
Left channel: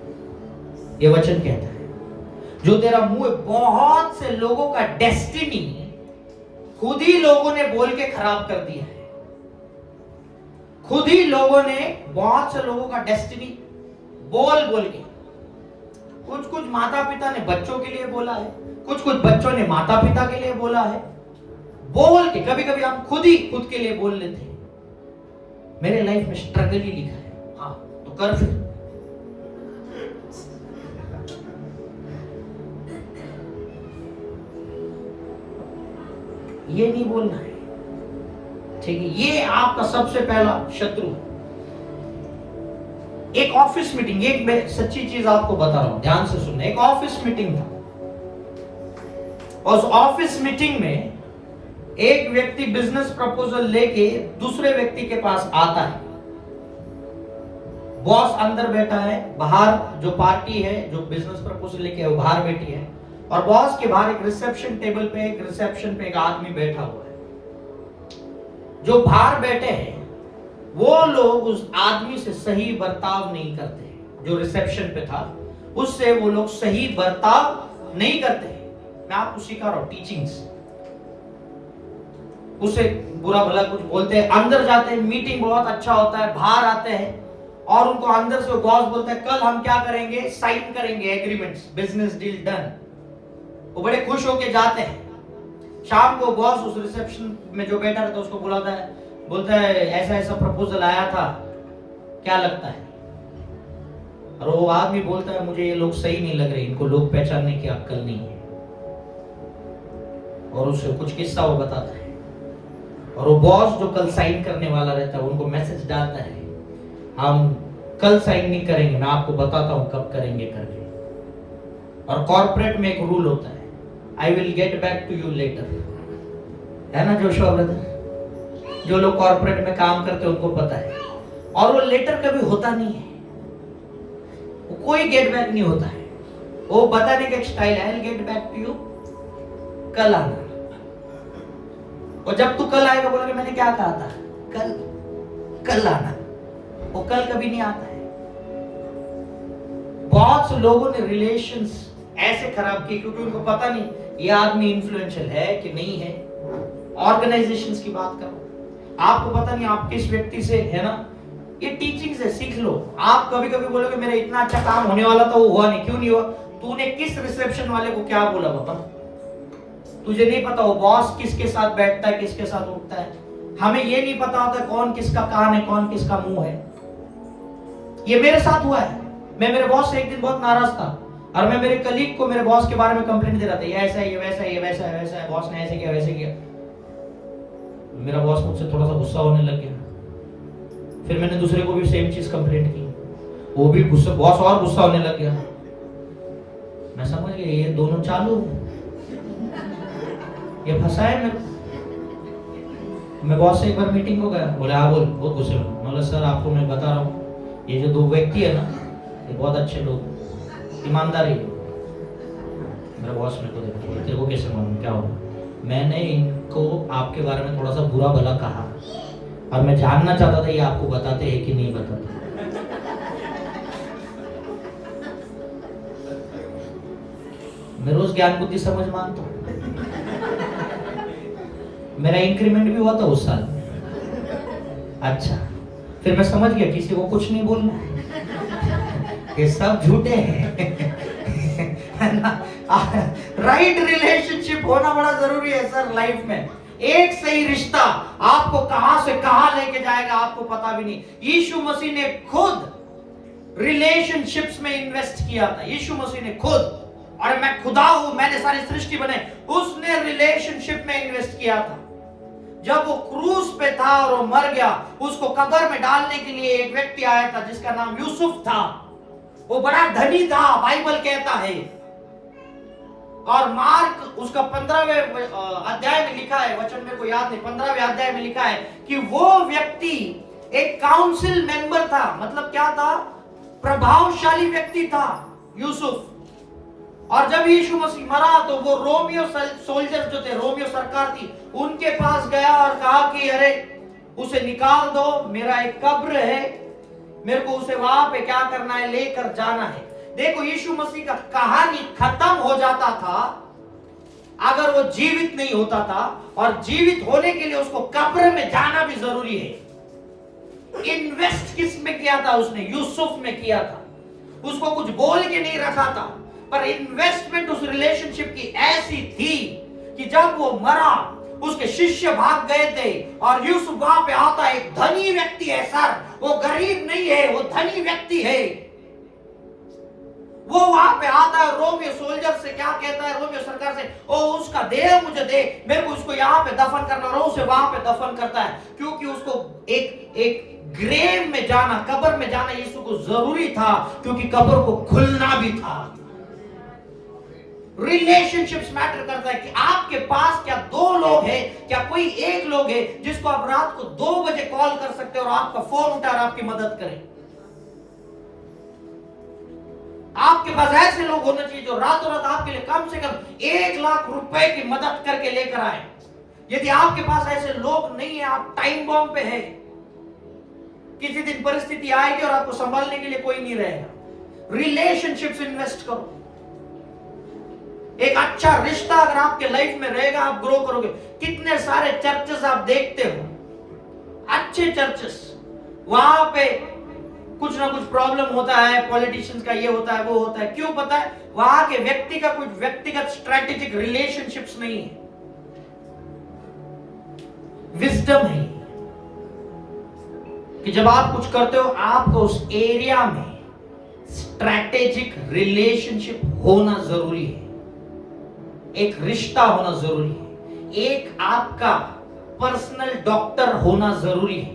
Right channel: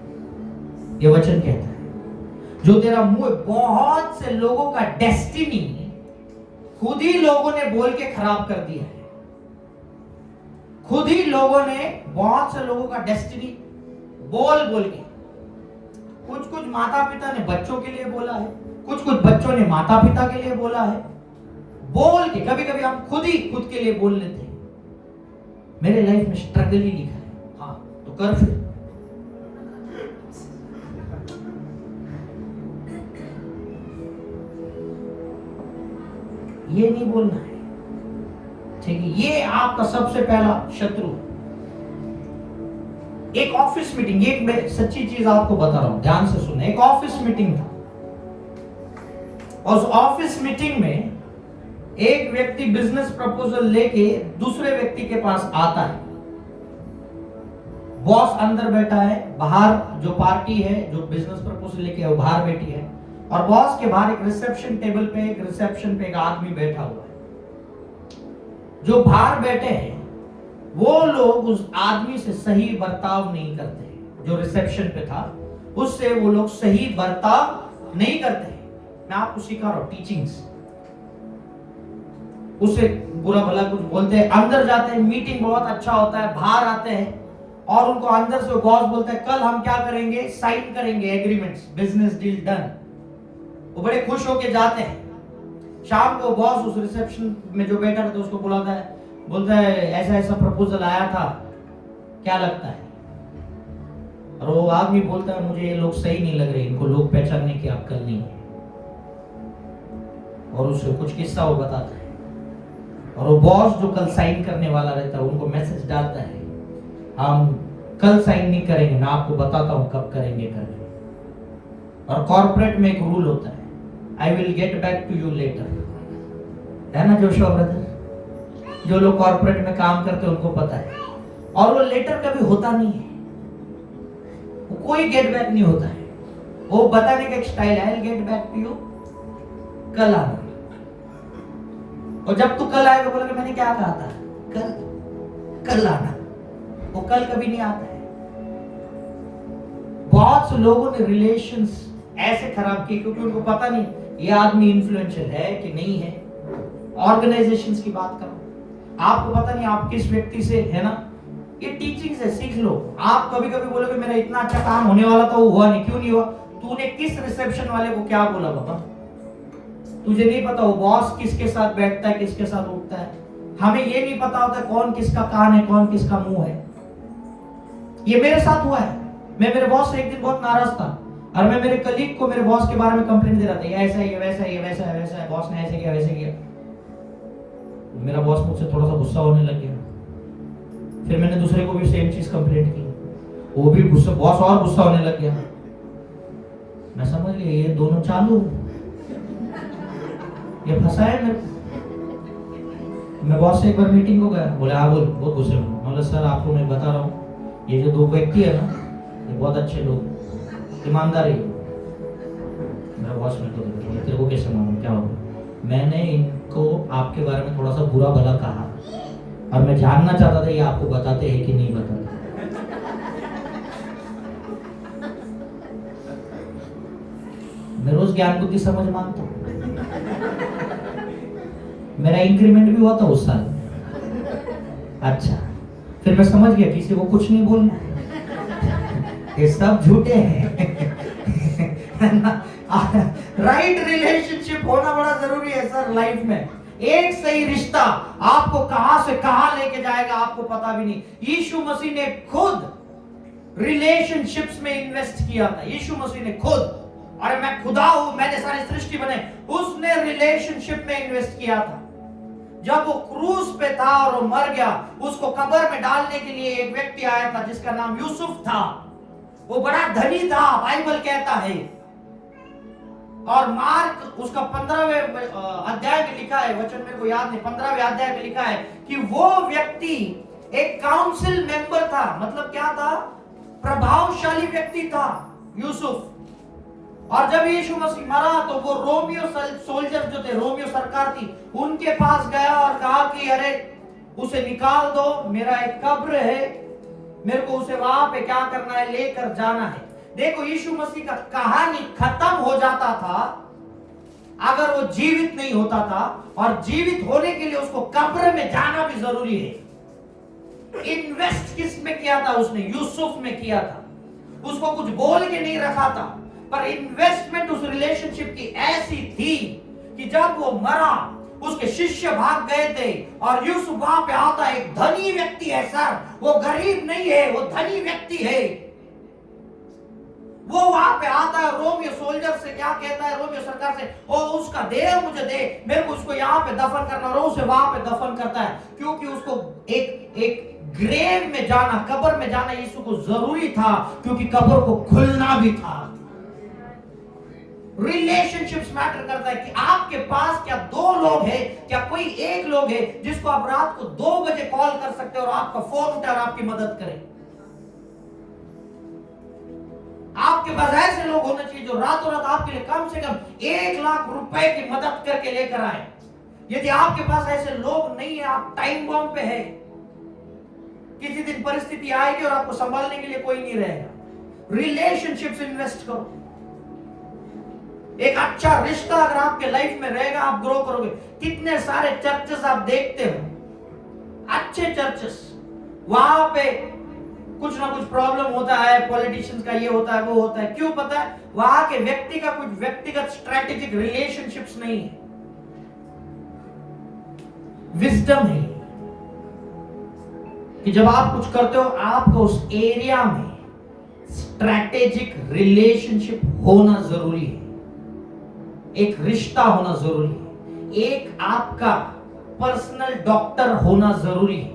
ये वचन कहता है। जो तेरा मुंह है, बहुत से लोगों का डेस्टिनी खुद ही लोगों ने बोल के खराब कर दिया है। खुद ही लोगों ने बहुत से लोगों का डेस्टिनी बोल बोल के, कुछ माता पिता ने बच्चों के लिए बोला है, कुछ बच्चों ने माता पिता के लिए बोला है, बोल के। कभी कभी हम खुद के लिए बोल लेते हैं। मेरे लाइफ में स्ट्रगल ही लिखा है, हाँ तो कर फिर। ये नहीं बोलना है, ठीक है? ये आपका सबसे पहला शत्रु। एक ऑफिस मीटिंग, एक मैं सच्ची चीज आपको बता रहा हूं, ध्यान से सुनना। एक ऑफिस मीटिंग था और उस ऑफिस मीटिंग में एक व्यक्ति बिजनेस प्रपोजल लेके दूसरे व्यक्ति के पास आता है। बॉस अंदर बैठा है, बाहर जो पार्टी है जो बिजनेस प्रपोजल लेके है वो बाहर बैठी है, और बॉस के बाहर एक रिसेप्शन टेबल पे एक आदमी बैठा हुआ है। जो बाहर बैठे हैं वो लोग उस आदमी से सही बर्ताव नहीं करते। जो रिसेप्शन पे था उससे वो लोग सही बर्ताव नहीं करते। मैं आपको सिखा रहा हूं टीचिंग्स। उसे बुरा भला कुछ बोलते हैं, अंदर जाते हैं, मीटिंग बहुत अच्छा होता है, बाहर आते हैं और उनको अंदर से बॉस बोलते हैं कल हम क्या करेंगे, साइन करेंगे एग्रीमेंट्स, बिजनेस डील डन। वो बड़े खुश होके जाते हैं। शाम को बॉस उस रिसेप्शन में जो बैठा रहता है उसको बोलता है ऐसा ऐसा प्रपोजल आया था, क्या लगता है? और वो आदमी बोलता है मुझे ये लोग सही नहीं लग रहे, इनको लोग पहचानने की अक्ल नहीं है। और उसे कुछ किस्सा वो बताता है, और वो बॉस जो कल साइन करने वाला रहता है उनको मैसेज डालता है हम कल साइन नहीं करेंगे, मैं आपको बताता हूं कब करेंगे करके। और कॉर्पोरेट में एक रूल होता है, I will get back to you later, है ना जोशुआ ब्रदर? जो लोग कॉर्पोरेट में काम करते हैं उनको पता है। और वो लेटर कभी होता नहीं है, वो कोई गेट बैक नहीं होता है। वो बताने का एक स्टाइल है, गेट बैक टू यू, कल आना। और जब तू कल आएगा बोला कि मैंने क्या कहा था, कल आना, वो कल कभी नहीं आता है। बहुत से लोगों ने रिलेशंस ऐसे खराब किए क्योंकि उनको पता नहीं ये आदमी इन्फ्लुएंशियल है कि नहीं है। ऑर्गेनाइजेशंस की बात करो, आपको पता नहीं आप किस व्यक्ति से, है ना, ये टीचिंग्स है, सीख लो। आप कभी कभी बोलोगे मेरा इतना अच्छा काम होने वाला था, वो हुआ नहीं, क्यों नहीं हुआ? तूने किस रिसेप्शन वाले को क्या बोला बाबा? तुझे नहीं पता वो बॉस किसके साथ बैठता है, किसके साथ उठता है। हमें ये नहीं पता होता कौन किसका कान है, कौन किसका मुंह है। ये मेरे साथ हुआ है। मैं मेरे बॉस से एक दिन बहुत नाराज था और मैं मेरे कलीग को मेरे बॉस के बारे में कंप्लेंट दे रहा था, ये ऐसा है, ये वैसा है, ये वैसा है, वैसा है, बॉस ने ऐसे किया, वैसे किया। मेरा बॉस मुझसे थोड़ा सा गुस्सा होने लग गया। फिर मैंने दूसरे को भी सेम चीज कंप्लेंट की, वो भी गुस्सा, बॉस और गुस्सा होने लग गया। मैं समझ गया ये दोनों चालू, ये फंसा है मेरे। मैं बॉस से एक बार मीटिंग को गया, बोले हाँ बोल, बहुत गुस्से में। बोला सर आपको मैं बता रहा हूँ, ये जो दो व्यक्ति है ना, ये बहुत अच्छे लोग, ईमानदार है। मेरा बॉस मेरे को देखा, तेरे को कैसे मालूम क्या होगा? मैंने इनको आपके बारे में थोड़ा सा बुरा भला कहा और मैं जानना चाहता था ये आपको बताते हैं कि नहीं बताते। मैं रोज ज्ञान बुद्धि समझ मानता हूं। मेरा इंक्रीमेंट भी हुआ था उस साल। अच्छा, फिर मैं समझ गया किसी को कुछ नहीं बोलना, ये सब झूठे हैं। राइट रिलेशनशिप होना बड़ा जरूरी है सर लाइफ में। एक सही रिश्ता आपको कहां से कहां लेके जाएगा आपको पता भी नहीं। यीशु मसीह ने खुद रिलेशनशिप्स में इन्वेस्ट किया था। यीशु मसीह ने खुद, अरे मैं खुदा हूं, मैंने सारी सृष्टि बनाई, उसने रिलेशनशिप में इन्वेस्ट किया था। जब वो क्रूस पे था और वो मर गया, उसको कब्र में डालने के लिए एक व्यक्ति आया था जिसका नाम यूसुफ था। वो बड़ा धनी था, बाइबल कहता है। और मार्क उसका 15वें अध्याय में लिखा है, वचन मेरे को याद नहीं, 15वें अध्याय में लिखा है कि वो व्यक्ति एक काउंसिल मेंबर था। मतलब क्या था? प्रभावशाली व्यक्ति था यूसुफ। और जब यीशु मसीह मरा तो वो रोमियो सोल्जर्स जो थे, रोमियो सरकार थी, उनके पास गया और कहा कि अरे उसे निकाल दो, मेरा एक कब्र है, मेरे को उसे वहां पे क्या करना है, लेकर जाना है। देखो यीशु मसीह का कहानी खत्म हो जाता था अगर वो जीवित नहीं होता था, और जीवित होने के लिए उसको कब्र में जाना भी जरूरी है। इन्वेस्ट किस में किया था उसने? यूसुफ में किया था। उसको कुछ बोल के नहीं रखा था, पर इन्वेस्टमेंट उस रिलेशनशिप की ऐसी थी कि जब वो मरा उसके शिष्य भाग गए थे और यूसुफ वहां पे आता, एक धनी व्यक्ति है सर, वो गरीब नहीं है, वो धनी व्यक्ति है। वो वहां पे आता है, रोमियो सोल्जर से क्या कहता है, रोमियो सरकार से, ओ उसका देह मुझे दे, मेरे को उसको यहाँ पे दफन करना, और उसे वहां पे दफन करता है क्योंकि उसको एक ग्रेव में जाना, कब्र में जाना यीशु को जरूरी था, क्योंकि कब्र को खुलना भी था। रिलेशनशिप्स मैटर करता है कि आपके पास क्या दो लोग हैं, क्या कोई एक लोग है जिसको आप रात को 2 बजे कॉल कर सकते हो और आपका फोन उठा और आपकी मदद करे। आपके पास ऐसे लोग होने चाहिए जो रातों रात आपके लिए कम से कम 1 लाख रुपए की मदद करके लेकर आए। यदि आपके पास ऐसे लोग नहीं है, आप टाइम बॉम्ब पे है, किसी दिन परिस्थिति आएगी और आपको संभालने के लिए कोई नहीं रहेगा। रिलेशनशिप्स इन्वेस्ट करो। एक अच्छा रिश्ता अगर आपके लाइफ में रहेगा, आप ग्रो करोगे। कितने सारे चर्चेस आप देखते हो, अच्छे चर्चेस, वहां पे कुछ ना कुछ प्रॉब्लम होता है, पॉलिटिशियंस का ये होता है, वो होता है। क्यों पता है? वहां के व्यक्ति का कुछ व्यक्तिगत स्ट्रेटेजिक रिलेशनशिप्स नहीं है, विजडम है कि जब आप कुछ करते हो आपको उस एरिया में स्ट्रेटेजिक रिलेशनशिप होना जरूरी है, एक रिश्ता होना जरूरी है, एक आपका पर्सनल डॉक्टर होना जरूरी है,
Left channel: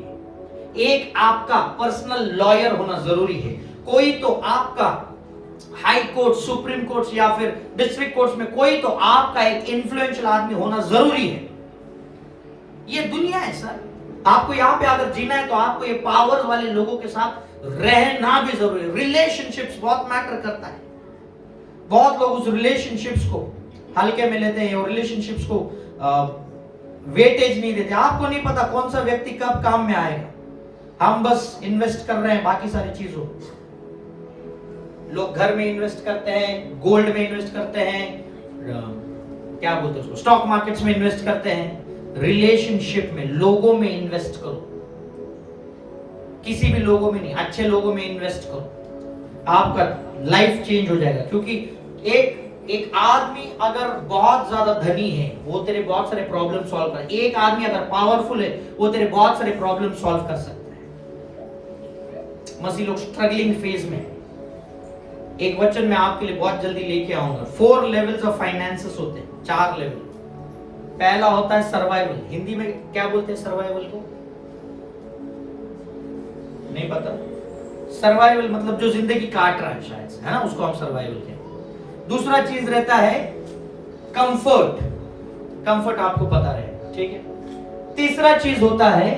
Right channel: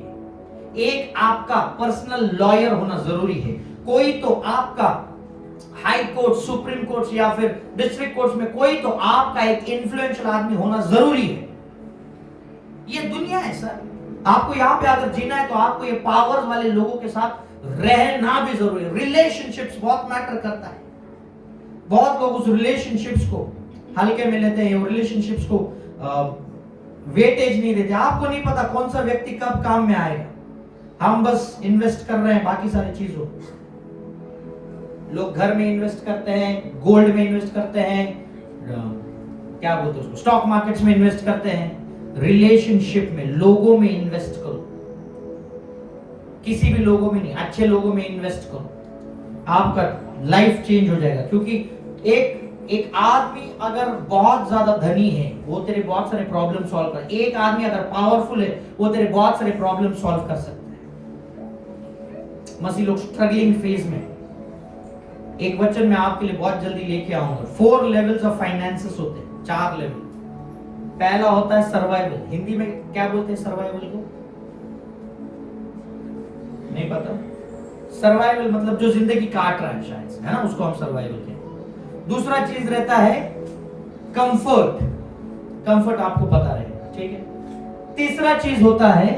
एक आपका पर्सनल लॉयर होना जरूरी है। कोई तो आपका हाई कोर्ट, सुप्रीम कोर्ट या फिर डिस्ट्रिक्ट कोर्ट में कोई तो आपका एक इन्फ्लुएंशियल आदमी होना जरूरी है। ये दुनिया है सर, आपको यहां पे अगर जीना है तो आपको ये पावर वाले लोगों के साथ रहना भी जरूरी है। रिलेशनशिप्स बहुत मैटर करता है। बहुत लोग उस रिलेशनशिप्स को हल्के में लेते हैं और रिलेशनशिप्स को वेटेज नहीं देते। आपको नहीं पता कौन सा व्यक्ति कब काम में आएगा, हम बस इन्वेस्ट कर रहे हैं बाकी सारी चीजों। लोग घर में इन्वेस्ट करते हैं, गोल्ड में इन्वेस्ट करते हैं, क्या बोलते हैं उसको, स्टॉक मार्केट्स में इन्वेस्ट करते हैं। रिलेशनशिप में, लोगों में इन्वेस्ट करो, किसी भी लोगों में नहीं, अच्छे लोगों में इन्वेस्ट करो, आपका लाइफ चेंज हो जाएगा। क्योंकि एक आदमी अगर बहुत ज्यादा धनी है वो तेरे बहुत सारे प्रॉब्लम सॉल्व कर, एक आदमी अगर पावरफुल है वो तेरे बहुत सारे प्रॉब्लम सॉल्व कर सकता है। मसीह लोग स्ट्रगलिंग फेज में, एक वचन मैं आपके लिए बहुत जल्दी लेके आऊंगा। 4 लेवल्स ऑफ फाइनेंसेस होते हैं, 4 लेवल। पहला होता है सर्वाइवल। हिंदी में क्या बोलते हैं सर्वाइवल को? नहीं पता। सर्वाइवल मतलब जो जिंदगी काट रहा है शायद से, है ना, उसको हम सर्वाइवल कहते हैं। दूसरा चीज रहता है कंफर्ट, कंफर्ट आपको पता रहे, ठीक है। तीसरा चीज होता है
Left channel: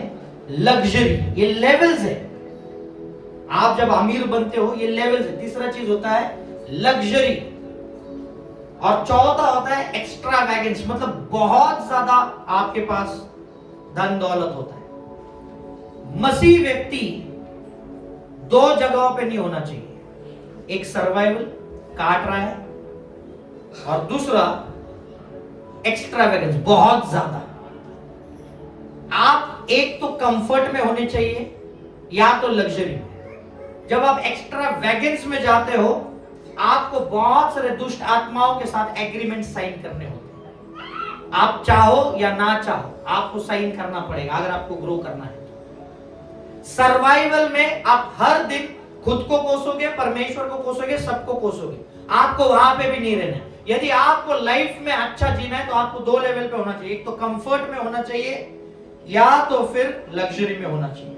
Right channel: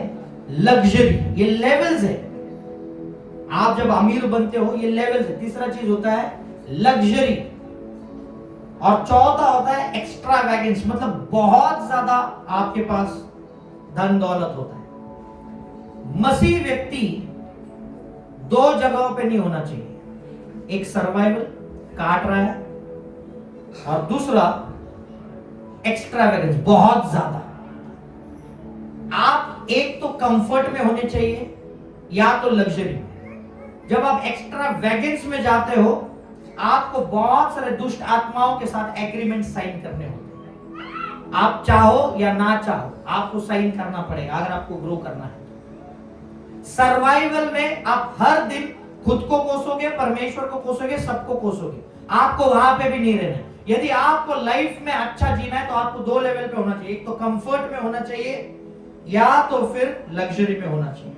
लग्जरी, ये लेवल्स है। आप जब अमीर बनते हो ये लेवल्स है। तीसरा चीज होता है लग्जरी और चौथा होता है एक्स्ट्रावैगेंस, मतलब बहुत ज्यादा आपके पास धन दौलत होता है। मसीह व्यक्ति 2 जगहों पे नहीं होना चाहिए, एक सर्वाइवल काट रहा है और दूसरा एक्स्ट्रावैगेंस बहुत ज्यादा। आप एक तो कंफर्ट में होने चाहिए या तो लग्जरी। जब आप एक्स्ट्रावैगेंस में जाते हो आपको बहुत सारे दुष्ट आत्माओं के साथ एग्रीमेंट साइन करने होते हैं। आप चाहो या ना चाहो आपको साइन करना पड़ेगा अगर आपको ग्रो करना है। सर्वाइवल में आप हर दिन खुद को कोसोगे, परमेश्वर को कोसोगे, सबको कोसोगे, आपको वहां पे भी नहीं रहना। यदि आपको लाइफ में अच्छा जीना है तो आपको 2 लेवल पे होना चाहिए, एक तो कंफर्ट में होना चाहिए या तो फिर लग्जरी में होना चाहिए।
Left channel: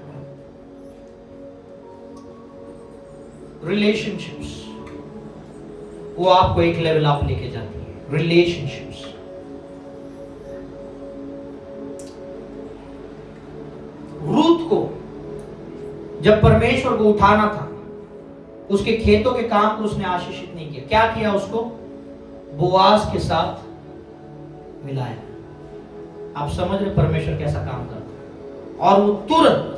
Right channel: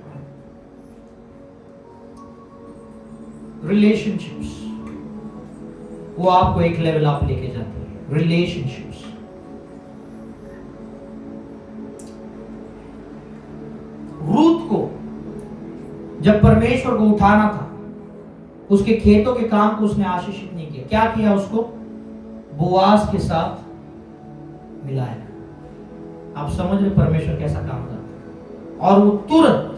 रिलेशनशिप्स वो आपको एक लेवल आप लेके जाती है। रिलेशनशिप्स, रूथ को जब परमेश्वर को उठाना था उसके खेतों के काम को उसने आशीषित नहीं किया। क्या किया? उसको बोआज के साथ मिलाया। आप समझ रहे परमेश्वर कैसा काम करता है। और वो तुरंत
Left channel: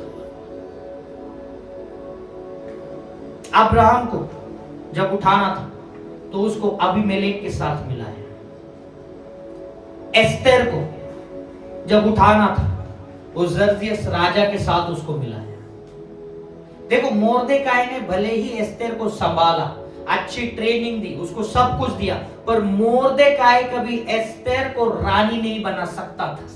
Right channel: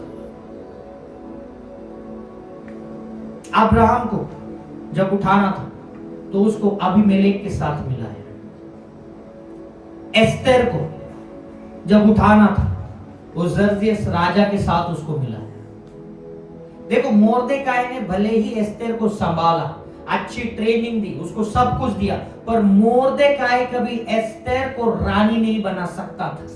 अब्राहम को जब उठाना था तो उसको अबीमेलेक के साथ मिलाया। एस्तेर को जब उठाना था वो जर्जियस राजा के साथ उसको मिलाया। देखो मोर्देकाई ने भले ही एस्तेर को संभाला, अच्छी ट्रेनिंग दी, उसको सब कुछ दिया, पर मोर्देकाई कभी एस्तेर को रानी नहीं बना सकता था।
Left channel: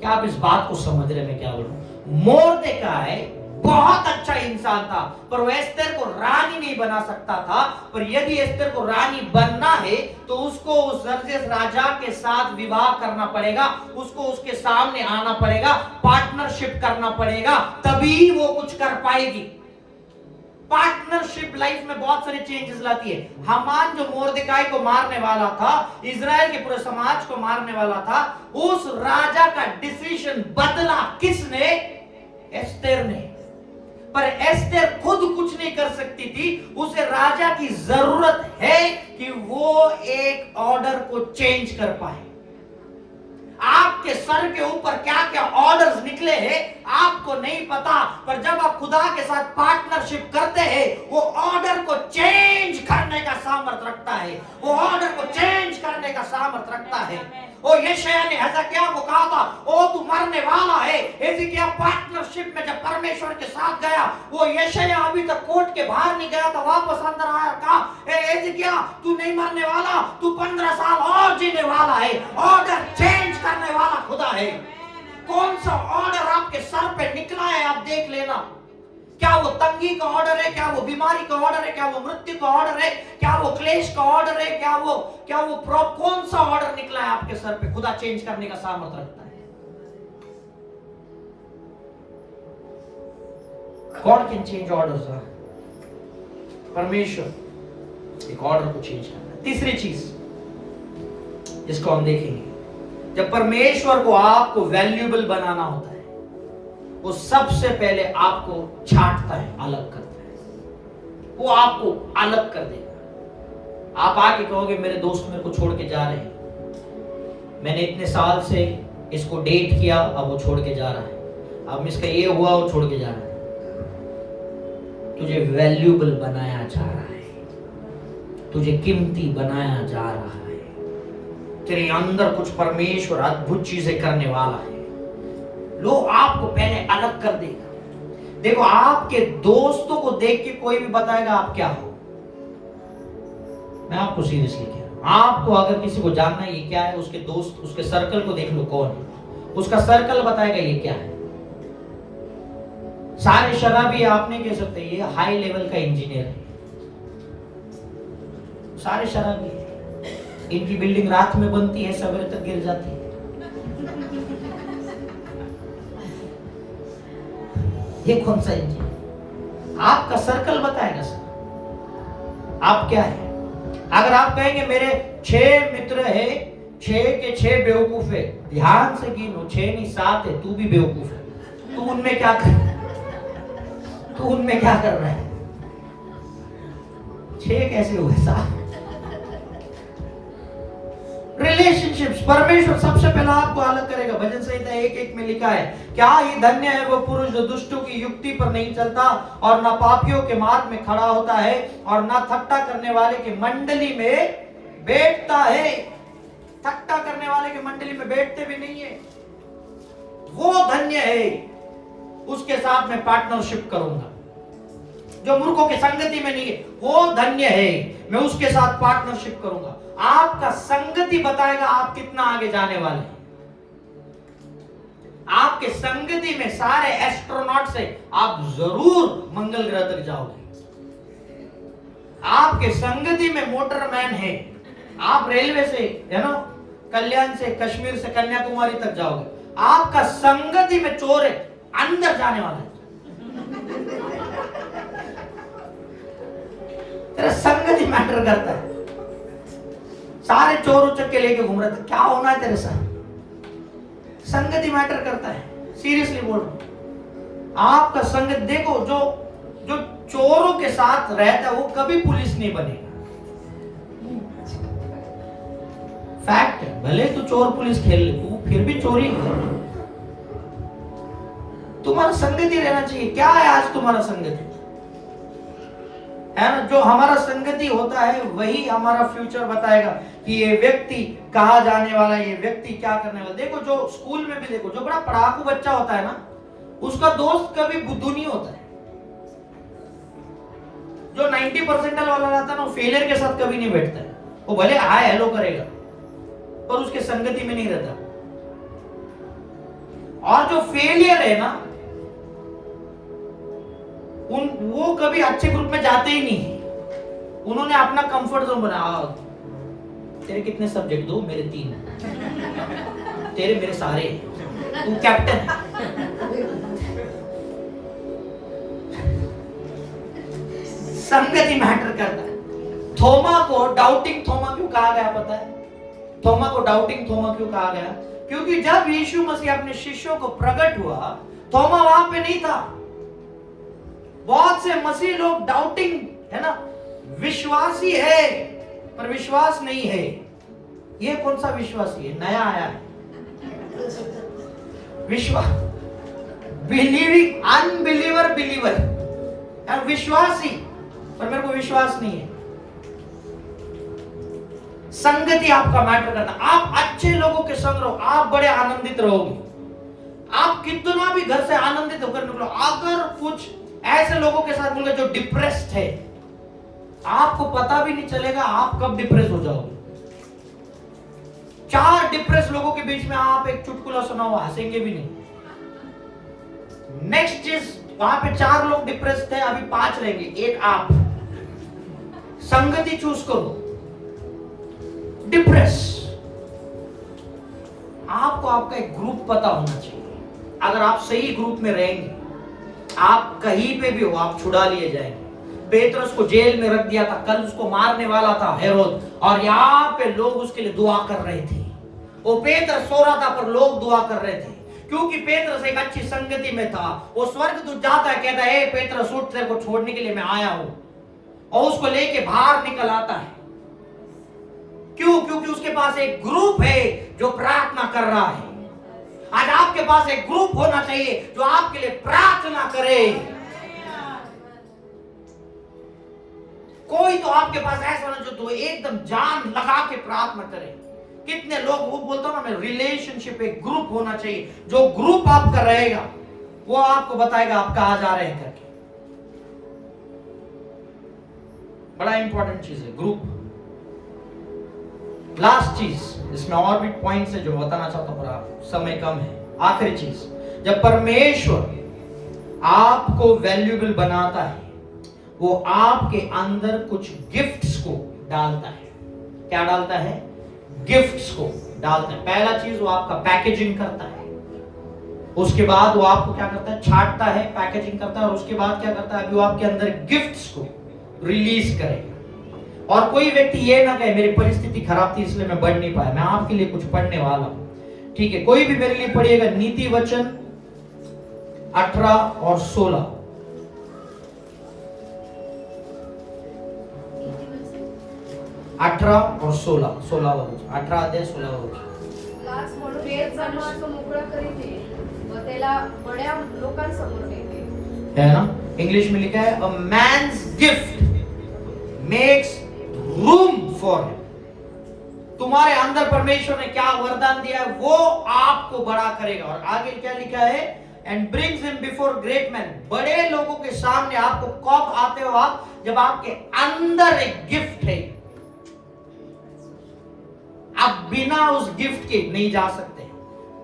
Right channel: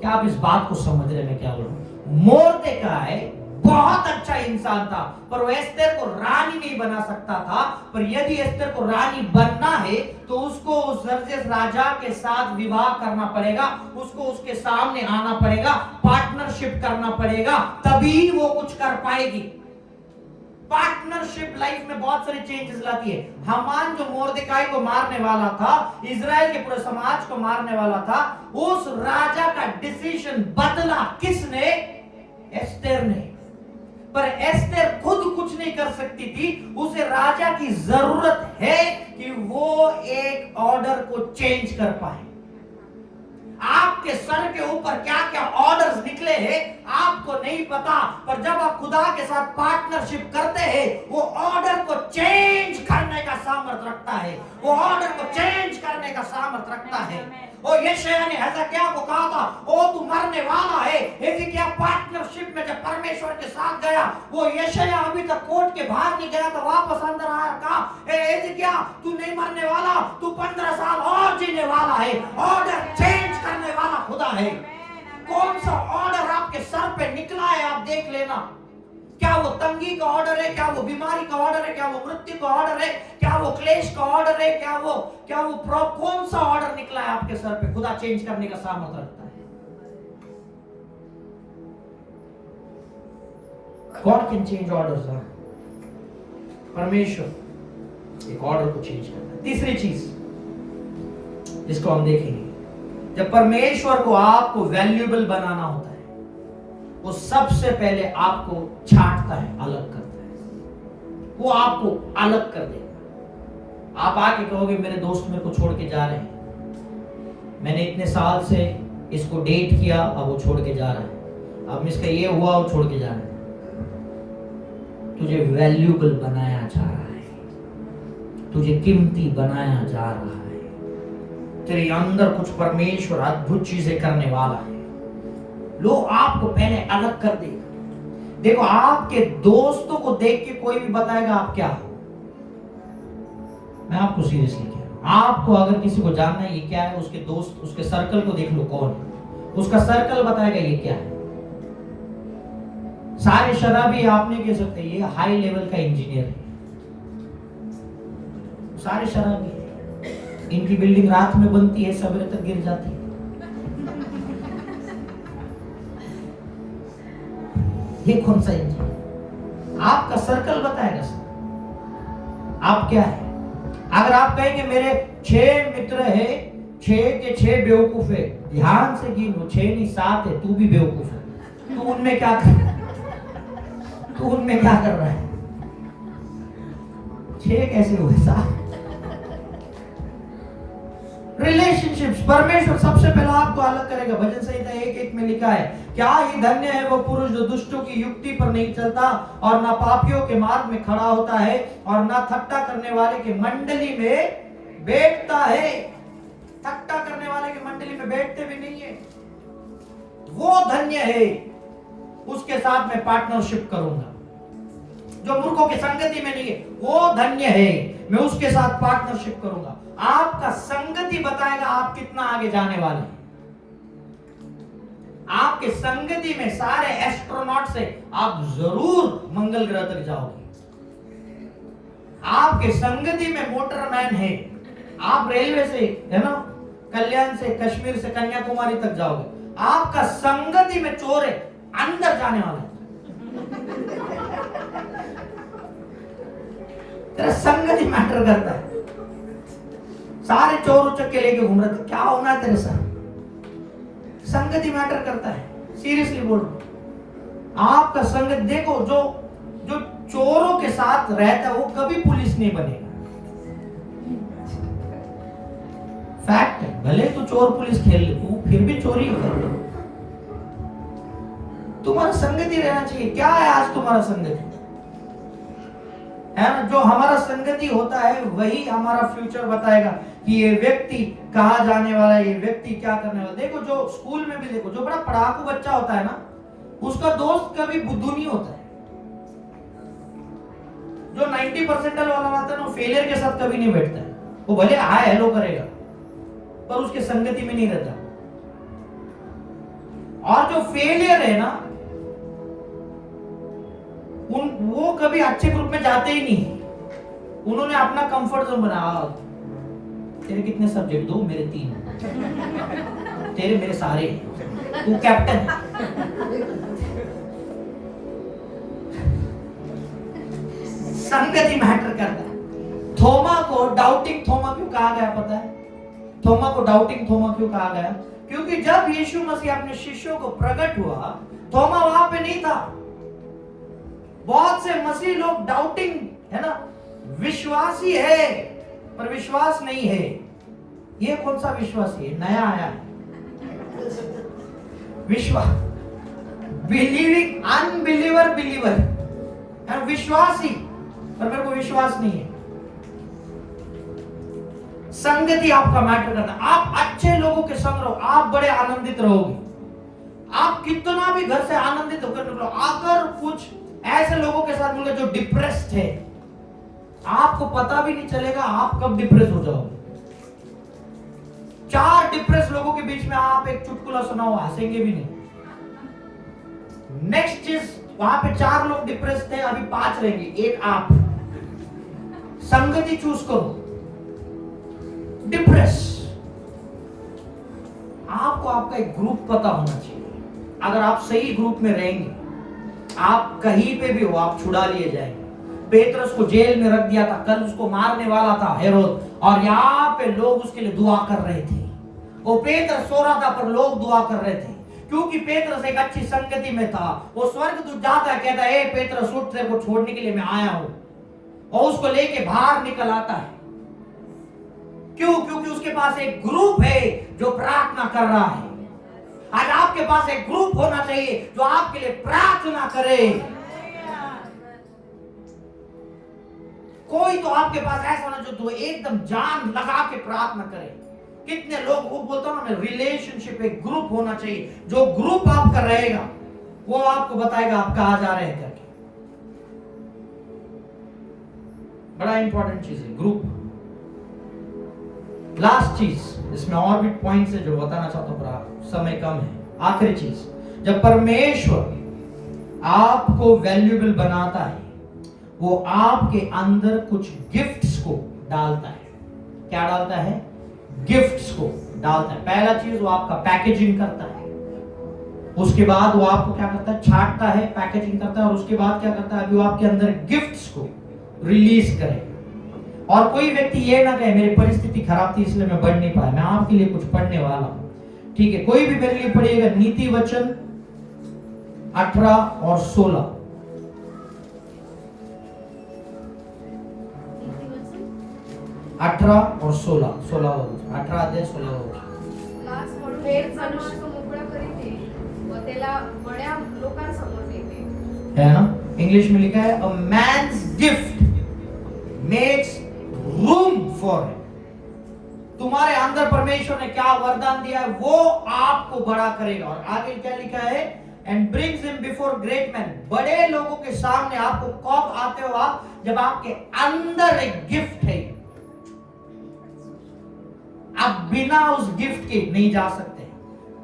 क्या आप इस बात को समझ रहे मैं क्या बोल रहा हूं? मोर्देकाई बहुत अच्छा इंसान था पर वो एस्तेर को रानी नहीं बना सकता था। पर यदि एस्तेर को रानी बनना है तो उसको उस जर्जियस राजा के साथ विवाह करना पड़ेगा, उसको उसके सामने आना पड़ेगा, पार्टनरशिप करना पड़ेगा, तभी वो कुछ कर पाएगी। पार्टनरशिप लाइफ में बहुत सारे चेंजेस लाती है। हामान जो मोर्देकाई को मारने वाला था, इजराइल के पूरे समाज को मारने वाला था, उस राजा का डिसीजन बदला किसने? एस्तेर ने। पर एस्तेर खुद कुछ नहीं कर सकती थी, उसे राजा की जरूरत है कि वो एक ऑर्डर को चेंज कर पाए। आपके सर के ऊपर क्या क्या ऑर्डर्स निकले हैं आपको नहीं पता, पर जब आप खुदा के साथ पार्टनरशिप करते हैं वो ऑर्डर को चेंज करने का सामर्थ्य रखता है, वो ऑर्डर को चेंज करने का सामर्थ्य रखता है। ओ यशायाह ने हिजकिय्याह को कहा था, ओ तू मरने वाला है। हिजकिय्याह पार्टनरशिप में जब परमेश्वर के साथ गया, वो यशायाह अभी तक कोर्ट के बाहर नहीं गया था, वापस अंदर आया, कहा हिजकिय्याह तू नहीं मरने वाला, तू 15 साल और जीने वाला है। ऑर्डर चेंज करने वाला खुदा है। कौन सा ऑर्डर आपके सर पे निकला है आप देख लेना। क्या वो तंगी का ऑर्डर है? क्या वो बीमारी का ऑर्डर है? क्या वो मृत्यु का ऑर्डर है? क्या वो क्लेश का ऑर्डर है? क्या वो कौन सा ऑर्डर निकला है आपके सर पे? खुदा चेंज करने का सामर्थ्य रखता है। God can change orders. परमेश्वर एक ऑर्डर को चेंज करता है। तीसरी चीज जिसको हम देखेंगे, जब परमेश्वर को आपको वैल्यूएबल बनाना होता है वो सबसे पहले आपको छांटता है, अलग करता है। वो आपको अलग कर देगा। आप आके कहोगे मेरे दोस्त मेरे को छोड़ के जा रहे हैं, मैंने इतने साल से इसको डेट किया, अब वो छोड़ के जा रहा है, अब इसका ये हुआ, वो छोड़ के जा रहा है। तुझे वैल्यूएबल बनाया जा रहा है, तुझे कीमती बनाया जा रहा है, तेरे अंदर कुछ परमेश्वर अद्भुत चीजें करने वाला है। लो आपको पहले अलग कर देगा। देखो आपके दोस्तों को देख के कोई भी बताएगा आप क्या हो। मैं आपको सीरियसली कह रहा हूं, आपको अगर किसी को जानना है ये क्या है, उसके दोस्त उसके सर्कल को देख लो कौन है, उसका सर्कल बताएगा ये क्या है। सारे शराबी आप नहीं कह सकते ये हाई लेवल का इंजीनियर है, सारे शराबी, इनकी बिल्डिंग रात में बनती है, सवेरे तक गिर जाती है। ये कौन सा इंजीनियर? आपका सर्कल बताएगा सर आप क्या है। अगर आप कहेंगे मेरे 6 मित्र है, 6 के 6 बेवकूफ है, ध्यान से गिनो 6 नहीं 7 है, तू भी बेवकूफ है, तू उनमें क्या कर रहा है? 6 कैसे हुए? 7। रिलेशनशिप्स, परमेश्वर सबसे पहले आपको अलग करेगा। भजन संहिता 1:1 में लिखा है, क्या ही धन्य है वो पुरुष जो दुष्टों की युक्ति पर नहीं चलता और न पापियों के मार्ग में खड़ा होता है और न थट्टा करने वाले की मंडली में बैठता है। थट्टा करने वाले की मंडली में बैठते भी नहीं है, वो धन्य है, उसके साथ मैं पार्टनरशिप करूंगा। जो मूर्खों की संगति में नहीं है वो धन्य है, मैं उसके साथ पार्टनरशिप करूंगा। आपका संगति बताएगा आप कितना आगे जाने वाले हैं। आपके संगति में सारे एस्ट्रोनॉट से आप जरूर मंगल ग्रह तक जाओगे। आपके संगति में मोटरमैन है, आप रेलवे से कल्याण से कश्मीर से कन्याकुमारी तक जाओगे। आपका संगति में चोर है, अंदर जाने वाले। तेरा संगति मैटर करता है। सारे चोर उचक के लेके घूम रहे थे, क्या होना है तेरे साथ? संगति मैटर करता है, सीरियसली बोल रहा हूं। आपका संगत देखो, जो चोरों के साथ रहता है वो कभी पुलिस नहीं बनेगा। फैक्ट है, भले तो चोर पुलिस खेल ले, तू फिर भी चोरी कर। तुम्हारा संगति रहना चाहिए। क्या है आज तुम्हारा संगति? है ना, जो हमारा संगति होता है वही हमारा फ्यूचर बताएगा कि ये व्यक्ति कहाँ जाने वाला है, ये व्यक्ति क्या करने वाला है। देखो जो स्कूल में भी देखो, जो बड़ा पढ़ाकू बच्चा होता है ना, उसका दोस्त कभी बुद्धू नहीं होता है। जो 90% वाला रहता है ना, वो फेलियर के साथ कभी नहीं बैठता है। वो भले हाय हेलो करेगा पर उसके संगति में नहीं रहता। और जो फेलियर है ना, वो कभी अच्छे ग्रुप में जाते ही नहीं। उन्होंने अपना कंफर्ट जोन बनाया। तेरे कितने सब्जेक्ट? 2, मेरे 3, तेरे मेरे सारे, तू कैप्टन है। संगति मैटर करता है। थोमा को डाउटिंग थोमा क्यों कहा गया पता है? थोमा को डाउटिंग थोमा क्यों कहा गया? क्योंकि जब यीशु मसीह अपने शिष्यों को प्रकट हुआ, थोमा वहां पे नहीं था। बहुत से मसीह लोग डाउटिंग है ना, विश्वासी है पर विश्वास नहीं है। ये कौन सा विश्वासी है? नया आया है विश्वास, बिलीविंग अनबिलीवर बिलीवर, विश्वासी पर मेरे को विश्वास नहीं है। संगति आपका मैटर करना। आप अच्छे लोगों के संग रहो, आप बड़े आनंदित रहोगे। आप कितना भी घर से आनंदित होकर निकलो, अगर कुछ ऐसे लोगों के साथ मिलोगे जो डिप्रेस्ड है, आपको पता भी नहीं चलेगा आप कब डिप्रेस हो जाओगे। 4 डिप्रेस लोगों के बीच में आप एक चुटकुला सुनाओ, हंसेंगे भी नहीं। नेक्स्ट चीज, वहां पे 4 लोग डिप्रेस थे, अभी 5 रहेंगे, एक आप। संगति चूज करो। डिप्रेस, आपको आपका एक ग्रुप पता होना चाहिए। अगर आप सही ग्रुप में रहेंगे, आप कहीं पे भी हो आप छुड़ा लिए जाएंगे। पेत्रस को जेल में रख दिया था, कल उसको मारने वाला था हेरोद, और यहाँ पे लोग उसके लिए दुआ कर रहे थे। वो पेत्रस सो रहा था पर लोग दुआ कर रहे थे, क्योंकि पेत्रस एक अच्छी संगति में था। वो स्वर्गदूत जाता है, कहता है, ए पेत्रस उठ, तेरे को छोड़ने के लिए मैं आया हूं, और उसको लेके बाहर निकल आता है। क्यों? क्योंकि उसके पास एक ग्रुप है जो प्रार्थना कर रहा है। आज आपके पास एक ग्रुप होना चाहिए जो आपके लिए प्रार्थना करे। कोई तो आपके पास ऐसा ना जो एकदम जान लगा के प्रार्थना करे। कितने लोग, वो बोलता ना, मैं रिलेशनशिप, एक ग्रुप होना चाहिए। जो ग्रुप आपका रहेगा वो आपको बताएगा आप कहां जा रहे हैं करके। बड़ा इंपॉर्टेंट चीज है ग्रुप। लास्ट चीज, इसमें और भी पॉइंट्स है जो बताना चाहता हूं, पर समय कम है। आखिरी चीज, जब परमेश्वर आपको वैल्यूएबल बनाता है वो आपके अंदर कुछ गिफ्ट्स को डालता है। क्या डालता है? गिफ्ट्स को डालता है। पहला चीज, वो आपका पैकेजिंग करता है। उसके बाद वो आपको क्या करता है? छांटता है, पैकेजिंग करता है, और उसके बाद क्या करता है? वो आपके अंदर गिफ्ट्स को रिलीज करेगा। और कोई व्यक्ति ये ना कहे मेरी परिस्थिति खराब थी इसलिए मैं बढ़ नहीं पाया। मैं आपके लिए कुछ पढ़ने वाला हूं, ठीक है? कोई भी मेरे लिए पढ़िएगा नीति वचन 18 और 16। 18 और 16 वर्ष, 18 अध्याय 16 वर्ष। हे जनावर तो मोकळा करीते व त्याला बड्या लोकांसमोर नेते। है ना? इंग्लिश में लिखा है a man's gift makes room for him. तुम्हारे अंदर परमेश्वर ने क्या वरदान दिया है वो आपको बड़ा करेगा। और आगे क्या लिखा है? And brings him before great man. बड़े लोगों के सामने आपको कब आते हो आप? जब आपके अंदर एक गिफ्ट है। आप बिना उस गिफ्ट के नहीं जा सकते।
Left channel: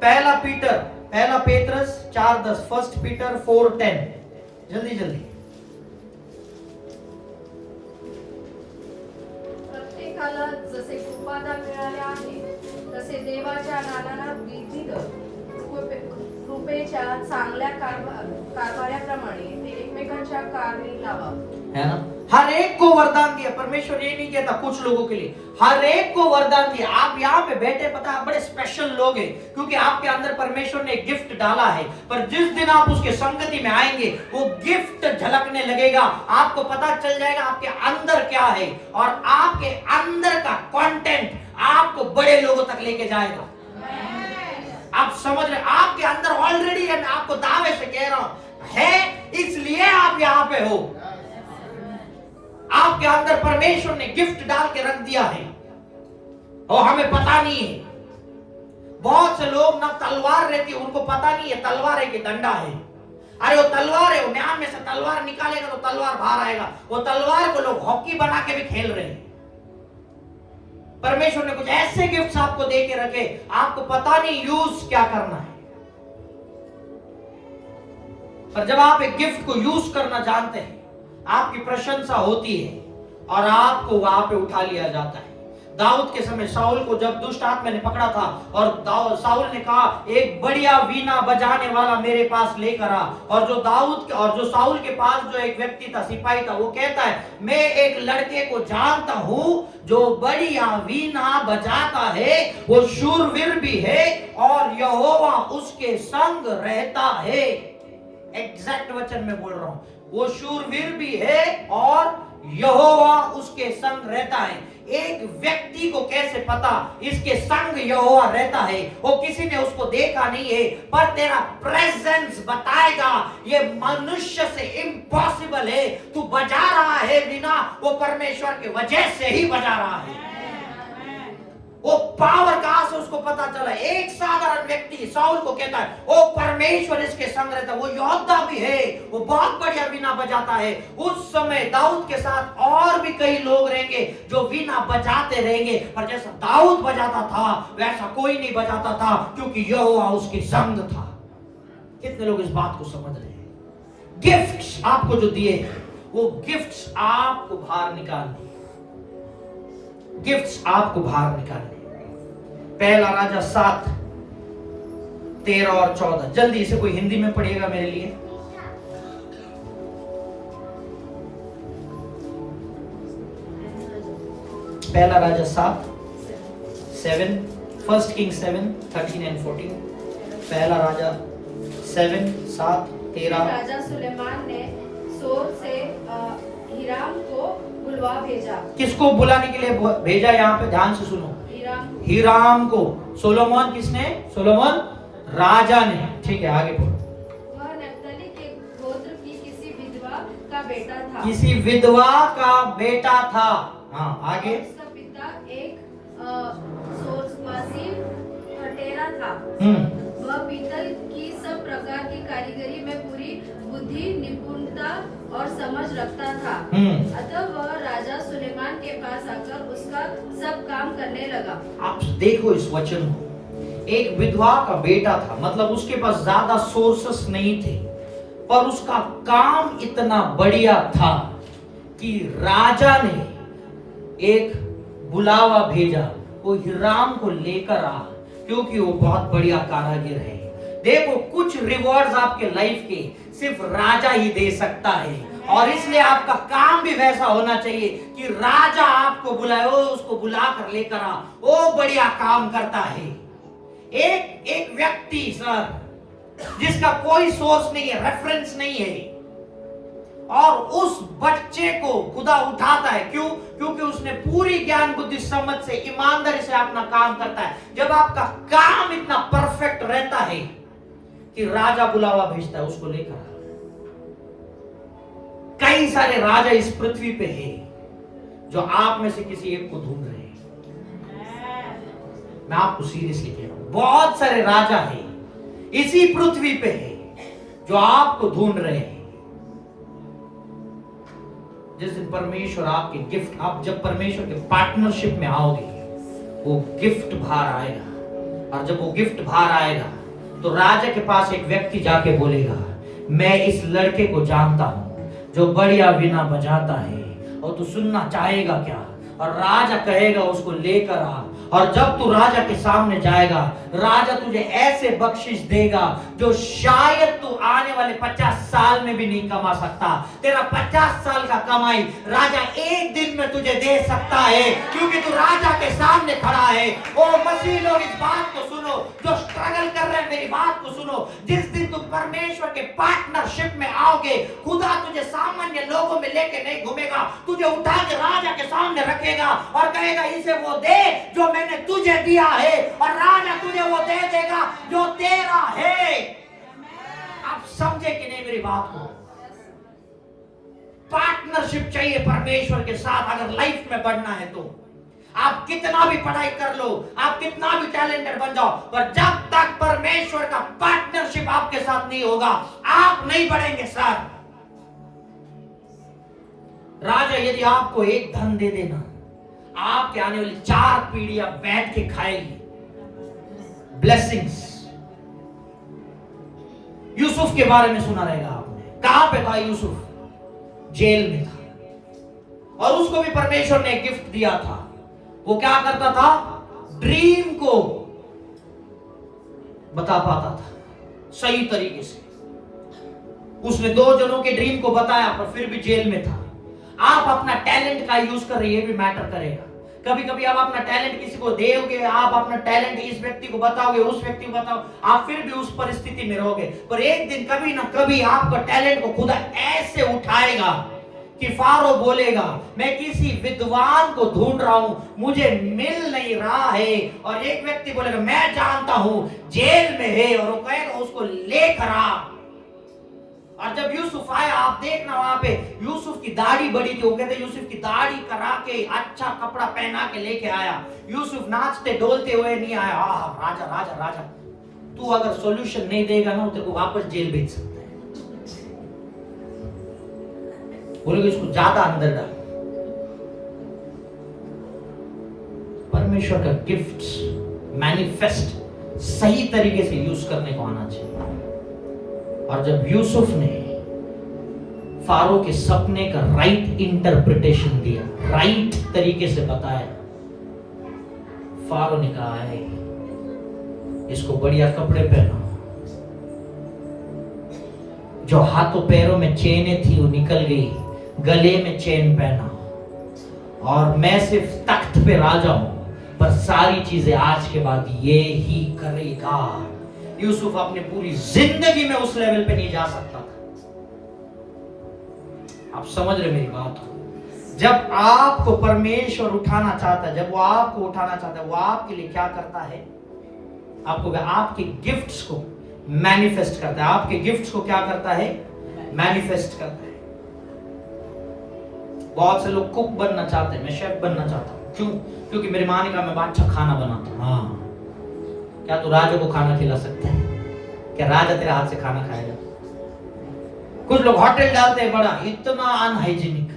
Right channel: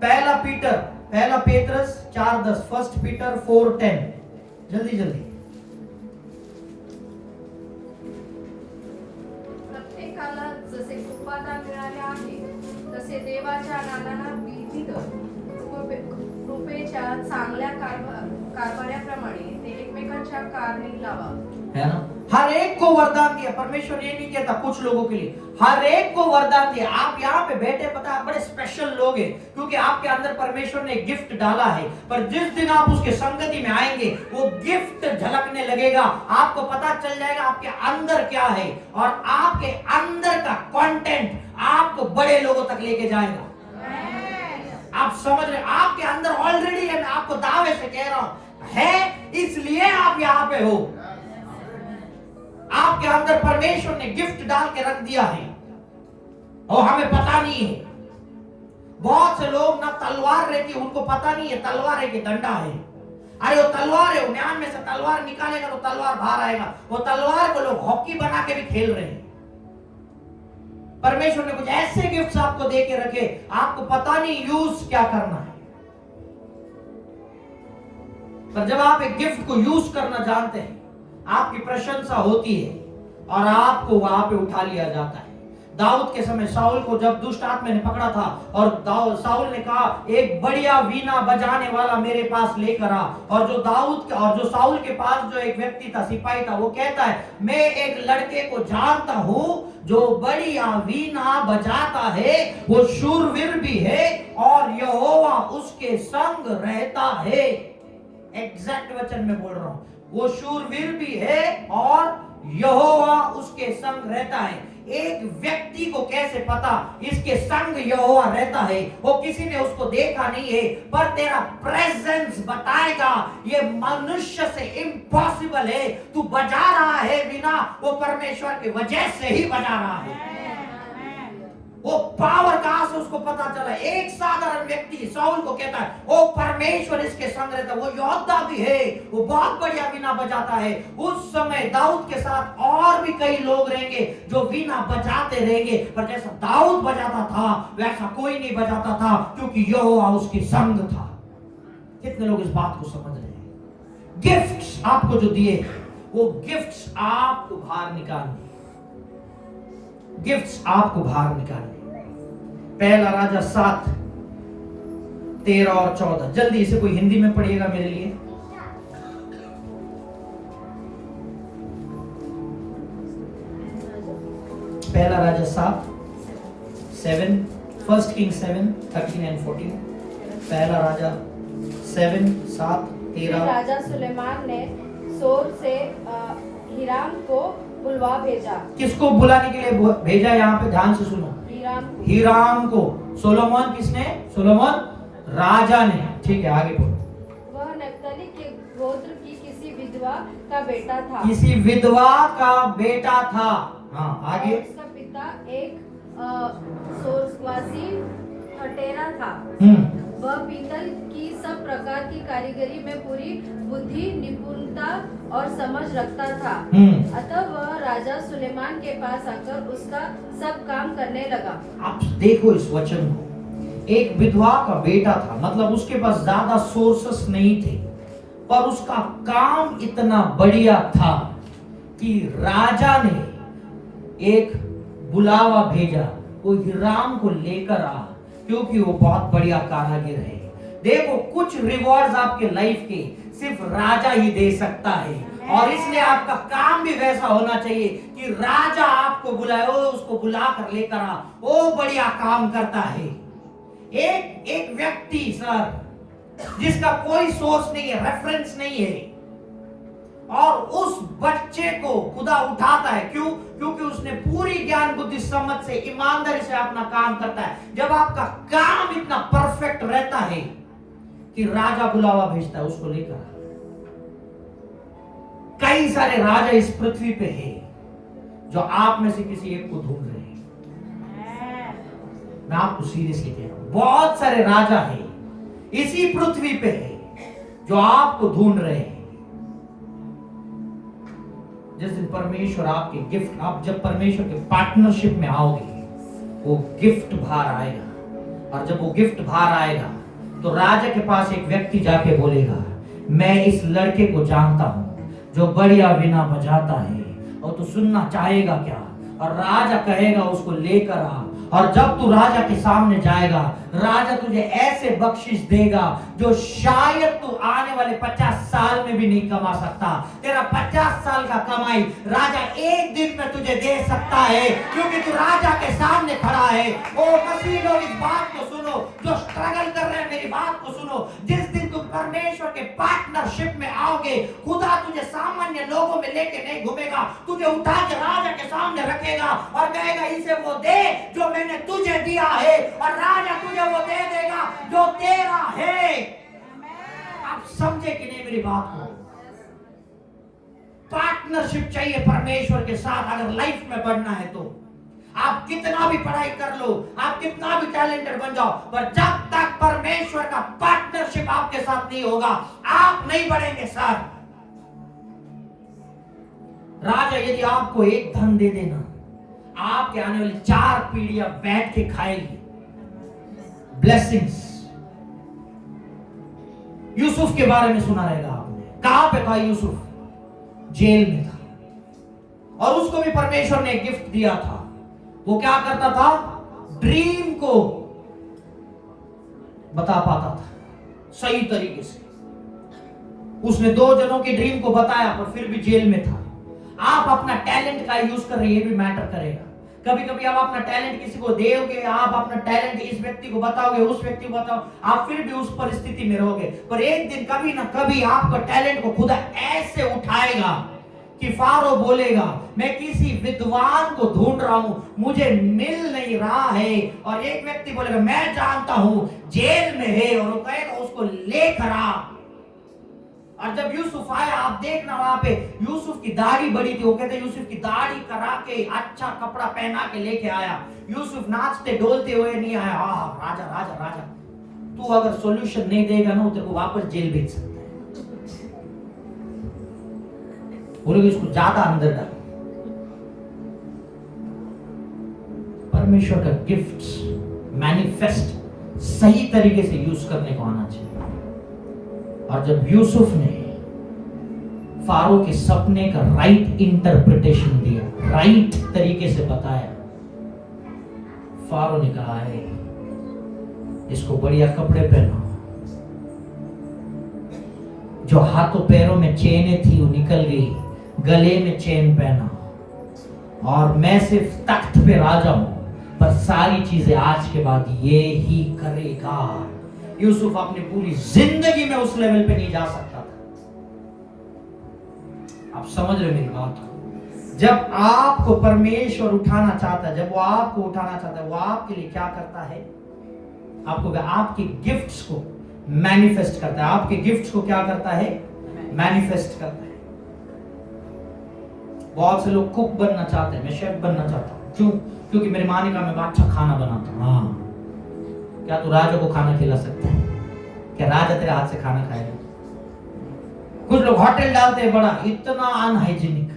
पहला पेत्रस 4:10, 1 पीटर 4:10। जल्दी जल्दी। प्रत्येकाला जसे कृपादान मिळाले आहे तसे देवाच्या नाना विविध कृपेच्या चांगल्या कारभाराप्रमाणे ते एकमेकांच्या कारणी लावा। है ना? हर एक को वरदान दिया। परमेश्वर ये नहीं कहता कुछ लोगों के लिए, हर एक को वरदान दिया। आप यहाँ पे बैठे, पता आप बड़े स्पेशल लोग हैं क्योंकि आपके अंदर परमेश्वर ने गिफ्ट डाला है। पर जिस दिन आप उसके संगति में आएंगे वो गिफ्ट झलकने लगेगा। आपको पता चल जाएगा आपके अंदर क्या है, और आपके अंदर का कंटेंट आपको बड़े लोगों तक लेके जाएगा। आप समझ रहे? आपके अंदर ऑलरेडी है। मैं आपको दावे से कह रहा हूं है, इसलिए आप यहाँ पे हो। आपके अंदर परमेश्वर ने गिफ्ट डाल के रख दिया है और हमें पता नहीं है। बहुत से लोग ना तलवार रहती है, उनको पता नहीं है तलवार है कि डंडा है। अरे वो तलवार है, वो म्यान में से तलवार निकालेगा तो तलवार बाहर आएगा। वो तलवार को लोग हॉकी बना के भी खेल रहे हैं। परमेश्वर ने कुछ ऐसे गिफ्ट्स आपको दे के रखे, आपको पता नहीं यूज क्या करना है। पर जब आप एक गिफ्ट को यूज करना जानते हैं, आपकी प्रशंसा होती है और आपको वहां पे उठा लिया जाता है। दाऊद के समय शाऊल को जब दुष्ट आत्मा ने पकड़ा था और शाऊल ने कहा एक बढ़िया वीणा बजाने वाला मेरे पास लेकर आ, और जो शाऊल के पास जो एक व्यक्ति था, सिपाही था, वो कहता है मैं एक लड़के को जानता हूं जो बढ़िया वीणा बजाता है, वो शूरवीर भी है और यहोवा उसके संग रहता है। एग्जैक्ट वचन में बोल रहा हूं, वो शूरवीर भी है और यहोवा उसके संग रहता है। एक व्यक्ति को कैसे पता इसके संग यहोवा रहता है? वो किसी ने उसको देखा नहीं है, पर तेरा प्रेजेंस बताएगा। ये मनुष्य से इम्पॉसिबल है। तू बजा रहा है वीणा, वो परमेश्वर की वजह से ही बजा रहा है। वो पावर कहां से उसको पता चला? एक साधारण व्यक्ति शाऊल को कहता है वो परमेश्वर इसके संग रहता है, वो योद्धा भी है, वो बहुत बढ़िया वीणा बजाता है। उस समय दाऊद के साथ और भी कई लोग रहेंगे जो वीणा बजाते रहेंगे, पर जैसा दाऊद बजाता था वैसा कोई नहीं बजाता था, क्योंकि यहोवा उसके संग था। कितने लोग इस बात को समझ रहे हैं? गिफ्ट्स आपको जो दिए वो गिफ्ट्स आपको बाहर निकालने, गिफ्ट्स आपको बाहर निकालने। पहला राजा 7, 13 और 14। जल्दी इसे कोई हिंदी में पढ़िएगा मेरे लिए। पहला राजा 7, 1 Kings 7, 13 and 14। पहला राजा 7, 7, 13। राजा सुलेमान ने सोर से हिराम को बुलवा भेजा। किसको बुलाने के लिए भेजा? यहाँ पे ध्यान से सुनो, हिराम को। सोलोमन किसने? सोलोमन राजा ने। ठीक है, आगे बोलो। वह नप्ताली के गोत्र की किसी विधवा का बेटा था। किसी विधवा का बेटा था। हाँ, आगे। और उसका पिता एक सोरवासी हटेरा था। वह पीतल की सब प्रकार की कारीगरी में पूरी बुद्धि, निपुणता और समझ रखता था। अतः वह राजा सुलेमान के पास आकर उसका सब काम करने लगा। आप देखो इस वचन को, एक विधवा का बेटा था, मतलब उसके पास ज्यादा सोर्सेस नहीं थे, पर उसका काम इतना बढ़िया था कि राजा ने एक बुलावा भेजा, वो हिराम को लेकर आ, क्योंकि वो बहुत बढ़िया कारीगर है। देखो, कुछ रिवॉर्ड्स आपके लाइफ के सिर्फ राजा ही दे सकता है, और इसलिए आपका काम भी वैसा होना चाहिए कि राजा आपको बुलाए, उसको बुला कर लेकर आ, वो बढ़िया काम करता है। एक व्यक्ति सर जिसका कोई सोर्स नहीं है, रेफरेंस नहीं है, और उस बच्चे को खुदा उठाता है। क्यों? क्योंकि उसने पूरी ज्ञान बुद्धि समझ से ईमानदारी से अपना काम करता है। जब आपका काम इतना परफेक्ट रहता है कि राजा बुलावा भेजता है उसको लेकर। कई सारे राजा इस पृथ्वी पे हैं जो आप में से किसी एक को ढूंढ रहे हैं। मैं आपको सीरियसली कह रहा हूं, बहुत सारे राजा हैं इसी पृथ्वी पे हैं जो आपको ढूंढ रहे हैं। जिस दिन परमेश्वर आपके गिफ्ट, आप जब परमेश्वर के पार्टनरशिप में आओगे, वो गिफ्ट बाहर आएगा, और जब वो गिफ्ट बाहर आएगा तो राजा के पास एक व्यक्ति जाके बोलेगा, मैं इस लड़के को जानता हूं जो बढ़िया वीणा बजाता है, और तू सुनना चाहेगा क्या? और राजा कहेगा उसको लेकर आ, और जब तू राजा के सामने जाएगा, राजा तुझे ऐसे बख्शिश देगा जो शायद तू आने वाले 50 साल में भी नहीं कमा सकता। तेरा 50 साल का कमाई राजा एक दिन में तुझे दे सकता है, क्योंकि तू राजा के सामने खड़ा है। ओ मसीह लोग, इस बात को सुनो, जो स्ट्रगल कर रहे हैं मेरी बात को सुनो। जिस दिन तुम परमेश्वर के पार्टनरशिप में आओगे, खुदा तुझे सामान्य लोगों में लेके नहीं घूमेगा, तुझे उठा के राजा के सामने रखेगा और कहेगा, इसे वो दे जो मैंने तुझे दिया है, और राजा तुझे वो दे देगा जो तेरा है। आप समझे कि नहीं मेरी बात को? पार्टनरशिप चाहिए परमेश्वर के साथ अगर लाइफ में बढ़ना है तो। आप कितना भी पढ़ाई कर लो, आप कितना भी टैलेंटेड बन जाओ, पर जब तक परमेश्वर का पार्टनरशिप आपके साथ नहीं होगा, आप नहीं बढ़ेंगे सर। राजा यदि आपको एक धन दे देना, आपके आने वाली 4 पीढ़ियां बैठ के खाएगी ब्लेसिंग्स। यूसुफ के बारे में सुना रहेगा आपने, कहां पे था यूसुफ? जेल में था, और उसको भी परमेश्वर ने गिफ्ट दिया था। वो क्या करता था? ड्रीम को बता पाता था सही तरीके से। उसने 2 जनों के ड्रीम को बताया, पर फिर भी जेल में था। आप अपना टैलेंट का यूज कर रहे हैं, ये भी मैटर करेगा। कभी कभी आप अपना टैलेंट किसी को दोगे, आप अपना टैलेंट इस व्यक्ति को बताओगे, उस व्यक्ति को बताओ, आप फिर भी उस परिस्थिति में रहोगे। पर एक दिन कभी ना कभी आपका टैलेंट को खुदा ऐसे उठाएगा कि फारो बोलेगा, मैं किसी विद्वान को ढूंढ रहा हूं, मुझे मिल नहीं रहा है। और एक व्यक्ति बोलेगा, मैं जानता हूं जेल में है, और वो कहेगा उसको लेकर आ। और जब यूसुफ आया, आप देखना वहां पे यूसुफ की दाढ़ी बड़ी थी। वो कहते यूसुफ की दाढ़ी करा के अच्छा कपड़ा पहना के लेके आया। यूसुफ नाचते डोलते हुए नहीं आया। राजा राजा राजा, तू अगर सॉल्यूशन नहीं देगा ना, तेरे को वापस जेल भेज सकता है। बोलोगे इसको ज्यादा अंदर डाल। परमेश्वर का गिफ्ट्स मैनिफेस्ट सही तरीके से यूज करने को आना चाहिए। और जब यूसुफ ने फारो के सपने का राइट इंटरप्रिटेशन दिया, राइट तरीके से बताया, फारो ने कहा है इसको बढ़िया कपड़े पहनो, जो हाथों पैरों में चेनें थी वो निकल गई, गले में चेन पहना, और मैं सिर्फ तख्त पे राजा हूं, पर सारी चीजें आज के बाद ये ही करेगा। यूसुफ अपनी पूरी जिंदगी में उस लेवल पे नहीं जा सकता था। आप समझ रहे मेरी बात को? जब आपको परमेश्वर उठाना चाहता है, जब वो आपको उठाना चाहता है, वो आपके लिए क्या करता है? आपको आपके गिफ्ट्स को मैनिफेस्ट करता है। आपके गिफ्ट्स को क्या करता है? मैनिफेस्ट करता है। बहुत से लोग कुक बनना चाहते हैं, मैं शेफ बनना चाहता हूँ। क्यों? क्योंकि मेरी माँ ने कहा मैं अच्छा खाना बनाता हूँ। हाँ, क्या तू राजा को खाना खिला सकता है? क्या राजा तेरे हाथ से खाना खाएगा? कुछ लोग होटल डालते हैं बड़ा, इतना अनहाइजीनिक।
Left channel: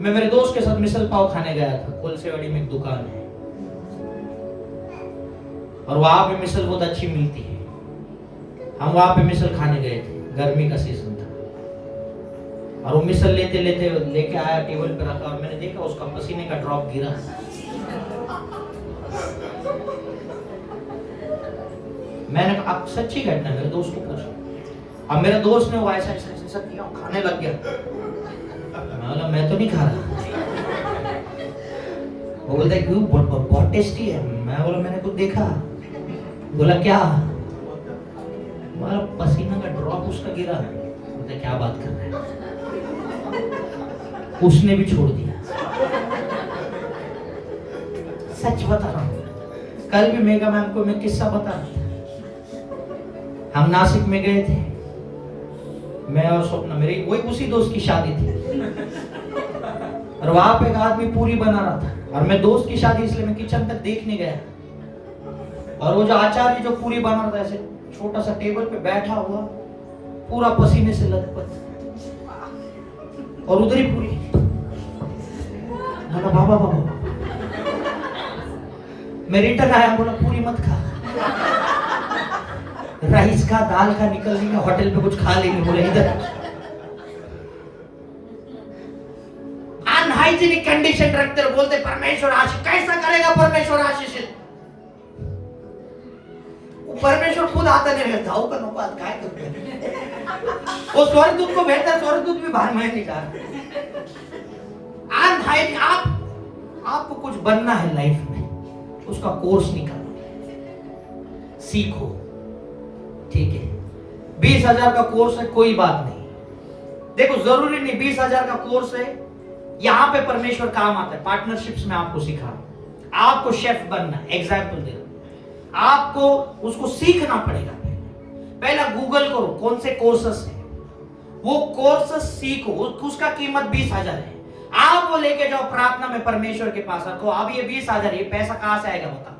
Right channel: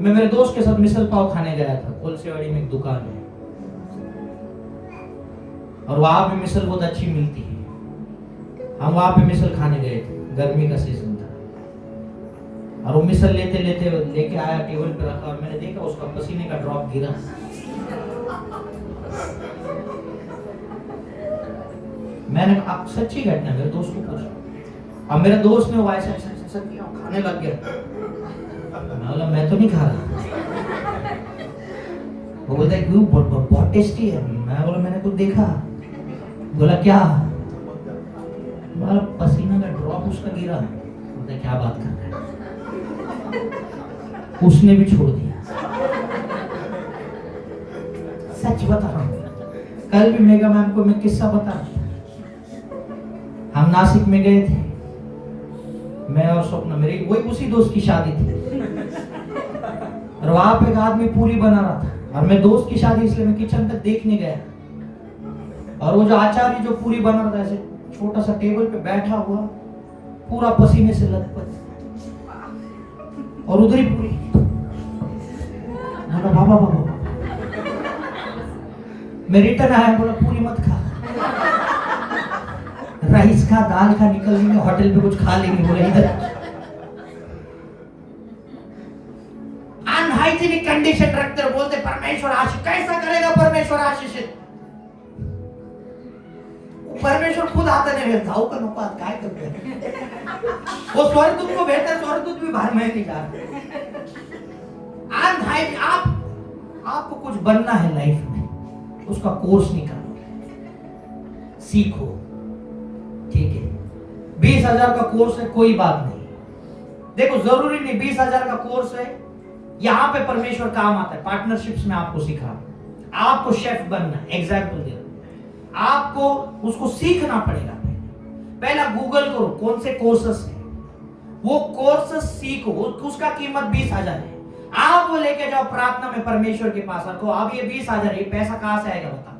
मैं मेरे दोस्त के साथ मिसल पाव खाने गया था, कोलसेवाड़ी में एक दुकान है और वहां पे मिसल बहुत अच्छी मिलती है। हम वहां पे मिसल खाने गए थे, गर्मी का सीजन था और वो मिसल लेके आया, टेबल पे रखा और मैंने देखा उसका पसीने का ड्रॉप गिरा। मैंने कहा सच्ची घटना, मेरे दोस्त को पूछा। अब मेरे दोस्त ने वो ऐसा किया, खाने लग गया। मैं तो नहीं खा रहा। वो बोलता है क्यों? बहुत टेस्टी है। मैं बोला मैंने कुछ देखा। बोला क्या? बोला पसीना का ड्रॉप उसका गिरा। बोलता क्या बात कर रहे हैं? उसने भी छोड़ दिया। सच बता रहा हूँ, कल भी मेगा मैम को मैं किस्सा बता रहा था। हम नासिक में गए थे, मैं और स्वप्ना, मेरी वही उसी दोस्त की शादी थी और वहां पे एक आदमी पूरी बना रहा था और मैं दोस्त की शादी इसलिए मैं किचन पे देखने गया और वो जो आचार्य जो पूरी बना रहा था ऐसे छोटा सा टेबल पे बैठा हुआ, पूरा पसीने से लथपथ और उधर ही पूरी। बाबा मैं रिटर्न आया, बोला पूरी मत खा, राइस खा, दाल खा, निकल लेंगे होटल पे कुछ खा लेंगे। बोले इधर अनहाइजीनिक कंडीशन रखते और बोलते परमेश्वर आशीष। कैसा करेगा परमेश्वर आशीष? परमेश्वर खुद आता नहीं रहता हो, काय करते वो स्वर्गदूत को भेजता, स्वर्गदूत भी बाहर में निकाल। आपको कुछ बनना है लाइफ में, उसका कोर्स निकालो, सीखो। ठीक है, 20,000 का कोर्स है, कोई बात नहीं। देखो जरूरी नहीं 20,000 का कोर्स है, यहां पे परमेश्वर काम आता है। पार्टनरशिप्स में आपको सिखा, आपको शेफ बनना, एग्जाम्पल दे रहा, आपको उसको सीखना पड़ेगा। पहला गूगल करो कौन से कोर्सेस है, वो कोर्सेस सीखो, उसका कीमत 20,000 है। आप वो लेके जाओ प्रार्थना में परमेश्वर के पास रखो। अब ये 20,000 ये पैसा कहां से आएगा बता?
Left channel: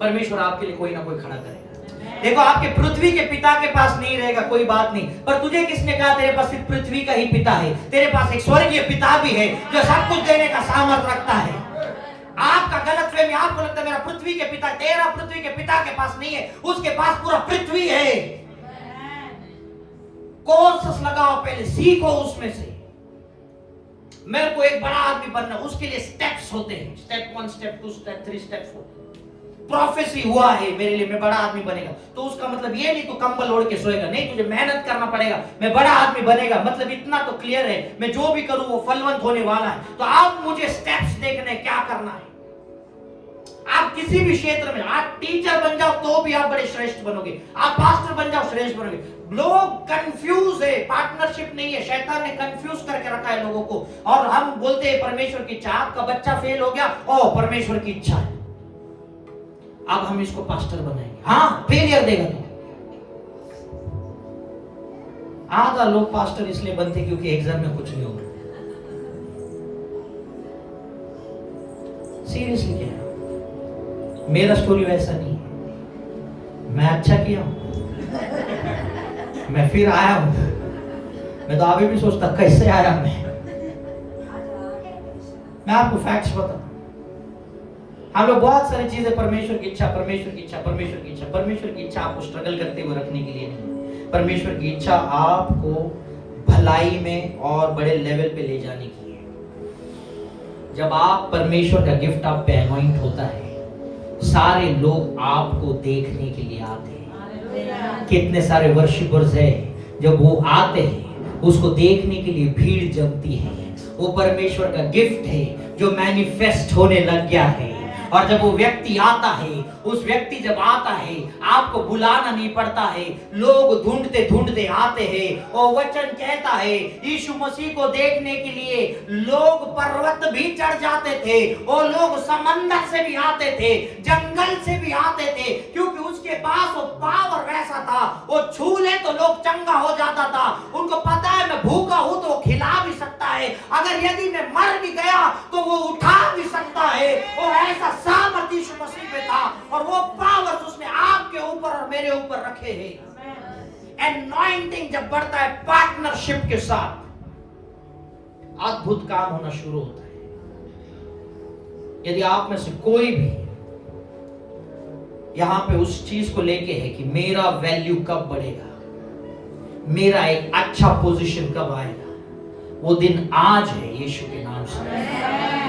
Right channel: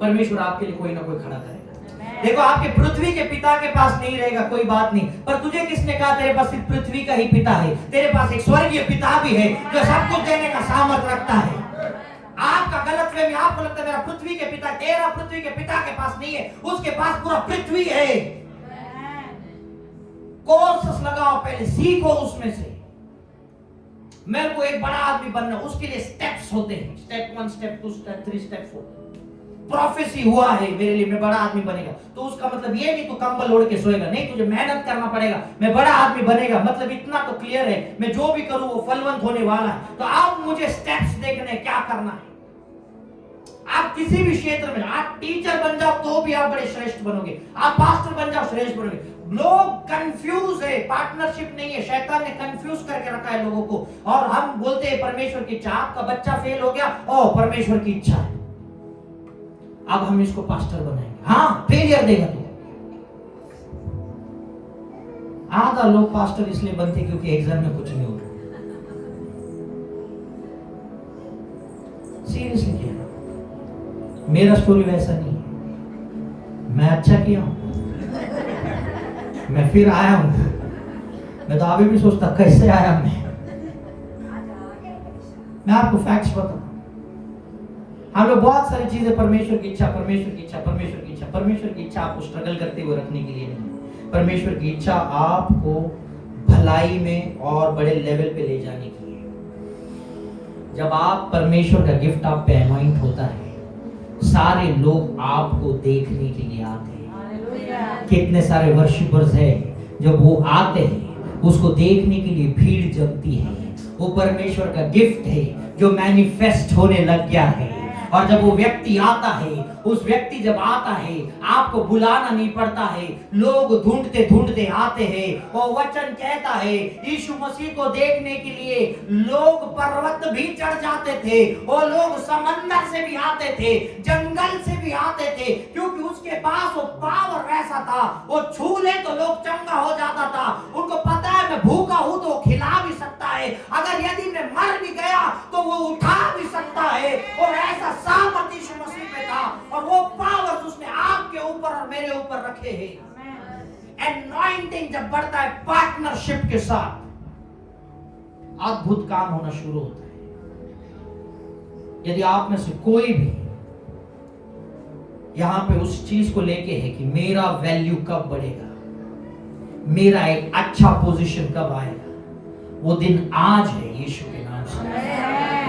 परमेश्वर आपके लिए कोई ना कोई खड़ा करेगा। देखो आपके पृथ्वी के पिता के पास नहीं रहेगा, कोई बात नहीं, पर तुझे किसने कहा तेरे पास सिर्फ पृथ्वी का ही पिता है? तेरे पास एक स्वर्गीय पिता भी है जो सब कुछ देने का सामर्थ्य रखता है। आपका गलतफहमी, आपको लगता है मेरा पृथ्वी के पिता, तेरा पृथ्वी के पिता के पास नहीं है, उसके पास पूरा पृथ्वी है। कोर्सेस लगाओ, पहले सीखो उसमें से। मेरे को एक बड़ा आदमी बनना, उसके लिए स्टेप्स होते हैं, step 1, step 2, step 3, step 4। Prophecy हुआ है मेरे लिए मैं बड़ा आदमी बनेगा, तो उसका मतलब ये नहीं तू कंबल ओढ़ के सोएगा, नहीं, तुझे मेहनत करना पड़ेगा, मैं बड़ा आदमी बनेगा। मतलब इतना तो क्लियर है, मैं जो भी करूं वो फलवंत होने वाला है। तो आप मुझे स्टेप्स देखने क्या करना है। आप किसी भी क्षेत्र में, आप टीचर बन जाओ तो भी आप बड़े श्रेष्ठ बनोगे, आप पास्टर बन जाओ श्रेष्ठ बनोगे। लोग कंफ्यूज है, पार्टनरशिप नहीं है, शैतान ने कंफ्यूज करके रखा है लोगों को। और हम बोलते हैं परमेश्वर की इच्छा, आपका बच्चा फेल हो गया, ओ परमेश्वर की इच्छा है, अब हम इसको पास्टर बनाएंगे। हाँ, फेलियर देगा तो। आधा लोग पास्टर इसलिए बनते क्योंकि एग्जाम में कुछ नहीं हो रहा। सीरियसली कह रहा हूं, मेरा स्टोरी वैसा नहीं है। मैं अच्छा किया हूं, मैं फिर आया हूं। मैं तो अभी भी सोचता कैसे आया मैं आपको फैक्ट्स बताता। हम लोग बहुत सारी चीजें परमेश्वर की इच्छा, परमेश्वर की इच्छा, परमेश्वर की इच्छा, परमेश्वर की इच्छा आपको स्ट्रगल करते हुए रखने के लिए नहीं। परमेश्वर की इच्छा आपको भलाई में और बड़े लेवल पे ले जाने के लिए। जब आप परमेश्वर का गिफ्ट आप पे अनॉइंट होता है, सारे लोग आपको देखने के लिए आते हैं। कितने सारे वर्शिपर्स हैं, जब वो आते हैं उसको देखने के लिए भीड़ जमती है। वो परमेश्वर का गिफ्ट है जो मैनिफेस्ट होने लग गया है। और जब वो व्यक्ति आता है, उस व्यक्ति जब आता है, आपको बुलाना नहीं पड़ता है, लोग ढूंढते ढूंढते आते हैं। वो वचन कहता है यीशु मसीह को देखने के लिए लोग पर्वत भी चढ़ जाते थे, वो लोग समंदर से भी आते थे, जंगल से भी आते थे, क्योंकि उसके पास वो पावर ऐसा था, वो छू ले तो लोग चंगा हो जाता था। उनको पता है मैं भूखा हूं तो खिला भी सकता है, अगर यदि मैं मर भी गया तो वो उठा भी सकता है। वो ऐसा सामर्थ यीशु मसीह पे था, और वो पावर उसने आपके ऊपर और मेरे ऊपर रखे हैं। एनॉइंटिंग जब बढ़ता है पार्टनरशिप के साथ, अद्भुत काम होना शुरू होता है। यदि आप में से कोई भी यहां पे उस चीज को लेके है कि मेरा वैल्यू कब बढ़ेगा, मेरा एक अच्छा पोजीशन कब आएगा, वो दिन आज है यीशु के नाम से।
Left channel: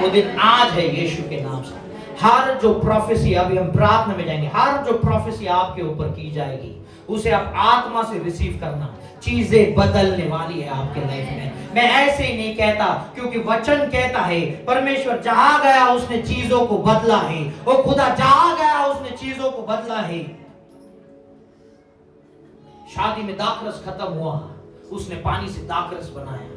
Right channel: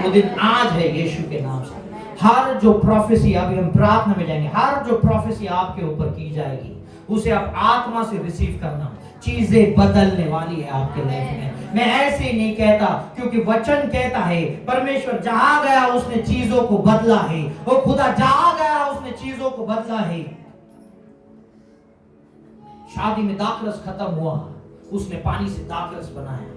वो दिन आज है यीशु के नाम से। हर जो प्रोफेसी, अभी हम प्रार्थना में जाएंगे, हर जो प्रोफेसी आपके ऊपर की जाएगी उसे आप आत्मा से रिसीव करना। चीजें बदलने वाली है आपके लाइफ में। मैं ऐसे ही नहीं कहता, क्योंकि वचन कहता है परमेश्वर जहां गया उसने चीजों को बदला है। वो खुदा जहां गया उसने चीजों को बदला है। शादी में दाखरस खत्म हुआ, उसने पानी से दाखरस बनाया।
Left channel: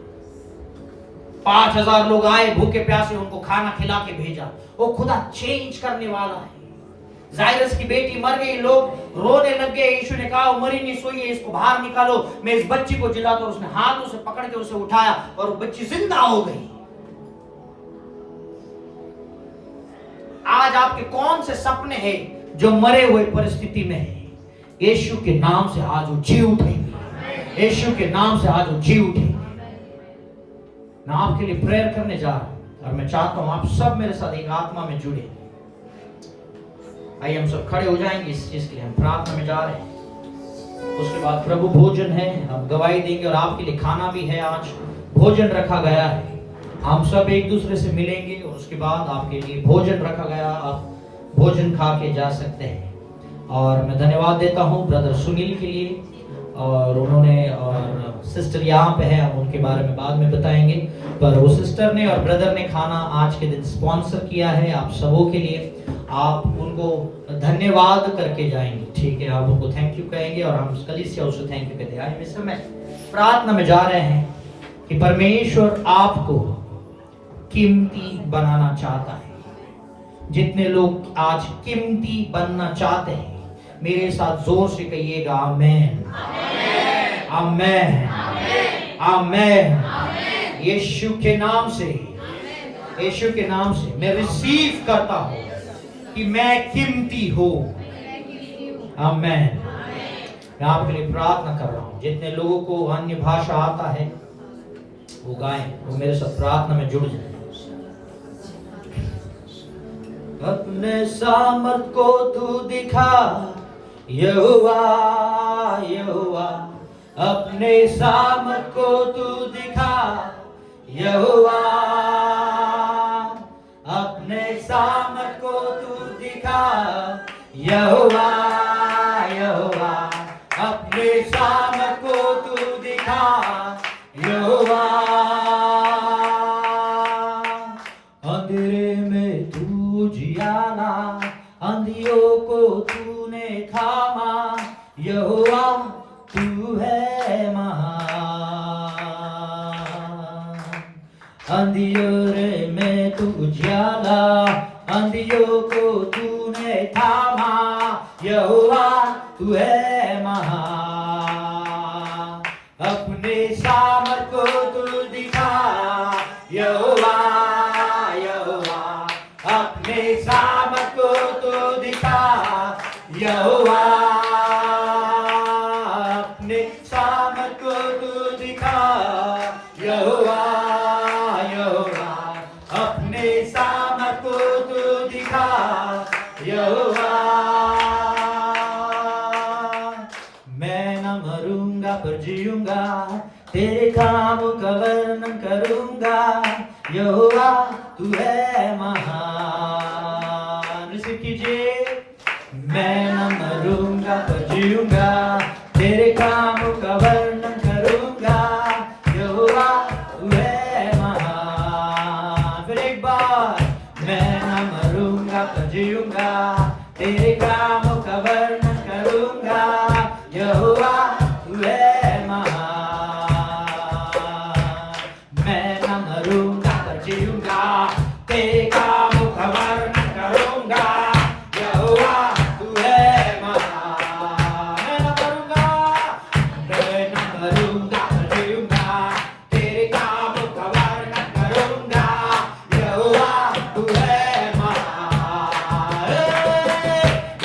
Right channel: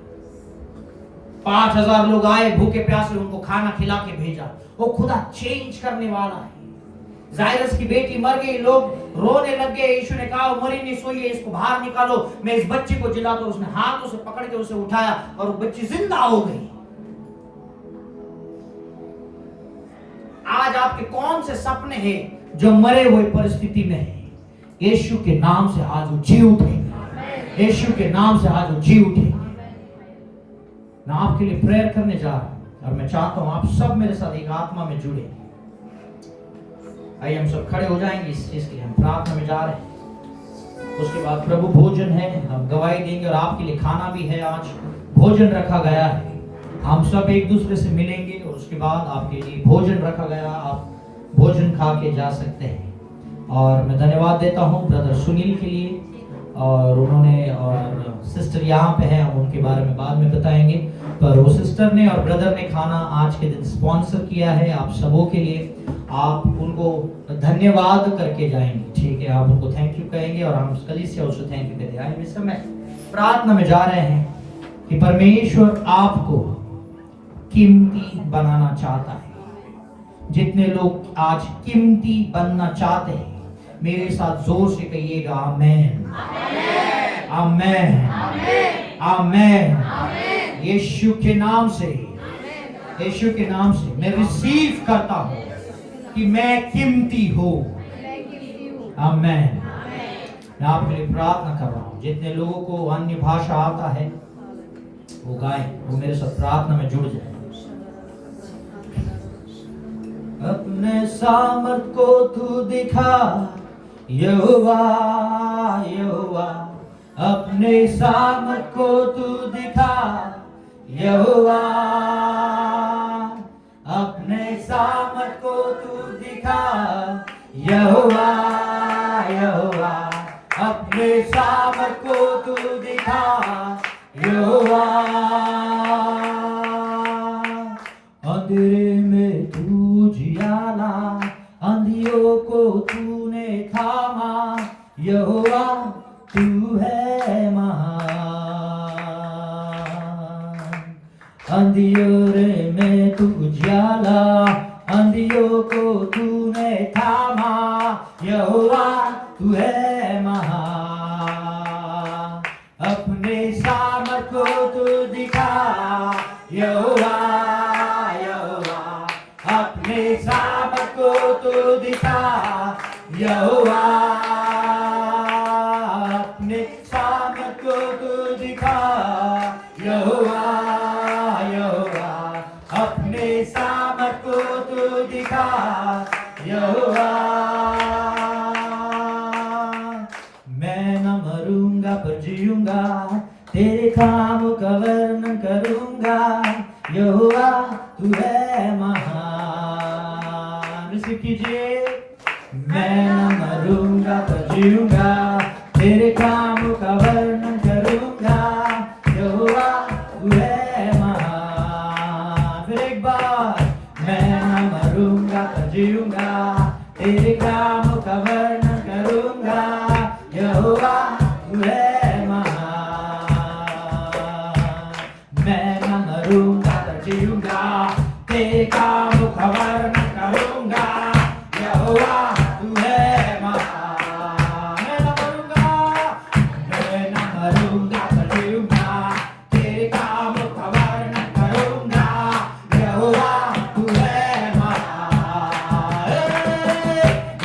5000 लोग आए भूखे प्यासे, उनको खाना खिला के भेजा। वो खुदा चेंज करने वाला है। जायरस की बेटी मर गई, लोग रोने लग गए। यीशु ने कहा मरी नहीं सोई है, इसको बाहर निकालो, मैं इस बच्ची को जिलाता हूं। उसने हाथों से पकड़ के उसे उठाया और वो बच्ची जिंदा हो गई। आज आपके कौन से सपने हैं जो मरे हुए परिस्थिति में है, यीशु के नाम से आज वो जी उठेंगे। यीशु के नाम से आज वो जी उठेंगे। मैं आपके लिए प्रेयर करने जा रहा हूं, और मैं चाहता हूं आप सब मेरे साथ एक आत्मा में जुड़े। आइए हम सब खड़े हो जाएंगे इस चीज के लिए। हम प्रार्थना में जा रहे हैं, उसके बाद प्रभु भोजन है, हम गवाही देंगे, और आपके लिए खाना भी है। आज भोजन रखा गया है, हम सब एक दूसरे से मिलेंगे, और उसके बाद आपके लिए भोजन रखा गया, आप भोजन खा के जा सकते हैं। और मैं धन्यवाद देता हूं ब्रदर सुनील के लिए, और उन्होंने, और सिस्टर यहाँ पे है, हम उनके बारे में बाद में बताएंगे, पर वो सिस्टर ने और ब्रदर ने खाना आज के दिन स्पॉन्सर किया है आप सबों के लिए। आप उनको धन्यवाद करके जाएंगे, ठीक है? आप उनको थैंक यू कहेंगे, और हम कलीसिया उसको थैंक यू कहते हैं। आज इस समय प्रार्थना में जा रहे हैं कि परमेश्वर आपको कीमती बनाना चाहता है। जितने लोग आज कीमती बनना चाहते हैं, मेरे साथ जोर से कहिएगा आमेन, आमेन, आमेन। यीशु के नाम से, यीशु के नाम से मैं रिसीव करता हूं कि मैं कीमती हूं। आमेन। मैं आपके लिए प्रार्थना कर रहा हूं, जितने लोगों को अन्य भाषा आता है वो गाएं, वो मेरे साथ प्रार्थना में जुड़ जाए। अपने सामर्थ को तू दिखा यहोवा, यहोवा, अपने सामर्थ को तू दिखा यहोवा, अपने सामर्थ को तू दिखा यहोवा, यहोवा, अपने सामर्थ को तू दिखा यहोवा। अंधेरे में तू जियाला, अंधियों को तूने थामा, यहोवा तू है महान। अंधियों में तू उजाला, अंधियों को तूने थामा, यहोवा तू है महान। अपने सामर्थ को तू दिखा यहोवा, यहोवा, अपने सामर्थ को तू दिखा यहोवा, अपने सामर्थ को तू दिखा यहोवा, यहोवा, अपने सामर्थ को तू दिखा यहोवा। मैं न मरूंगा पर जीऊंगा, तेरे काम का वर्णन करूंगा, यहोवा तू है महान। रिसीव कीजिए। मैं न मरूंगा पर जीऊंगा, तेरे काम का वर्णन करूंगा, यहोवा तू है महान। फिर एक बार, मैं न मरूंगा पर यहोवा तू है महान। मैं न मरूंगा तो जीऊंगा, तेरे कामों का वर्णन करूंगा। यहोवा तू है महान। मैं न मरूंगा तो जीऊंगा, तेरे कामों का वर्णन करूंगा। यहोवा तू है महान।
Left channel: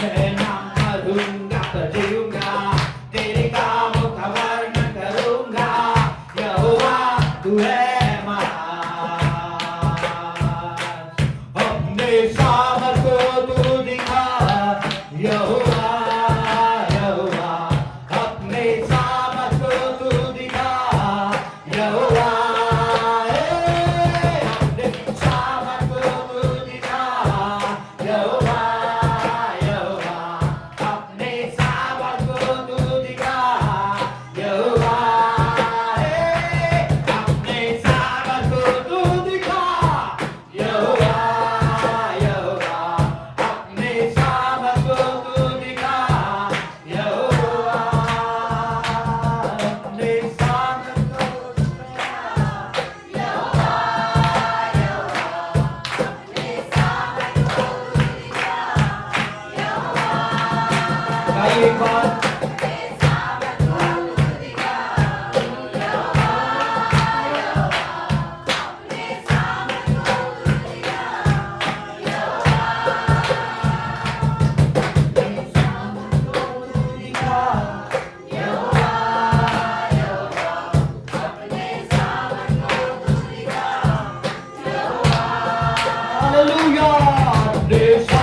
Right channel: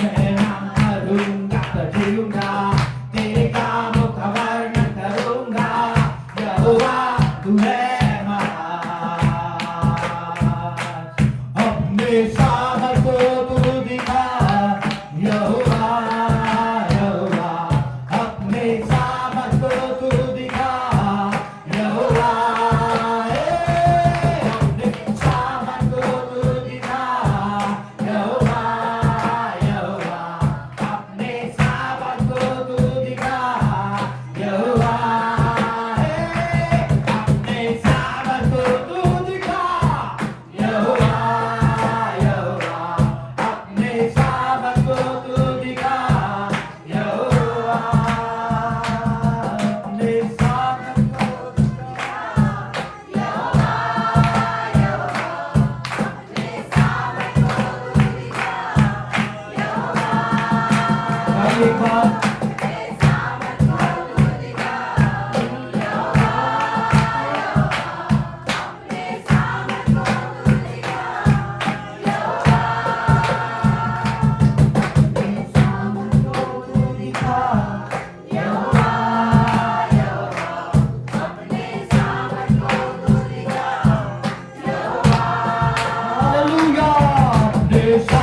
मैं न मरूंगा तो जीऊंगा, तेरे कामों का वर्णन करूंगा। यहोवा तू है महान। अपने सामर्थ को तू दिखा, यहोवा यहोवा। अपने सामर्थ को तू दिखा, यहोवा। अपने सामर्थ को तू दिखा, यहोवा यहोवा। अपने सामर्थ को तू दिखा, यहोवा। अपने सामर्थ को तू दिखा, यहोवा यहोवा। अपने सामर्थ को तू दिखा, यहोवा। अपने सामर्थ को भाई एक बार हालेलुया।